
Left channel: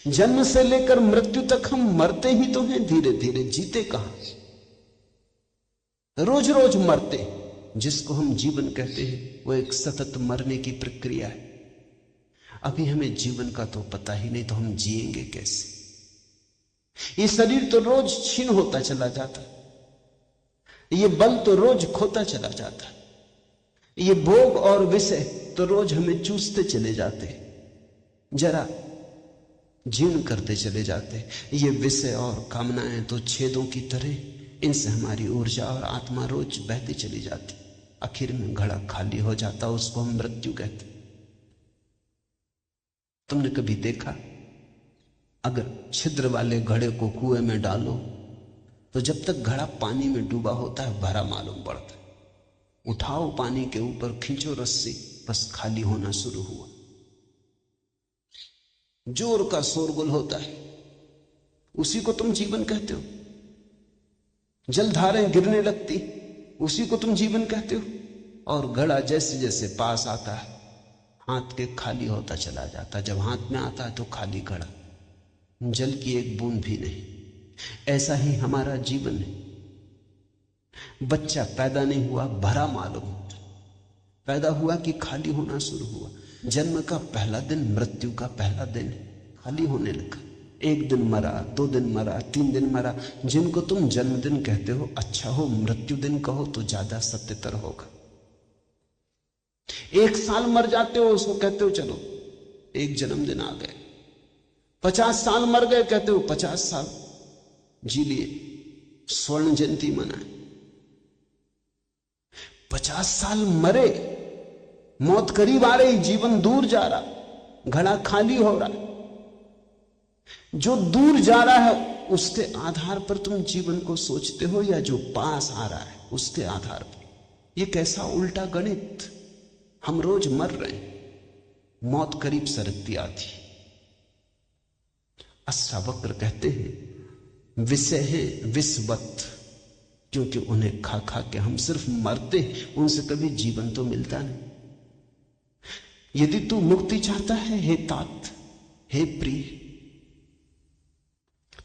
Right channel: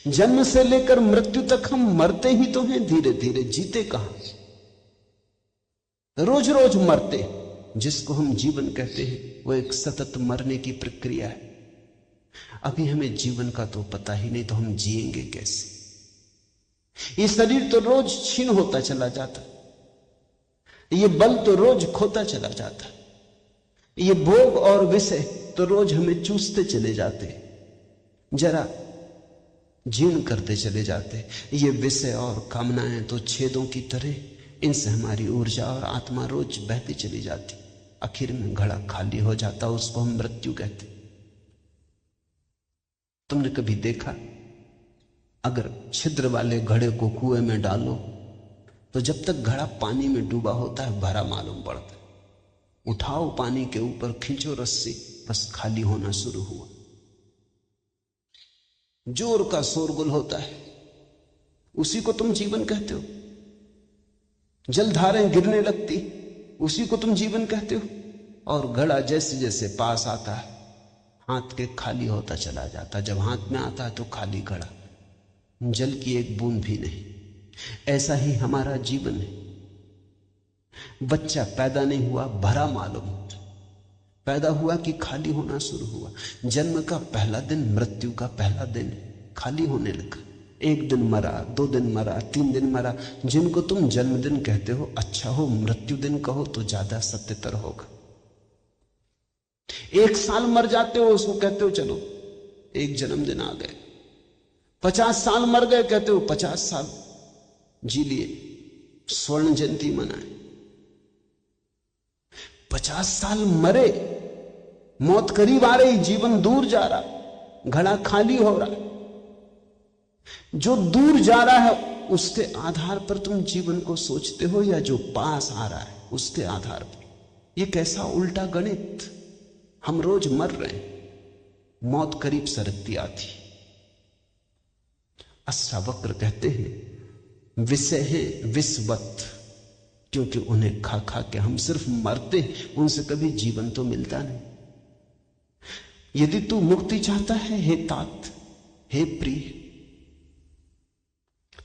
जन्म से लेकर मृत्यु तक हम मरते ही तो हैं, धीरे धीरे, जीते कहां, रोज रोज मरते। जिसको हम जीवन कहते हैं वो एक सतत मरने की प्रक्रिया है। अभी हमें जीवन का तो पता ही नहीं, तो हम जिएंगे कैसे। ये शरीर तो रोज क्षीण होता चला जाता, ये बल तो रोज खोता चला जाता, ये भोग और विषय तो रोज हमें चूसते चले जाते, जरा जीर्ण करते चले जाते। ये विषय और कामनाएं तो छेदों की तरह, इनसे हमारी ऊर्जा और आत्मा रोज बहती चली जाती। आखिर में घड़ा खाली हो जाता, उसको हम मृत्यु कहते। तुमने कभी देखा, अगर छिद्र वाले घड़े को कुएं में डालो तो जब तक घड़ा पानी में डूबा होता है भरा मालूम पड़ता, उठाओ पानी के ऊपर, खींचो रस्सी, बस खाली होना शुरू हुआ। जोर का शोरगुल होता है, उसी को तुम जीवन कहते हो। जलधारें गिरने लगती, उसी को तुम जीवन कहते हो। और घड़ा जैसे जैसे पास आता है, हाथ के खाली होता चला जाता। जब हाथ में आता है तो खाली घड़ा, जल की एक बूंद भी नहीं। ऐसा ही हमारा जीवन है। बच्चा पैदा नहीं हुआ, भरा मालूम होता, पैदा हुआ कि खाली होना शुरू हुआ। जन्म का पहला दिन मृत्यु का पहला दिन, खाली होने लगा। एक दिन मरा, 2 दिन मरा, 3 दिन मरा। जिनको तुम जन्मदिन कहते हो, अच्छा हो मृत्यु दिन कहो तो ज्यादा सत्यतर होगा। 1 साल मर जाते हो, उसको कहते हो चलो एक जन्मदिन आ गए। 50 साल मर गए, कहते हो 50 साल जी लिए, स्वर्ण जयंती मनाए। 50 साल मरे, मौत करीब आ रही, जीवन दूर जा रहा, घड़ा खाली हो रहा। जो दूर जा रहा है उसके आधार पर तुम जीवन को सोचते हो, या जो पास आ रहा है उसके आधार पर? यह कैसा उल्टा गणित। हम रोज मर रहे हैं, मौत करीब सरकती आती। अष्टावक्र कहते हैं विषय है विषवत, क्योंकि उन्हें खा खा के हम सिर्फ मरते हैं, उनसे कभी जीवन तो मिलता नहीं। यदि तू मुक्ति चाहता है हे तात, हे प्रिय,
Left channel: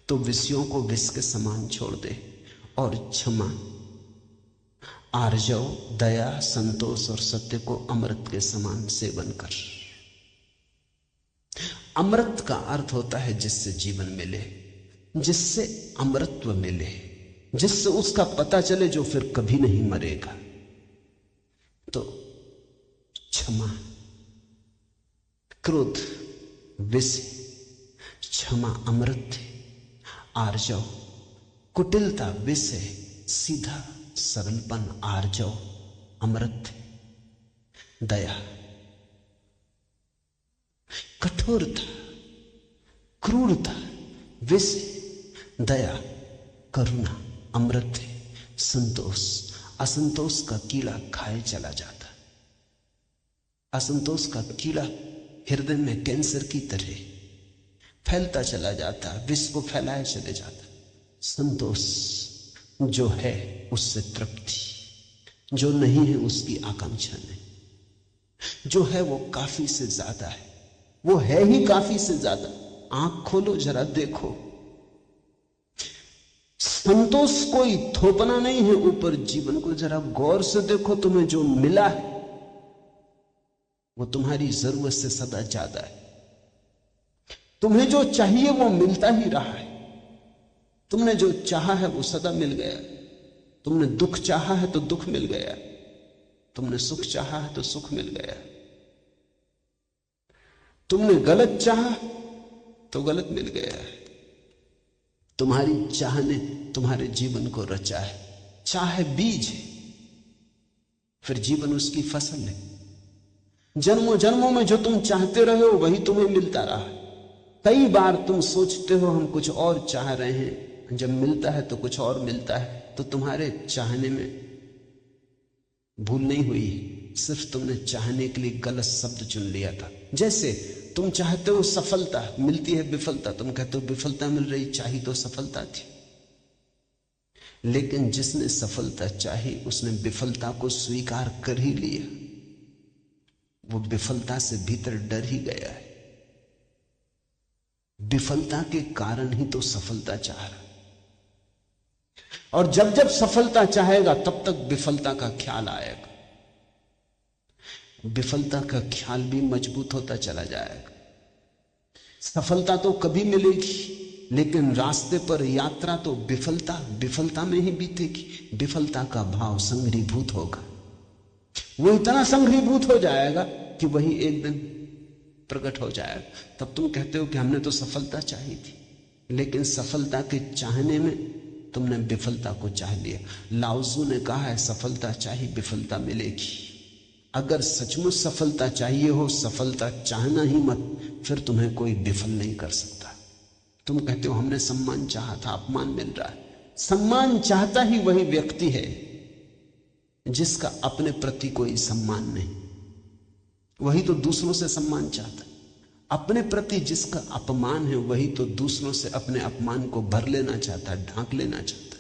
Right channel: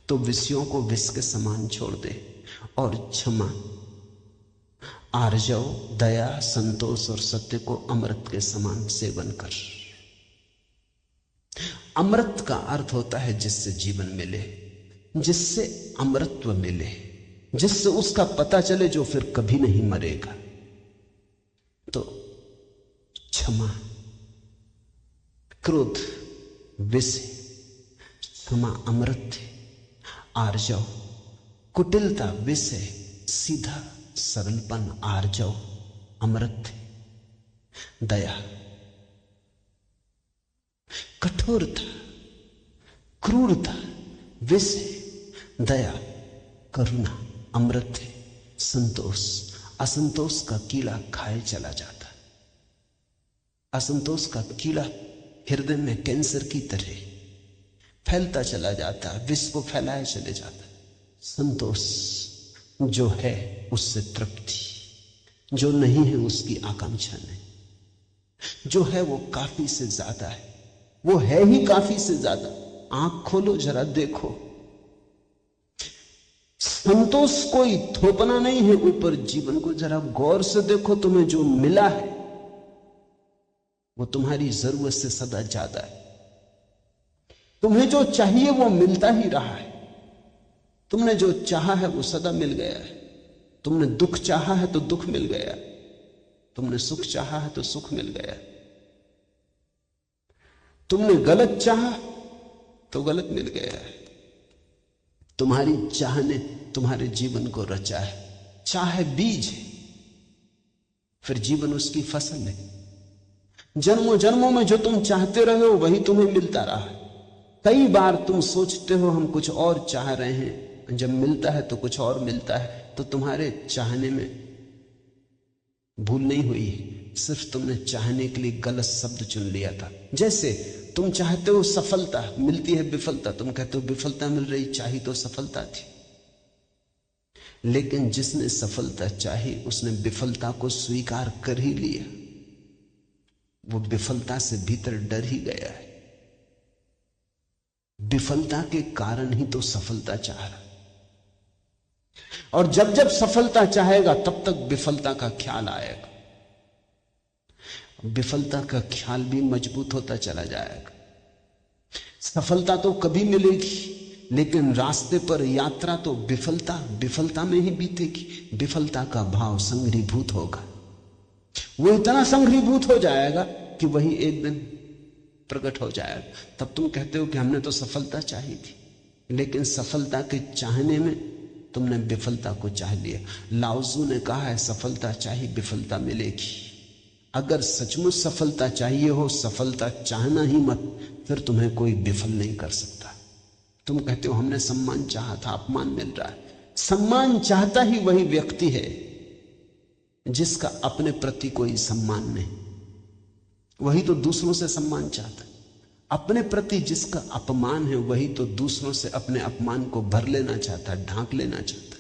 तो विषयों को विष के समान छोड़ दे और क्षमा, आर्जव, दया, संतोष और सत्य को अमृत के समान सेवन कर। अमृत का अर्थ होता है जिससे जीवन मिले, जिससे अमृतत्व मिले, जिससे उसका पता चले जो फिर कभी नहीं मरेगा। तो क्षमा, क्रोध विष, क्षमा अमृत है, आर्जव, कुटिलता विष है, सीधा सरलपन आर्जव अमृत है, दया, कठोरता, क्रूरता विष है, दया, करुणा अमृत है, संतोष, असंतोष का कीड़ा खाए चला जाता। असंतोष का कीड़ा हृदय में कैंसर की तरह फैलता चला जाता है, विष को फैलाए चले जाता है। संतोष जो है उससे तृप्ति, जो नहीं है उसकी आकांक्षा नहीं, जो है वो काफी से ज्यादा है, वो है ही काफी से ज्यादा। आंख खोलो जरा देखो, संतोष कोई थोपना नहीं है ऊपर, जीवन को जरा गौर से देखो। तुम्हें जो मिला है वो तुम्हारी जरूरत से सदा ज्यादा है। तुम्हें जो चाहिए वो मिलता ही रहा है। तुमने जो चाहा है वो सदा मिल गया है। तुमने दुख चाहा है तो दुख मिल गया, तुमने सुख चाहा है तो सुख मिल गया, तुमने गलत चाहा तो गलत मिल गया है। तुम्हारी चाह ने तुम्हारे जीवन को रचा है। चाह बीज है, फिर जीवन उसकी फसल है। जन्मों जन्मों में जो तुम चाहते रहे हो वही तुम्हें मिलता रहा। कई बार तुम सोचते हो हम कुछ और चाह रहे हैं, जब मिलता है तो कुछ और मिलता है। तो तुम्हारे चाहने में भूल नहीं हुई, सिर्फ तुमने चाहने के लिए गलत शब्द चुन लिया था। जैसे तुम चाहते हो सफलता, मिलती है विफलता, तुम कहते हो विफलता मिल रही, चाही तो सफलता थी। लेकिन जिसने सफलता चाही उसने विफलता को स्वीकार कर ही लिया, वो विफलता से भीतर डर ही गया है। विफलता के कारण ही तो सफलता चाह रहा, और जब जब सफलता चाहेगा तब तक विफलता का ख्याल आएगा। विफलता का ख्याल भी मजबूत होता चला जाएगा। सफलता तो कभी मिलेगी, लेकिन रास्ते पर यात्रा तो विफलता में ही बीतेगी। विफलता का भाव संग्रीभूत होगा, वो इतना संग्रीभूत हो जाएगा कि वही एक दिन प्रकट हो जाएगा। तब तुम कहते हो कि हमने तो सफलता चाही थी, लेकिन सफलता के चाहने में तुमने विफलता को चाह लिया। लाओजू ने कहा है सफलता चाहिए विफलता मिलेगी। अगर सचमुच सफलता चाहिए हो, सफलता चाहना ही मत, फिर तुम्हें कोई विफल नहीं कर सकता। तुम कहते हो हमने सम्मान चाहा था, अपमान मिल रहा है। सम्मान चाहता ही वही व्यक्ति है जिसका अपने प्रति कोई सम्मान नहीं, वही तो दूसरों से सम्मान चाहता। अपने प्रति जिसका अपमान है वही तो दूसरों से अपने अपमान को भर लेना चाहता है, ढांक लेना चाहता है।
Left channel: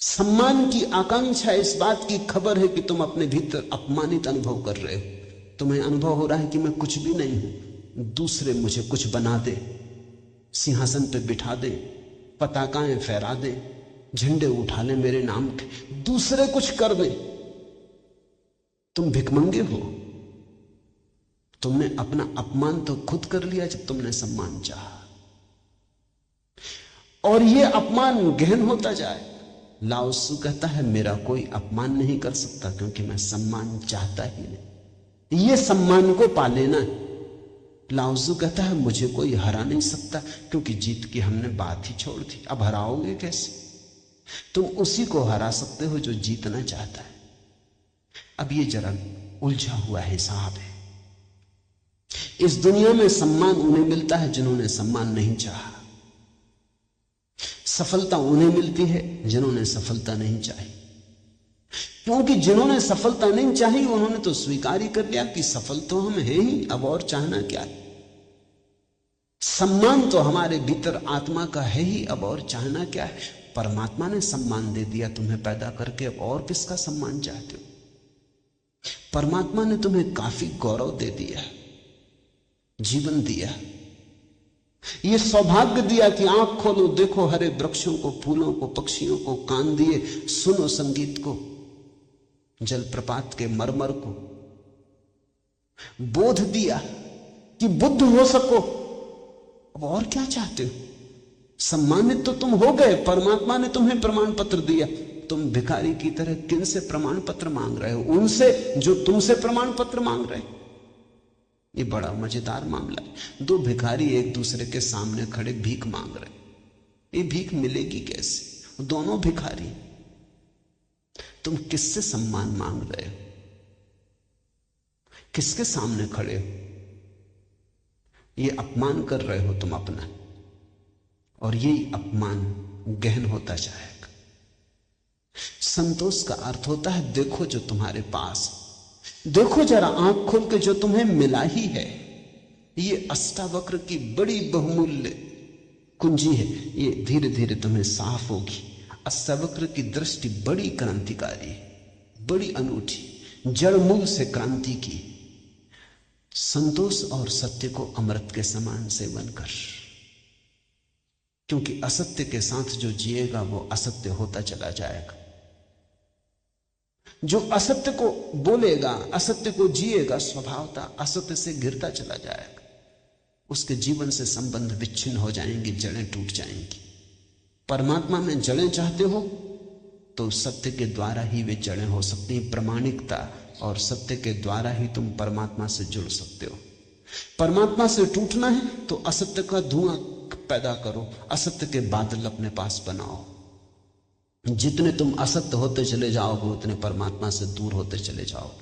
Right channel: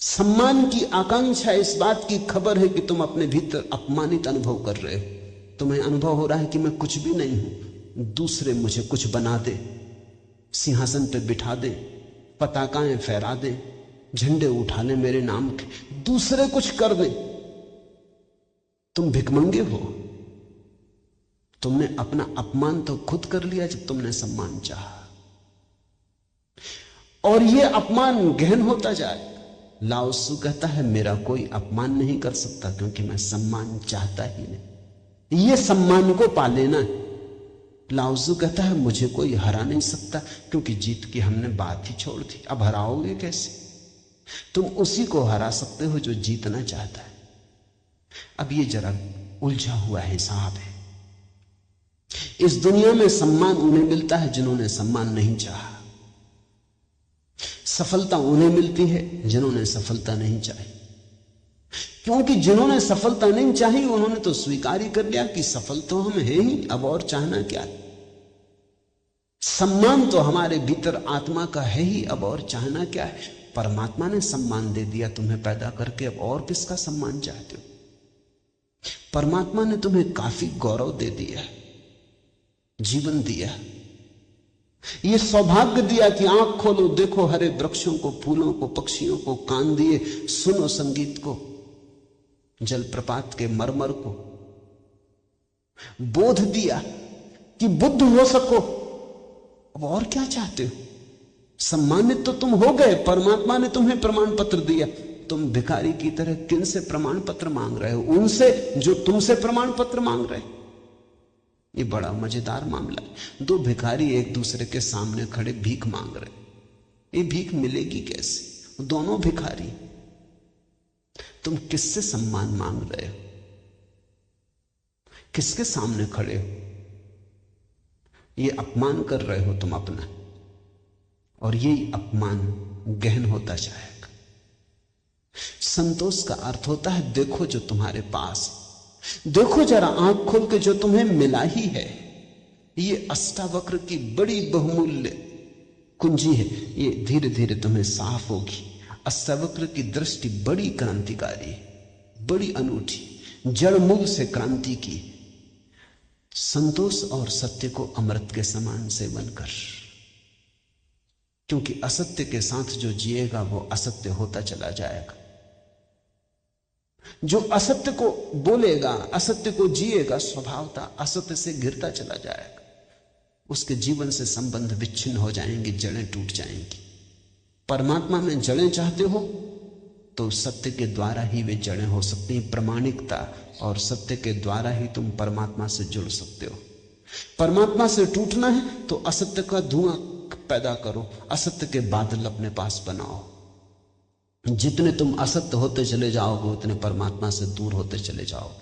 सम्मान की आकांक्षा इस बात की खबर है कि तुम अपने भीतर अपमानित अनुभव कर रहे हो। तुम्हें अनुभव हो रहा है कि मैं कुछ भी नहीं हूं, दूसरे मुझे कुछ बना दे, सिंहासन पे बिठा दे, पताकाएं फहरा दे, झंडे उठा ले मेरे नाम के, दूसरे कुछ कर दे। तुम भिखमंगे हो। तुमने अपना अपमान तो खुद कर लिया जब तुमने सम्मान चाहा, और यह अपमान गहन होता जाए। लाओसू कहता है मेरा कोई अपमान नहीं कर सकता क्योंकि मैं सम्मान चाहता ही नहीं। यह सम्मान को पा लेना। लाओजू कहता है मुझे कोई हरा नहीं सकता क्योंकि जीत की हमने बात ही छोड़ दी, अब हराओगे कैसे? तुम उसी को हरा सकते हो जो जीतना चाहता है। अब ये जरा उलझा हुआ हिसाब है। इस दुनिया में सम्मान उन्हें मिलता है जिन्होंने सम्मान नहीं चाहा, सफलता उन्हें मिलती है जिन्होंने सफलता नहीं चाही। क्योंकि जिन्होंने सफलता नहीं चाही उन्होंने तो स्वीकार ही कर लिया कि सफल तो हम हैं ही, अब और चाहना क्या है। सम्मान तो हमारे भीतर आत्मा का है ही, अब और चाहना क्या है। परमात्मा ने सम्मान दे दिया तुम्हें पैदा करके, अब और किसका सम्मान चाहते हो। परमात्मा ने तुम्हें काफी गौरव दे दिया, जीवन दिया, ये सौभाग्य दिया कि आंख खोलो, देखो हरे वृक्षों को, फूलों को, पक्षियों को, कान दिए, सुनो संगीत को, जलप्रपात के मरमर को, बोध दिया कि बुद्ध हो सको। अब और क्या चाहते हो। सम्मानित तो तुम हो गए, परमात्मा ने तुम्हें प्रमाण पत्र दिया। तुम भिखारी की तरह किन से प्रमाण पत्र मांग रहे हो? उनसे जो तुमसे प्रमाण पत्र मांग रहे। ये बड़ा मजेदार मामला। दो भिखारी एक दूसरे के सामने खड़े भीख मांग रहे। ये भीख मिलेगी कैसे? दोनों भिखारी। तुम किससे सम्मान मांग रहे हो? किसके सामने खड़े हो? ये अपमान कर रहे हो तुम अपना, और यही अपमान गहन होता जाएगा। संतोष का अर्थ होता है देखो जो तुम्हारे पास, देखो जरा आंख खोल के जो तुम्हें मिला ही है। ये अष्टावक्र की बड़ी बहुमूल्य कुंजी है, ये धीरे धीरे तुम्हें साफ होगी। अष्टावक्र की दृष्टि बड़ी क्रांतिकारी है, बड़ी अनूठी, जड़ मूल से क्रांति की। संतोष और सत्य को अमृत के समान सेवन कर, क्योंकि असत्य के साथ जो जिएगा वो असत्य होता चला जाएगा। जो असत्य को बोलेगा, असत्य को जिएगा, स्वभावतः असत्य से घिरता चला जाएगा। उसके जीवन से संबंध विच्छिन्न हो जाएंगे, जड़ें टूट जाएंगी। परमात्मा में जड़ें चाहते हो तो सत्य के द्वारा ही वे जड़ें हो सकती हैं। प्रामाणिकता और सत्य के द्वारा ही तुम परमात्मा से जुड़ सकते हो। परमात्मा से टूटना है तो असत्य का धुआं पैदा करो, असत्य के बादल अपने पास बनाओ। जितने तुम असत्य होते चले जाओगे उतने परमात्मा से दूर होते चले जाओगे।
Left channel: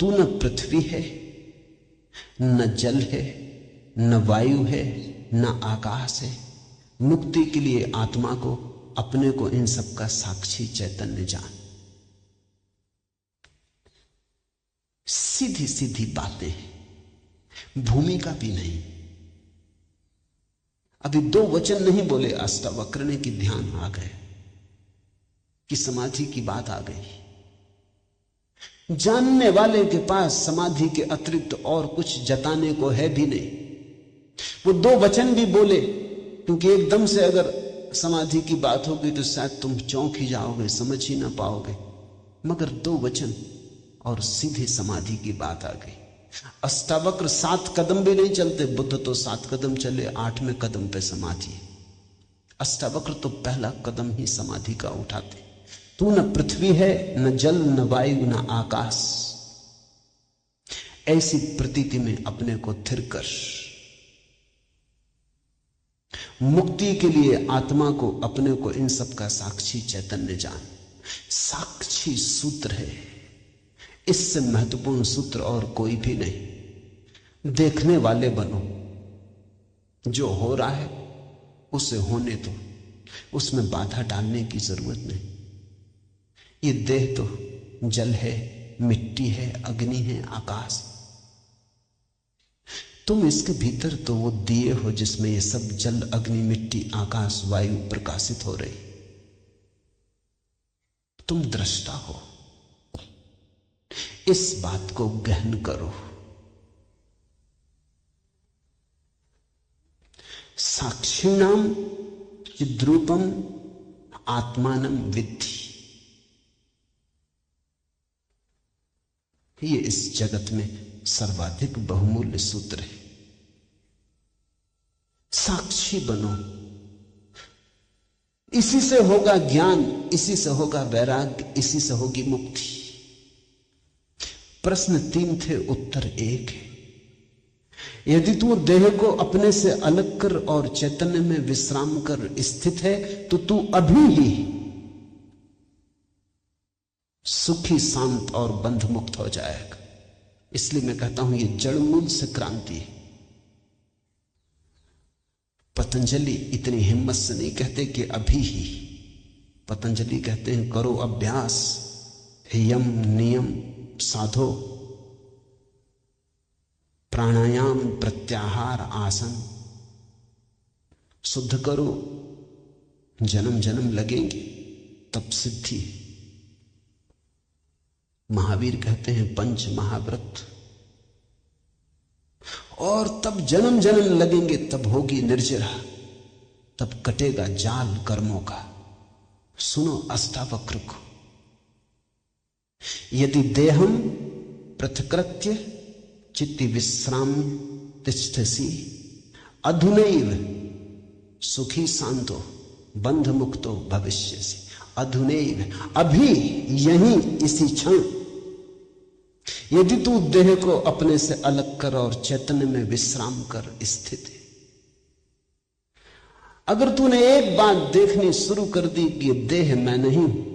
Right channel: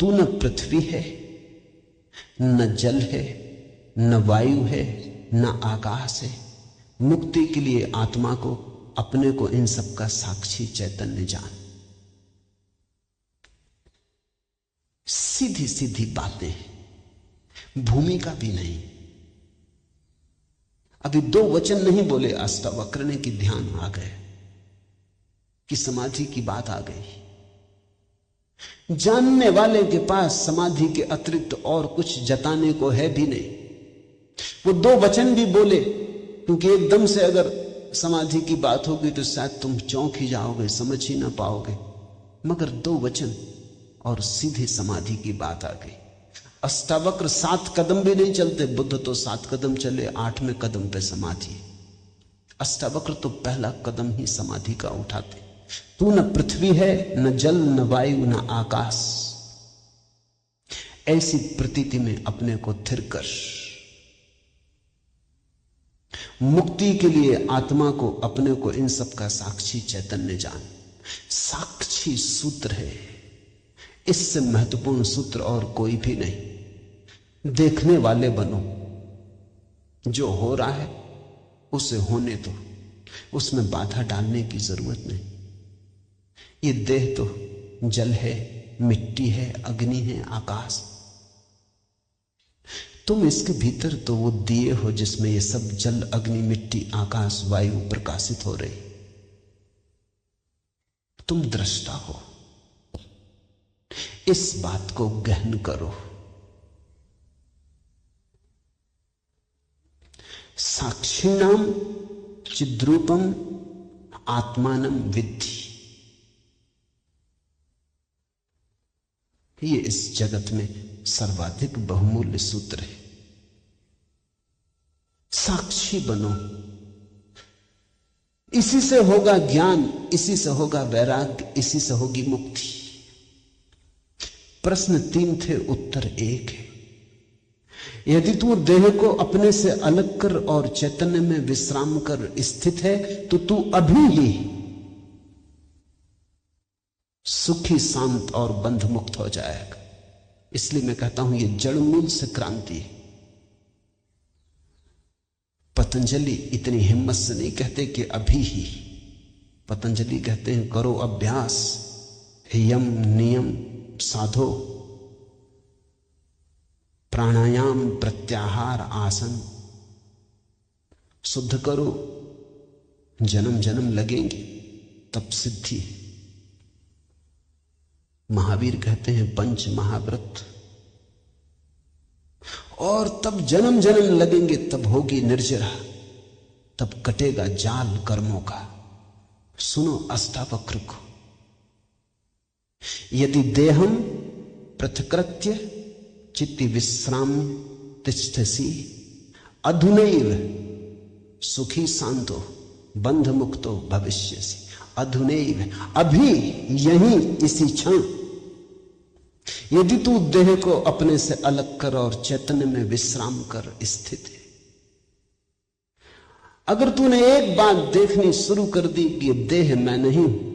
तू न पृथ्वी है, न जल है, न वायु है, न आकाश है। मुक्ति के लिए आत्मा को, अपने को, इन सब का साक्षी चैतन्य जान। सीधी सीधी बातें, भूमिका भी नहीं। अभी दो वचन नहीं बोले अष्टावक्र ने कि ध्यान आ गए, कि समाधि की बात आ गई। जानने वाले के पास समाधि के अतिरिक्त और कुछ जताने को है भी नहीं। वो दो वचन भी बोले, क्योंकि एकदम से अगर समाधि की बात होगी तो शायद तुम चौंक ही जाओगे, समझ ही ना पाओगे। मगर दो वचन और सीधी समाधि की बात आ गई। अष्टावक्र 7 कदम भी नहीं चलते, बुद्ध तो 7 कदम चले, 8वें कदम पे समाधि। अष्टावक्र तो पहला कदम ही समाधि का उठाते। तू न पृथ्वी है, न जल, न वायु, न आकाश। ऐसी प्रतीति में अपने को थिर कर। मुक्ति के लिए आत्मा को, अपने को, इन सब का साक्षी चैतन्य जान। साक्षी सूत्र है, इससे महत्वपूर्ण सूत्र और कोई भी नहीं। देखने वाले बनो, जो हो रहा है उसे होने दो, उसमें बाधा डालने की जरूरत नहीं। ये देह तो जल है, मिट्टी है, अग्नि है, आकाश। तुम इसके भीतर तो वो दिए हो जिसमें ये सब जल, अग्नि, मिट्टी, आकाश, वायु प्रकाशित हो रही। तुम दृष्टा हो। इस बात को गहन करो। साक्षिणाम चिद्रूपम आत्मानम विद्धि। ये इस जगत में सर्वाधिक बहुमूल्य सूत्र है। साक्षी बनो। इसी से होगा ज्ञान, इसी से होगा वैराग्य, इसी से होगी मुक्ति। प्रश्न 3 थे, उत्तर 1 है। यदि तू देह को अपने से अलग कर और चैतन्य में विश्राम कर स्थित है तो तू अभी ही सुखी, शांत और बंध मुक्त हो जाएगा। इसलिए मैं कहता हूं ये जड़ मूल से क्रांति है। पतंजलि इतनी हिम्मत से नहीं कहते कि अभी ही, पतंजलि कहते हैं करो अभ्यास, यम नियम साधो, प्राणायाम प्रत्याहार आसन, शुद्ध करो, जन्म जन्म लगेंगे तब सिद्धि। महावीर कहते हैं पंच महाव्रत, और तब जन्म जन्म लगेंगे, तब होगी निर्जरा, तब कटेगा जाल कर्मों का। सुनो अष्टावक्र को, यदि देहम पृथकृत्य चित्ति विश्राम तिष्ठसि अधुनैव सुखी शांतो बंध मुक्तो भविष्यसि। अधुनैव, अभी, यहीं, इसी क्षण। यदि तू देह को अपने से अलग कर और चैतन्य में विश्राम कर स्थित है, अगर तूने एक बात देखनी शुरू कर दी कि देह मैं नहीं हूं,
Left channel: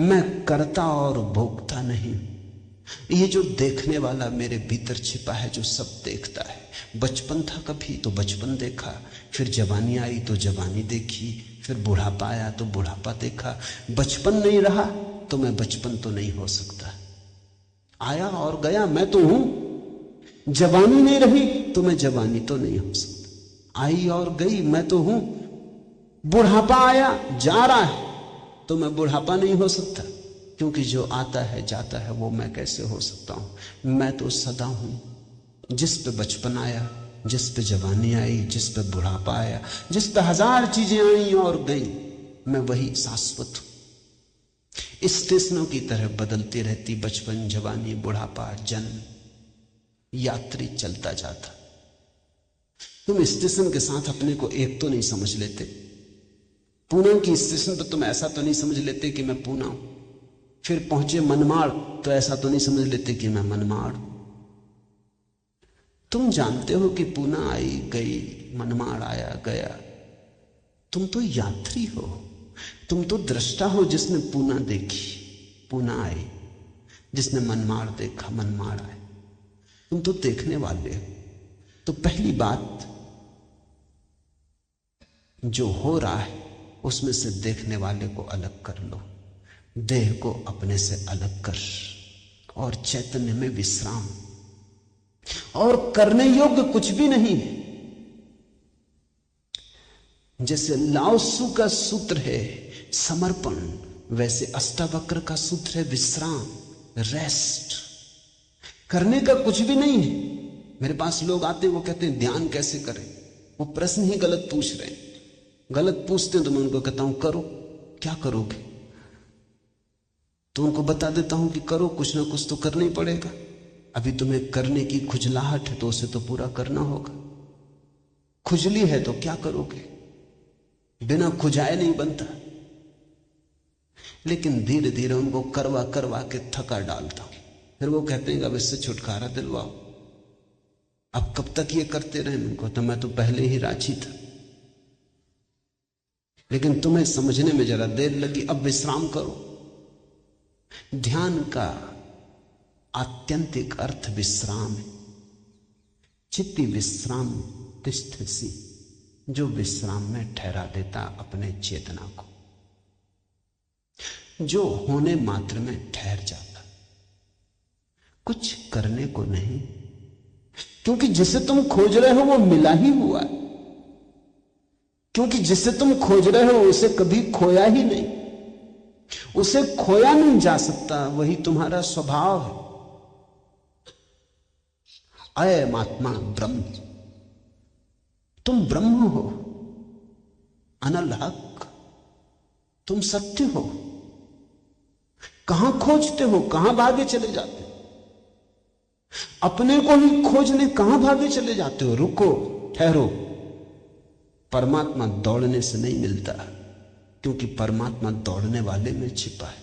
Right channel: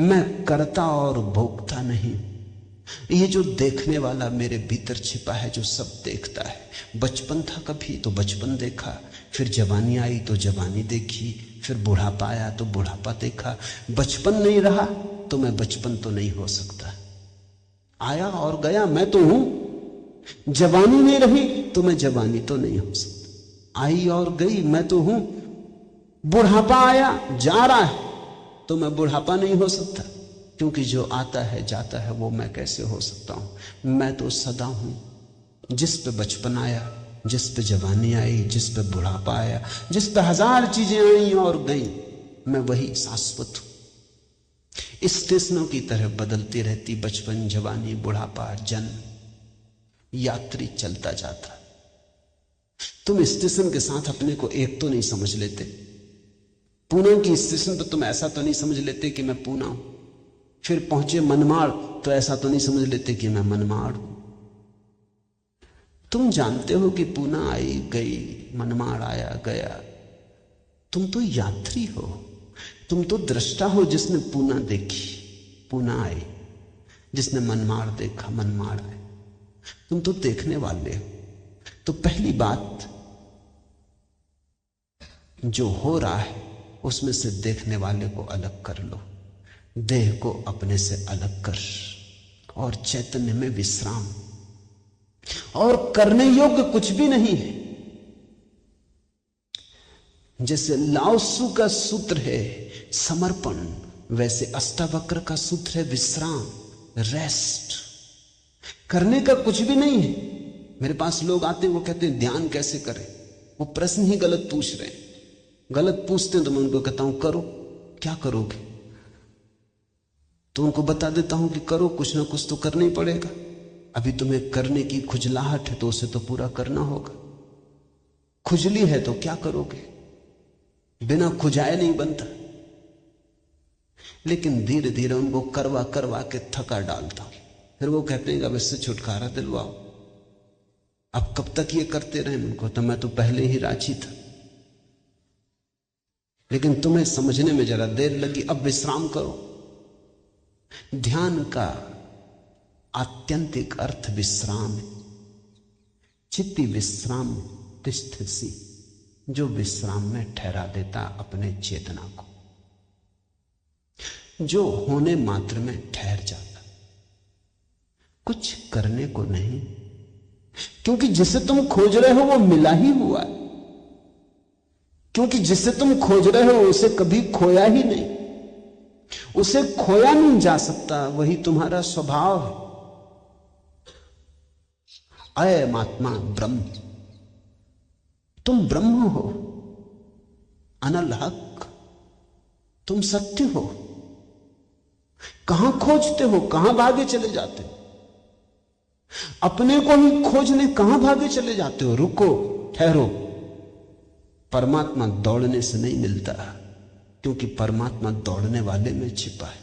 मैं करता और भोगता नहीं, ये जो देखने वाला मेरे भीतर छिपा है, जो सब देखता है। बचपन था कभी तो बचपन देखा, फिर जवानी आई तो जवानी देखी, फिर बुढ़ापा आया तो बुढ़ापा देखा। बचपन नहीं रहा तो मैं बचपन तो नहीं हो सकता। आया और गया, मैं तो हूं। जवानी नहीं रही तो मैं जवानी तो नहीं हो सकता। आई और गई, मैं तो हूं। बुढ़ापा आया, जा रहा है, तो मैं बुढ़ापा नहीं हो सकता, क्योंकि जो आता है जाता है वो मैं कैसे हो सकता हूं। मैं तो सदा हूं। जिस पे बचपन आया, जिस पे जवानी आई, जिस पे बुढ़ापा आया, जिस पे हजार चीजें आई और गई, मैं वही शाश्वत हूं। स्टेशनों की तरह बदलती रहती बचपन, जवानी, बुढ़ापा, जन्म, यात्री चलता जाता। तुम स्टेशन के साथ अपने को एक तो नहीं समझ लेते। पूना की स्टेशन पर तुम ऐसा तो नहीं समझ लेते कि मैं पूना हूं। फिर पहुंचे मनमाड़ तो ऐसा तो नहीं समझ लेते कि मैं मनमाड़ हूं। तुम जानते हो कि पूना आई गई, मनमाड़ आया गया। तुम तो यात्री हो, तुम तो दृष्टा हो जिसने पूना देखी, पूना आई, जिसने मनमाड़ देखा, मनमाड़ आए। तुम तो देखने वाले हो। तो पहली बात, जो हो रहा है उसमें से देखने वाले को अलग कर लो। देह को अपने से अलग कर और चैतन्य में विश्राम। और करने योग्य कुछ भी नहीं है। जैसे लाओत्सु का सूत्र है समर्पण, वैसे अष्टावक्र का सूत्र है विश्राम, रेस्ट। करने का कुछ भी नहीं है। मेरे पास लोग आते हैं, वो कहते हैं ध्यान कैसे करें। वो प्रश्न ही गलत पूछ रहे हैं। गलत पूछते हैं तो मैं उनको कहता हूं करो। क्या करोगे? तो उनको बता देता हूं कि करो, कुछ ना कुछ तो करना ही पड़ेगा। अभी तुम्हें करने की खुजलाहट है तो उसे तो पूरा करना होगा। खुजली है तो क्या करोगे? बिना खुजाए नहीं बनता। लेकिन धीरे धीरे उनको करवा करवा के थका डालता हूं। फिर वो कहते हैं अब इससे छुटकारा दिलवाओ। अब कब तक ये करते रहे? उनको तो मैं तो पहले ही राजी था, लेकिन तुम्हें समझने में जरा देर लगी। अब विश्राम करो। ध्यान का आत्यंतिक अर्थ विश्राम है। चित्ति विश्राम तिष्ठसि, जो विश्राम में ठहरा देता अपने चेतना को, जो होने मात्र में ठहर जाता, कुछ करने को नहीं। क्योंकि जिसे तुम खोज रहे हो वो मिला ही हुआ। क्योंकि जिसे तुम खोज रहे हो उसे कभी खोया ही नहीं, उसे खोया नहीं जा सकता। वही तुम्हारा स्वभाव है। अयम आत्मा ब्रह्म, तुम ब्रह्म हो, अनल हक, तुम सत्य हो। कहां खोजते हो? कहां भागे चले जाते हो? अपने को ही खोजने कहां भागे चले जाते हो? रुको, ठहरो। परमात्मा दौड़ने से नहीं मिलता, क्योंकि परमात्मा दौड़ने वाले में छिपा है।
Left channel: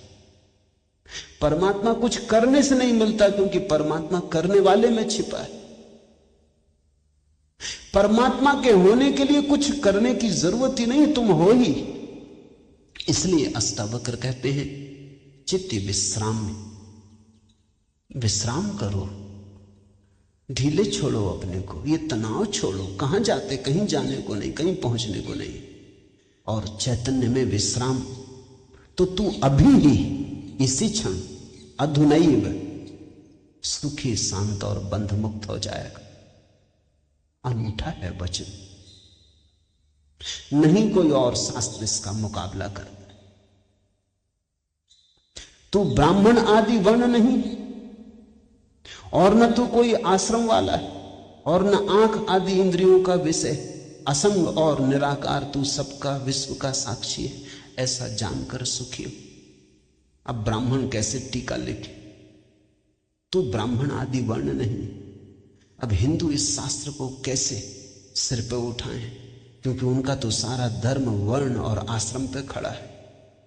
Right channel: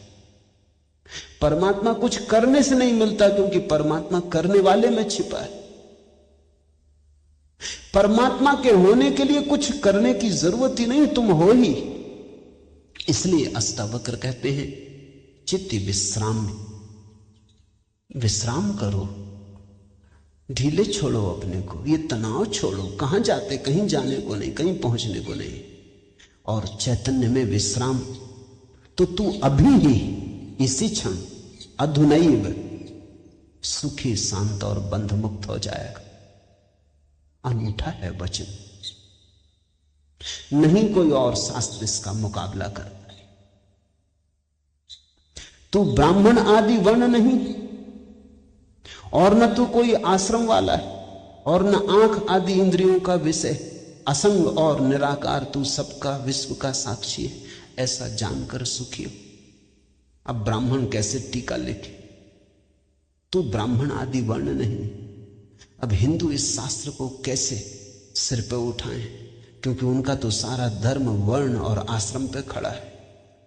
परमात्मा कुछ करने से नहीं मिलता, क्योंकि परमात्मा करने वाले में छिपा है। परमात्मा के होने के लिए कुछ करने की जरूरत ही नहीं, तुम हो ही। इसलिए अष्टावक्र कहते हैं चित्त विश्राम, विश्राम करो, ढीले छोड़ो अपने को, ये तनाव छोड़ो। कहां जाते? कहीं जाने को नहीं, कहीं पहुंचने को नहीं। और चैतन्य में विश्राम, तो तू अभी ही इसी क्षण अधुनैव सुखी, शांत और बंध मुक्त हो जाएगा। अनूठा है वचन, नहीं कोई और शास्त्र इसका मुकाबला करता। तू ब्राह्मण आदि वर्ण नहीं, और न तू कोई आश्रम वाला है, और न आंख आदि इंद्रियों का विषय, असंग और निराकार, तू सबका विश्व का साक्षी है, ऐसा जानकर सुखी हो। अब ब्राह्मण कैसे टीका लिखे? तू ब्राह्मण आदि वर्ण नहीं। अब हिंदू इस शास्त्र को कैसे सिर पे उठाएं? क्योंकि उनका तो सारा धर्म वर्ण और आश्रम पे खड़ा है,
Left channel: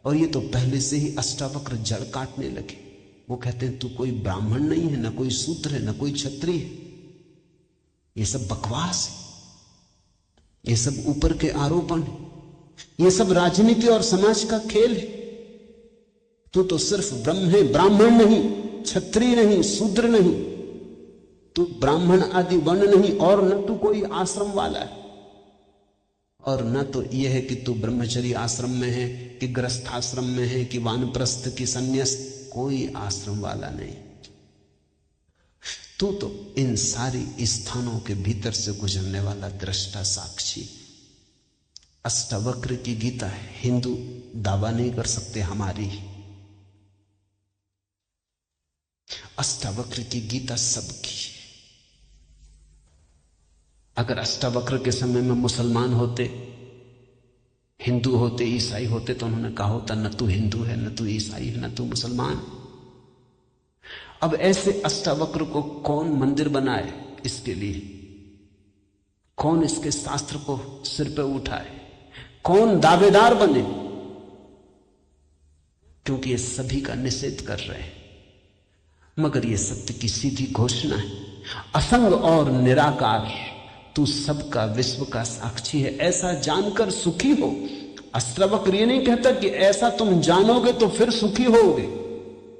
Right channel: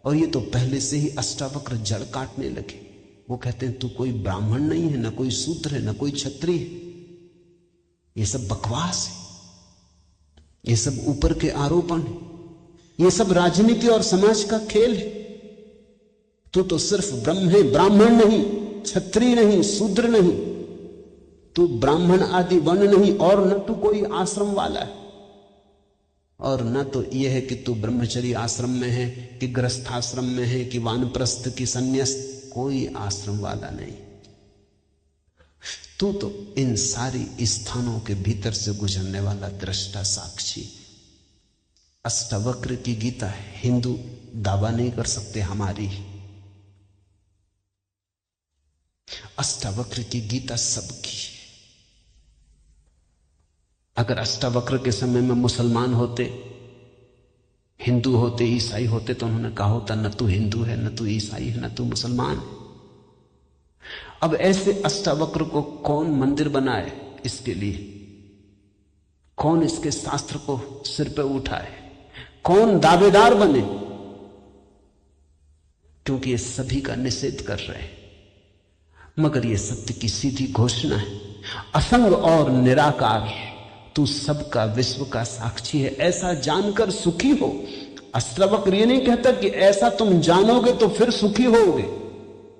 और ये तो पहले से ही अष्टावक्र जड़ काटने लगे। वो कहते हैं तू कोई ब्राह्मण नहीं है, न कोई शूद्र है, न कोई क्षत्रिय है। ये सब बकवास है, ये सब ऊपर के आरोपण है, ये सब राजनीति और समाज का खेल है। तू तो सिर्फ ब्रह्म है, ब्राह्मण नहीं, क्षत्रिय नहीं, शूद्र नहीं, तू ब्राह्मण आदि वर्ण नहीं, और न तू कोई आश्रम वाला है, और न तो यह है कि तू ब्रह्मचर्य आश्रम में है कि गृहस्थाश्रम में है कि वानप्रस्थ की संन्यास्त, कोई आश्रम वाला नहीं। तू तो इन सारी स्थानों के भीतर से गुजरने वाला दृष्टा साक्षी। अष्टावक्र की गीता है, हिंदू दावा नहीं कर सकते हमारी। अष्टावक्र की गीता सबकी है। अगर अष्टावक्र के समय में मुसलमान होते, हिंदू होते, ईसाई होते, तो उन्होंने कहा होता न तू हिंदू है, न तू ईसाई है, न तू मुसलमान। अब ऐसे अष्टावक्र को कौन मंदिर बनाए? इसके लिए कौन इसके शास्त्र को सिर पे उठाए? कौन दावेदार बने? क्योंकि ये सभी का निषेध कर रहे हैं। मगर ये सत्य की सीधी घोषणा है, असंग और निराकार, तू सबका विश्व का साक्षी है, ऐसा जानकर सुखी हो। अष्टावक्र ये नहीं कहता कि ऐसा तुम जानोगे तो फिर सुखी होगे।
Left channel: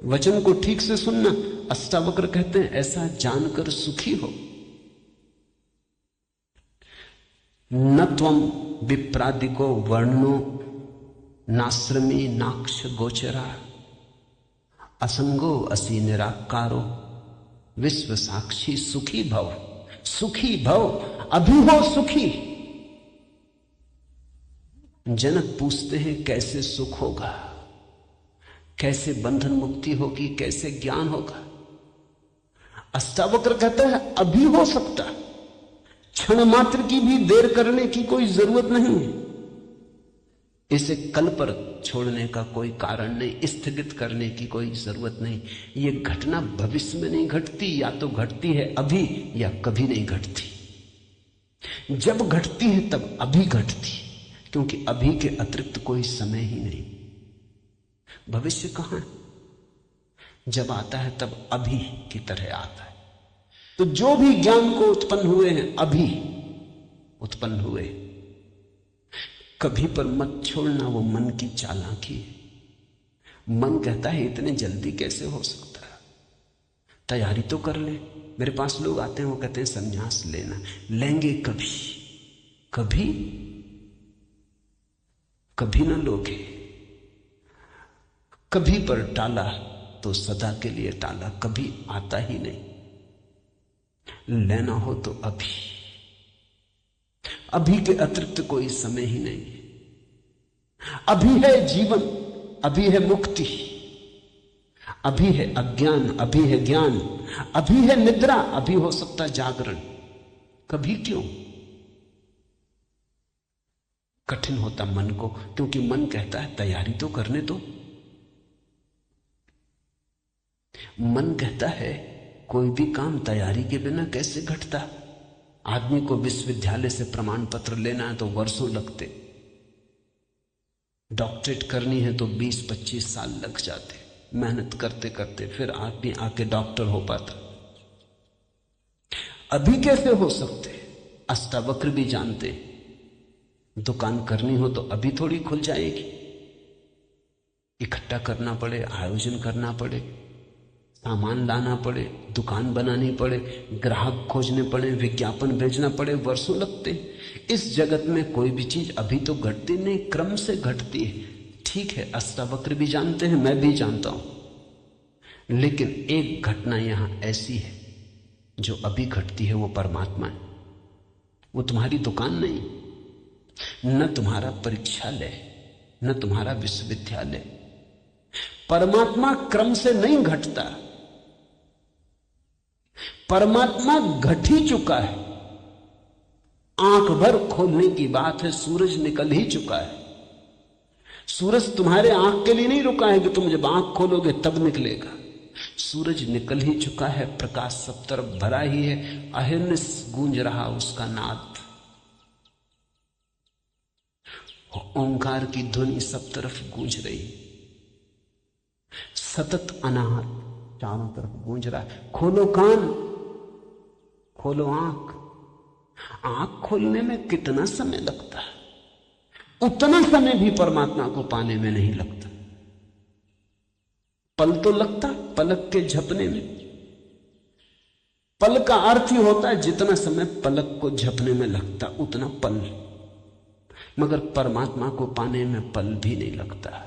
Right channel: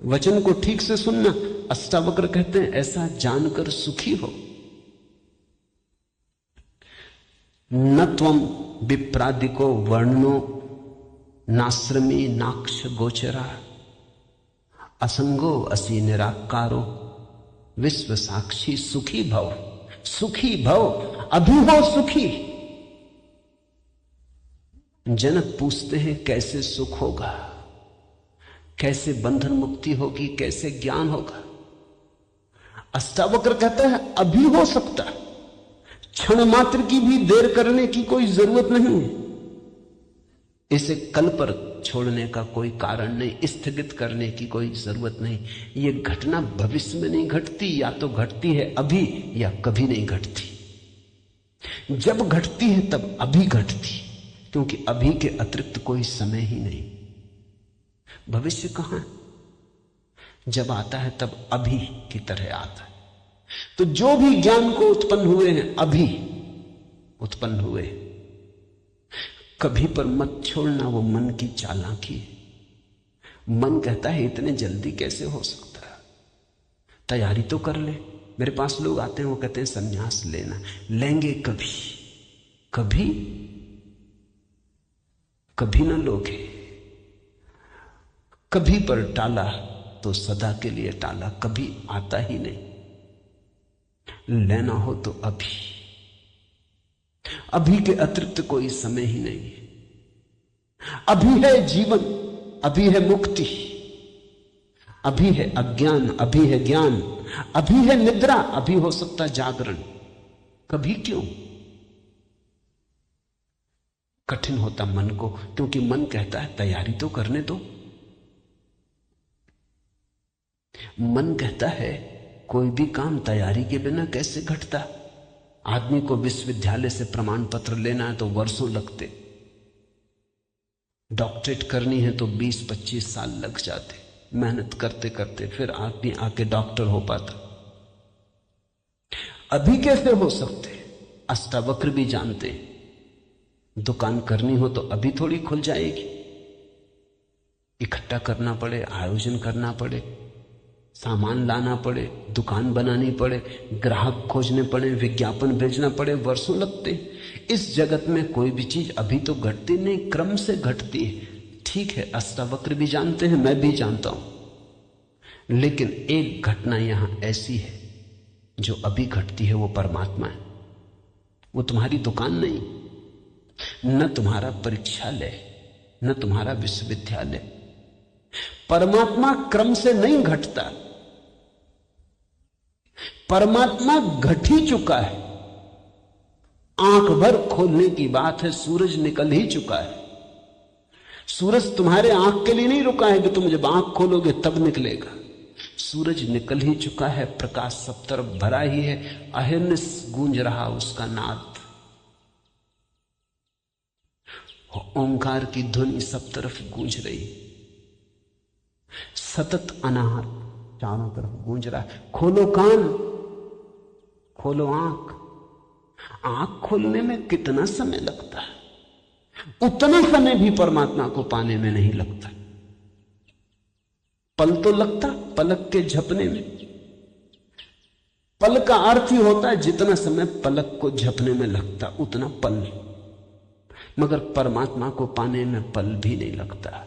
वचन को ठीक से सुनना, अष्टावक्र कहते हैं ऐसा जानकर सुखी हो। न त्वम विप्रादिको वर्णो नाश्रमी नाक्ष गोचरा, असंगो असि निराकारो विश्व साक्षी सुखी भव। सुखी भव, अभी हो सुखी। जनक पूछते हैं कैसे सुख होगा, कैसे बंधन मुक्ति होगी, कैसे ज्ञान होगा? अष्टावक्र कहता है अभी हो सकता है, क्षण मात्र की भी देर करने की कोई जरूरत नहीं है। इसे कल पर छोड़ने का कोई कारण नहीं, स्थगित करने की कोई जरूरत नहीं। ये घटना भविष्य में नहीं घटती, या तो घटती है अभी या कभी नहीं घटती। जब घटती है तब अभी घटती, क्योंकि अभी के अतिरिक्त कोई समय ही नहीं। भविष्य कहां? जब आता है तब अभी की तरह आता है। तो जो भी ज्ञान को उत्पन्न हुए हैं अभी उत्पन्न हुए। कभी पर मत छोड़ना, वो मन की चालाकी है। मन कहता है इतने जल्दी कैसे हो सकता है, तैयारी तो कर ले। मेरे पास लोग आते हैं, वो कहते हैं संन्यास लेना, लेंगे कभी? कभी कभी ना लोगे। कभी पर टाला तो सदा के लिए टाला, कभी आता ही नहीं। लेना हो तो अभी, अभी के अतिरिक्त कोई समय ही नहीं। अभी है जीवन, अभी है मुक्ति, अभी है अज्ञान, अभी है ज्ञान, अभी है निद्रा, अभी हो सकता जागरण। कभी क्यों? कठिन होता मन को, क्योंकि मन कहता है तैयारी तो करने दो। मन कहता है कोई भी काम तैयारी के बिना कैसे घटता। आदमी को विश्वविद्यालय से प्रमाण पत्र लेना है तो वर्षों लगते, डॉक्टरेट करनी है तो 20-25 साल लग जाते, मेहनत करते करते फिर आदमी आके डॉक्टर हो पाता। अभी कैसे हो सकते? अष्टावक्र भी जानते, दुकान करनी हो तो अभी थोड़ी खुल जाएगी। इकट्ठा करना पड़े, आयोजन करना पड़े, सामान लाना पड़े, दुकान बनानी पड़े, ग्राहक खोजने पड़े, विज्ञापन भेजना पड़े, वर्षों लगते हैं। इस जगत में कोई भी चीज अभी तो घटती नहीं, क्रम से घटती है। ठीक है, अष्टावक्र भी जानते हैं, मैं भी जानता हूं, लेकिन एक घटना यहां ऐसी है जो अभी घटती है, वो परमात्मा है। वो तुम्हारी दुकान नहीं, न तुम्हारा परीक्षालय, न तुम्हारा विश्वविद्यालय। परमात्मा क्रम से नहीं घटता, परमात्मा घट ही चुका है। आंख भर खोलने की बात है, सूरज निकल ही चुका है। सूरज तुम्हारे आंख के लिए नहीं रुका है कि तुम जब आंख खोलोगे तब निकलेगा। सूरज निकल ही चुका है, प्रकाश सब तरफ भरा ही है, अहर्निश गूंज रहा उसका नाद, ओंकार की ध्वनि सब तरफ गूंज रही, सतत अनाहत चारों तरफ गूंज रहा है। खोलो कान, खोलो आंख। आंख खोलने में कितना समय लगता है, उतना समय भी परमात्मा को पाने में नहीं लगता। पल तो लगता पलक के झपने में। पल का अर्थ ही होता है जितना समय पलक को झपने में लगता उतना पल, मगर परमात्मा को पाने में पल भी नहीं लगता।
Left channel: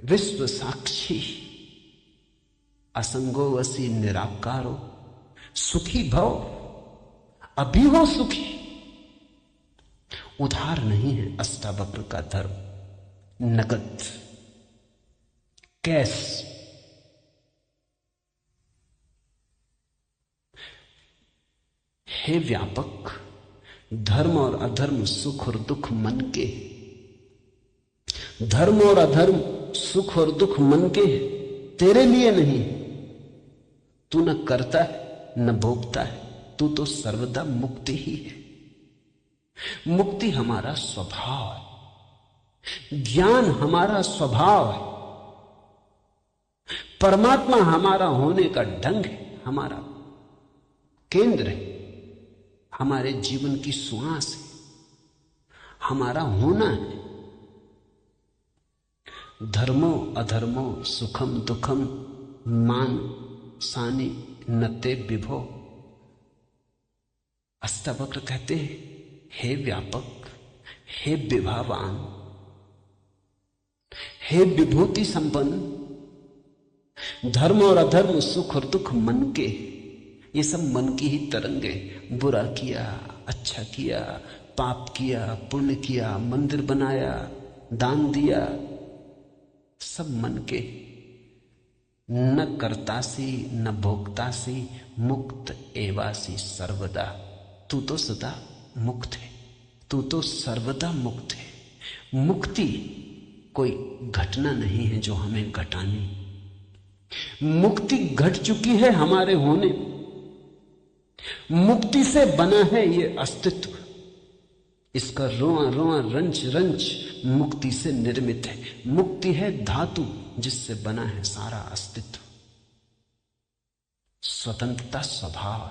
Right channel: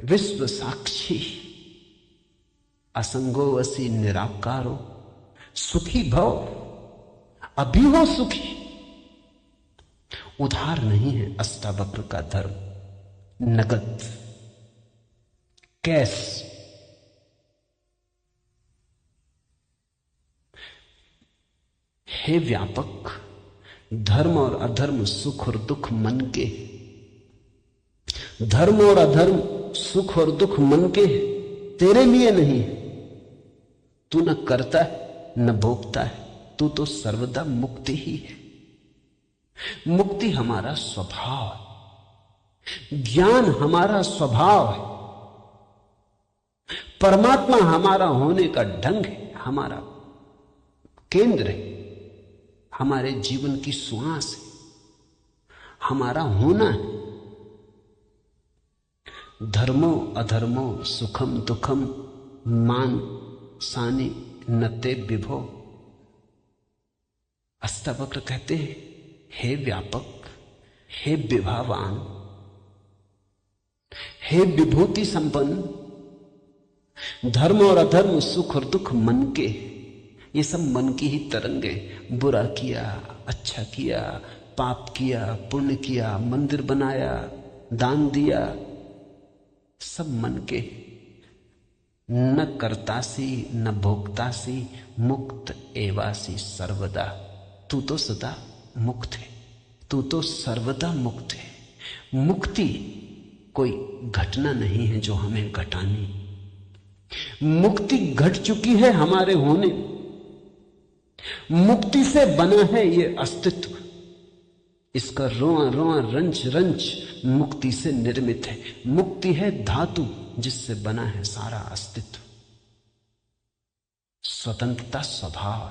विश्व साक्षी असंगो वसी निराकारो, सुखी भव अभी हो सुखी। उधार नहीं है अष्टावक्र का धर्म, नगद, कैश। हे व्यापक, धर्म और अधर्म, सुख और दुख मन के। धर्म और अधर्म, सुख और दुख मन के, तेरे लिए नहीं। तू न करता है न भोगता है, तू तो सर्वदा मुक्ति ही है। मुक्ति हमारा स्वभाव, ज्ञान हमारा स्वभाव है, परमात्मा हमारा होने का ढंग है, हमारा केंद्र है, हमारे जीवन की श्वास है, हमारा होना है। धर्मो अधर्मो सुखम दुखम मान सानी नते विभो। अष्टावक्र कहते हैं, हे व्यापक, हे विभावान, हे विभूति संपन्न, धर्म और अधर्म, सुख और दुख मन के, ये सब मन की ही तरंगे। बुरा किया, अच्छा किया, पाप किया, पुण्य किया, मंदिर बनाया, दान दिया, सब मन के। न करतासी न भोक्तासी, मुक्त एवासी सर्वदा। तू तो सदा मुक्त है, तू तो सर्वदा मुक्त है। मुक्ति कोई घटना नहीं है जो हमें घटानी, मुक्ति घट चुकी है हमारे होने। मुक्ति से बना है ये अस्तित्व, इसका रोआ रोआ रंच रंच मुक्ति से निर्मित है। मुक्ति है धातु जिससे बना है सारा अस्तित्व। स्वतंत्रता स्वभाव,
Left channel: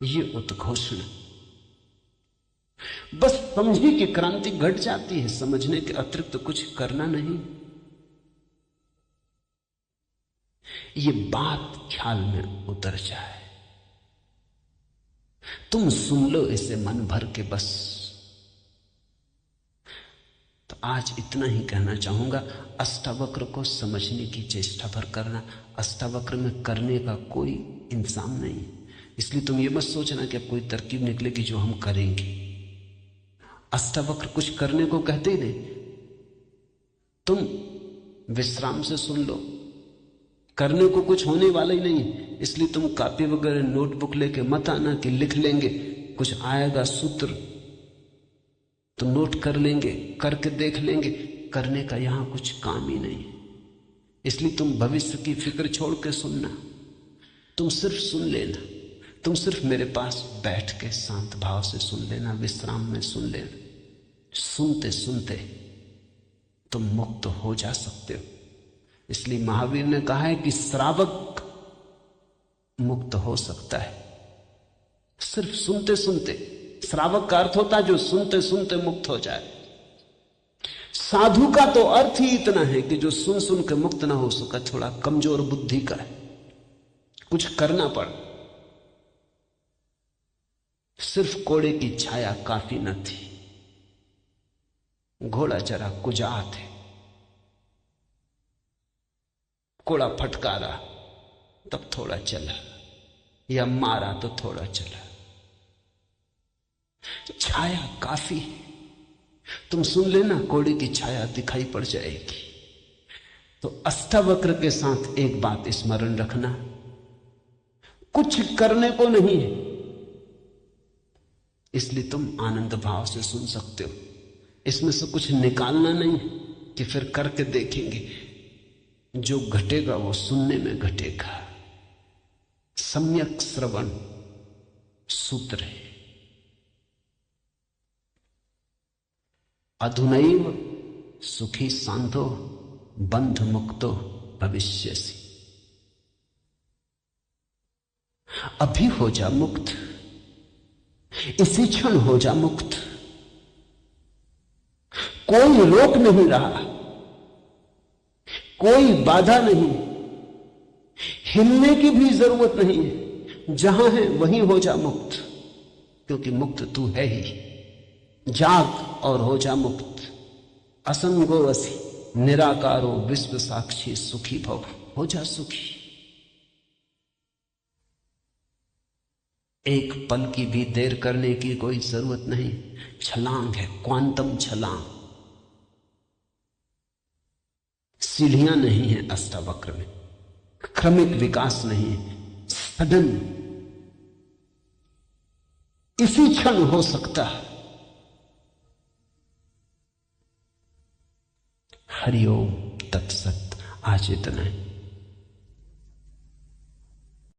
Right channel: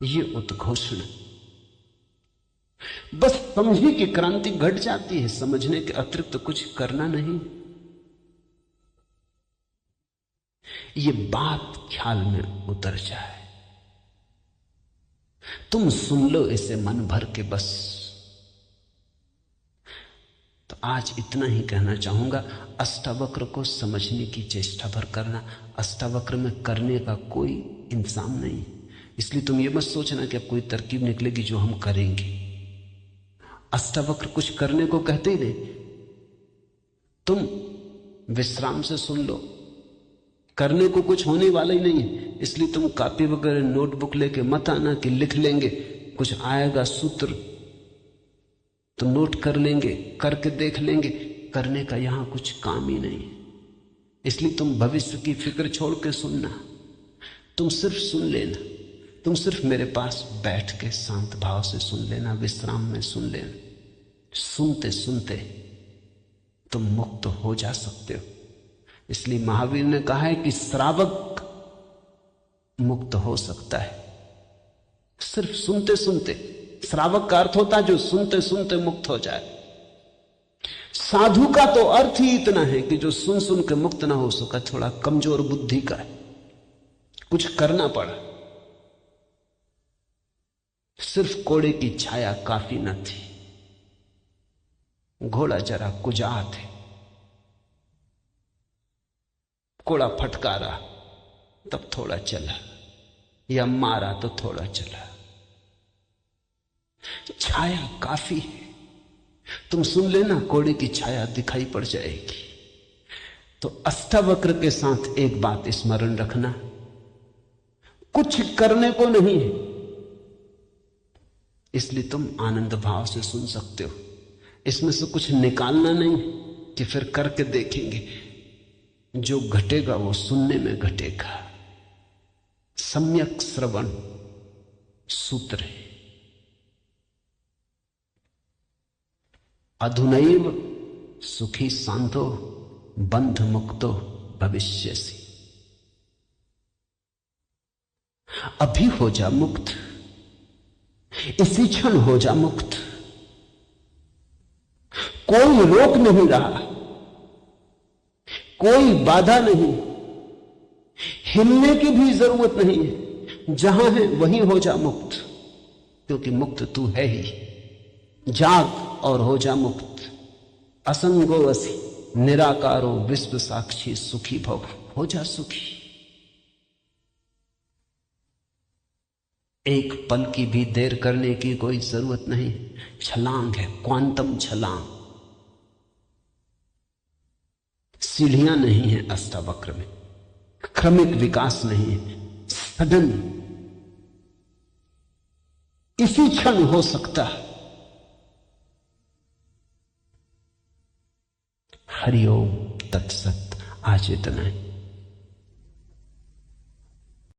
ये उद्घोषणा। बस समझी कि क्रांति घट जाती है, समझने के अतिरिक्त तो कुछ करना नहीं। ये बात ख्याल में उतर जाए, तुम सुन लो इसे मन भर के बस। तो आज इतना ही कहना चाहूंगा। अष्टावक्र को समझने की चेष्टा भर करना। अष्टावक्र में करने का कोई इंतजाम नहीं, इसलिए तुम ये मत सोचना कि अब कोई तरकीब निकलेगी जो हम करेंगे। अष्टावक्र कुछ करने को कहते ही नहीं, तुम विश्राम से सुन लो। करने को कुछ होने वाला ही नहीं है, इसलिए तुम कॉपी वगैरह नोटबुक लेके मत आना कि लिख लेंगे, कुछ आएगा सूत्र तो नोट कर लेंगे, करके देख लेंगे। करने का यहां कुछ काम ही नहीं, इसलिए तुम भविष्य की फिक्र छोड़ के सुनना। तुम सिर्फ सुन लेना, तुम सिर्फ मेरे पास बैठ के शांत भाव से सुन लेना, विश्राम में सुन लेना। सुनते सुनते तुम मुक्त हो जा सकते हो। इसलिए महावीर ने कहा है कि श्रावक मुक्त हो सकता है सिर्फ सुनते सुनते। श्रावक का अर्थ होता जो सुनते सुनते मुक्त हो जाए। साधु का तो अर्थ ही इतना है कि जो सुन सुन के मुक्त ना हो सका, थोड़ा कमजोर बुद्धि का है, कुछ करना पड़ा। सिर्फ कोड़े की छाया काफी न थी, घोड़ा जरा कुजात है, कोड़ा फटकारा तब थोड़ा चला, या मारा तो थोड़ा चला। छाया काफी है, तुम सुन लेना, कोड़े की छाया दिखाई पड़ जाएगी। तो अष्टावक्र के साथ एक बात स्मरण रखना, कुछ करने को नहीं है, इसलिए तुम आनंद भाव से सुन सकते हो। इसमें से कुछ निकालना नहीं कि फिर करके देखेंगे। जो घटेगा वो सुनने में घटेगा। सम्यक श्रवण सूत्र है। अधुनैव सुखी शांतो बंध मुक्तो भविष्यसि। अभी हो जा मुक्त, इसी क्षण हो जा मुक्त। कोई रोक नहीं रहा, कोई बाधा नहीं, हिलने की भी जरूरत नहीं है। जहां है वहीं हो जा मुक्त, क्योंकि मुक्त तू है ही। जाग और हो जा मुक्त। असंगो वसी निराकारो विश्व साक्षी सुखी भव, हो जा सुखी। एक पल की भी देर करने की कोई जरूरत नहीं। छलांग है, क्वांटम छलांग। सीढ़ियां नहीं है अष्टावक्र में, क्रमिक विकास नहीं है, सडन इसी क्षण हो सकता है। हरिओम तत्सत। आज इतना है।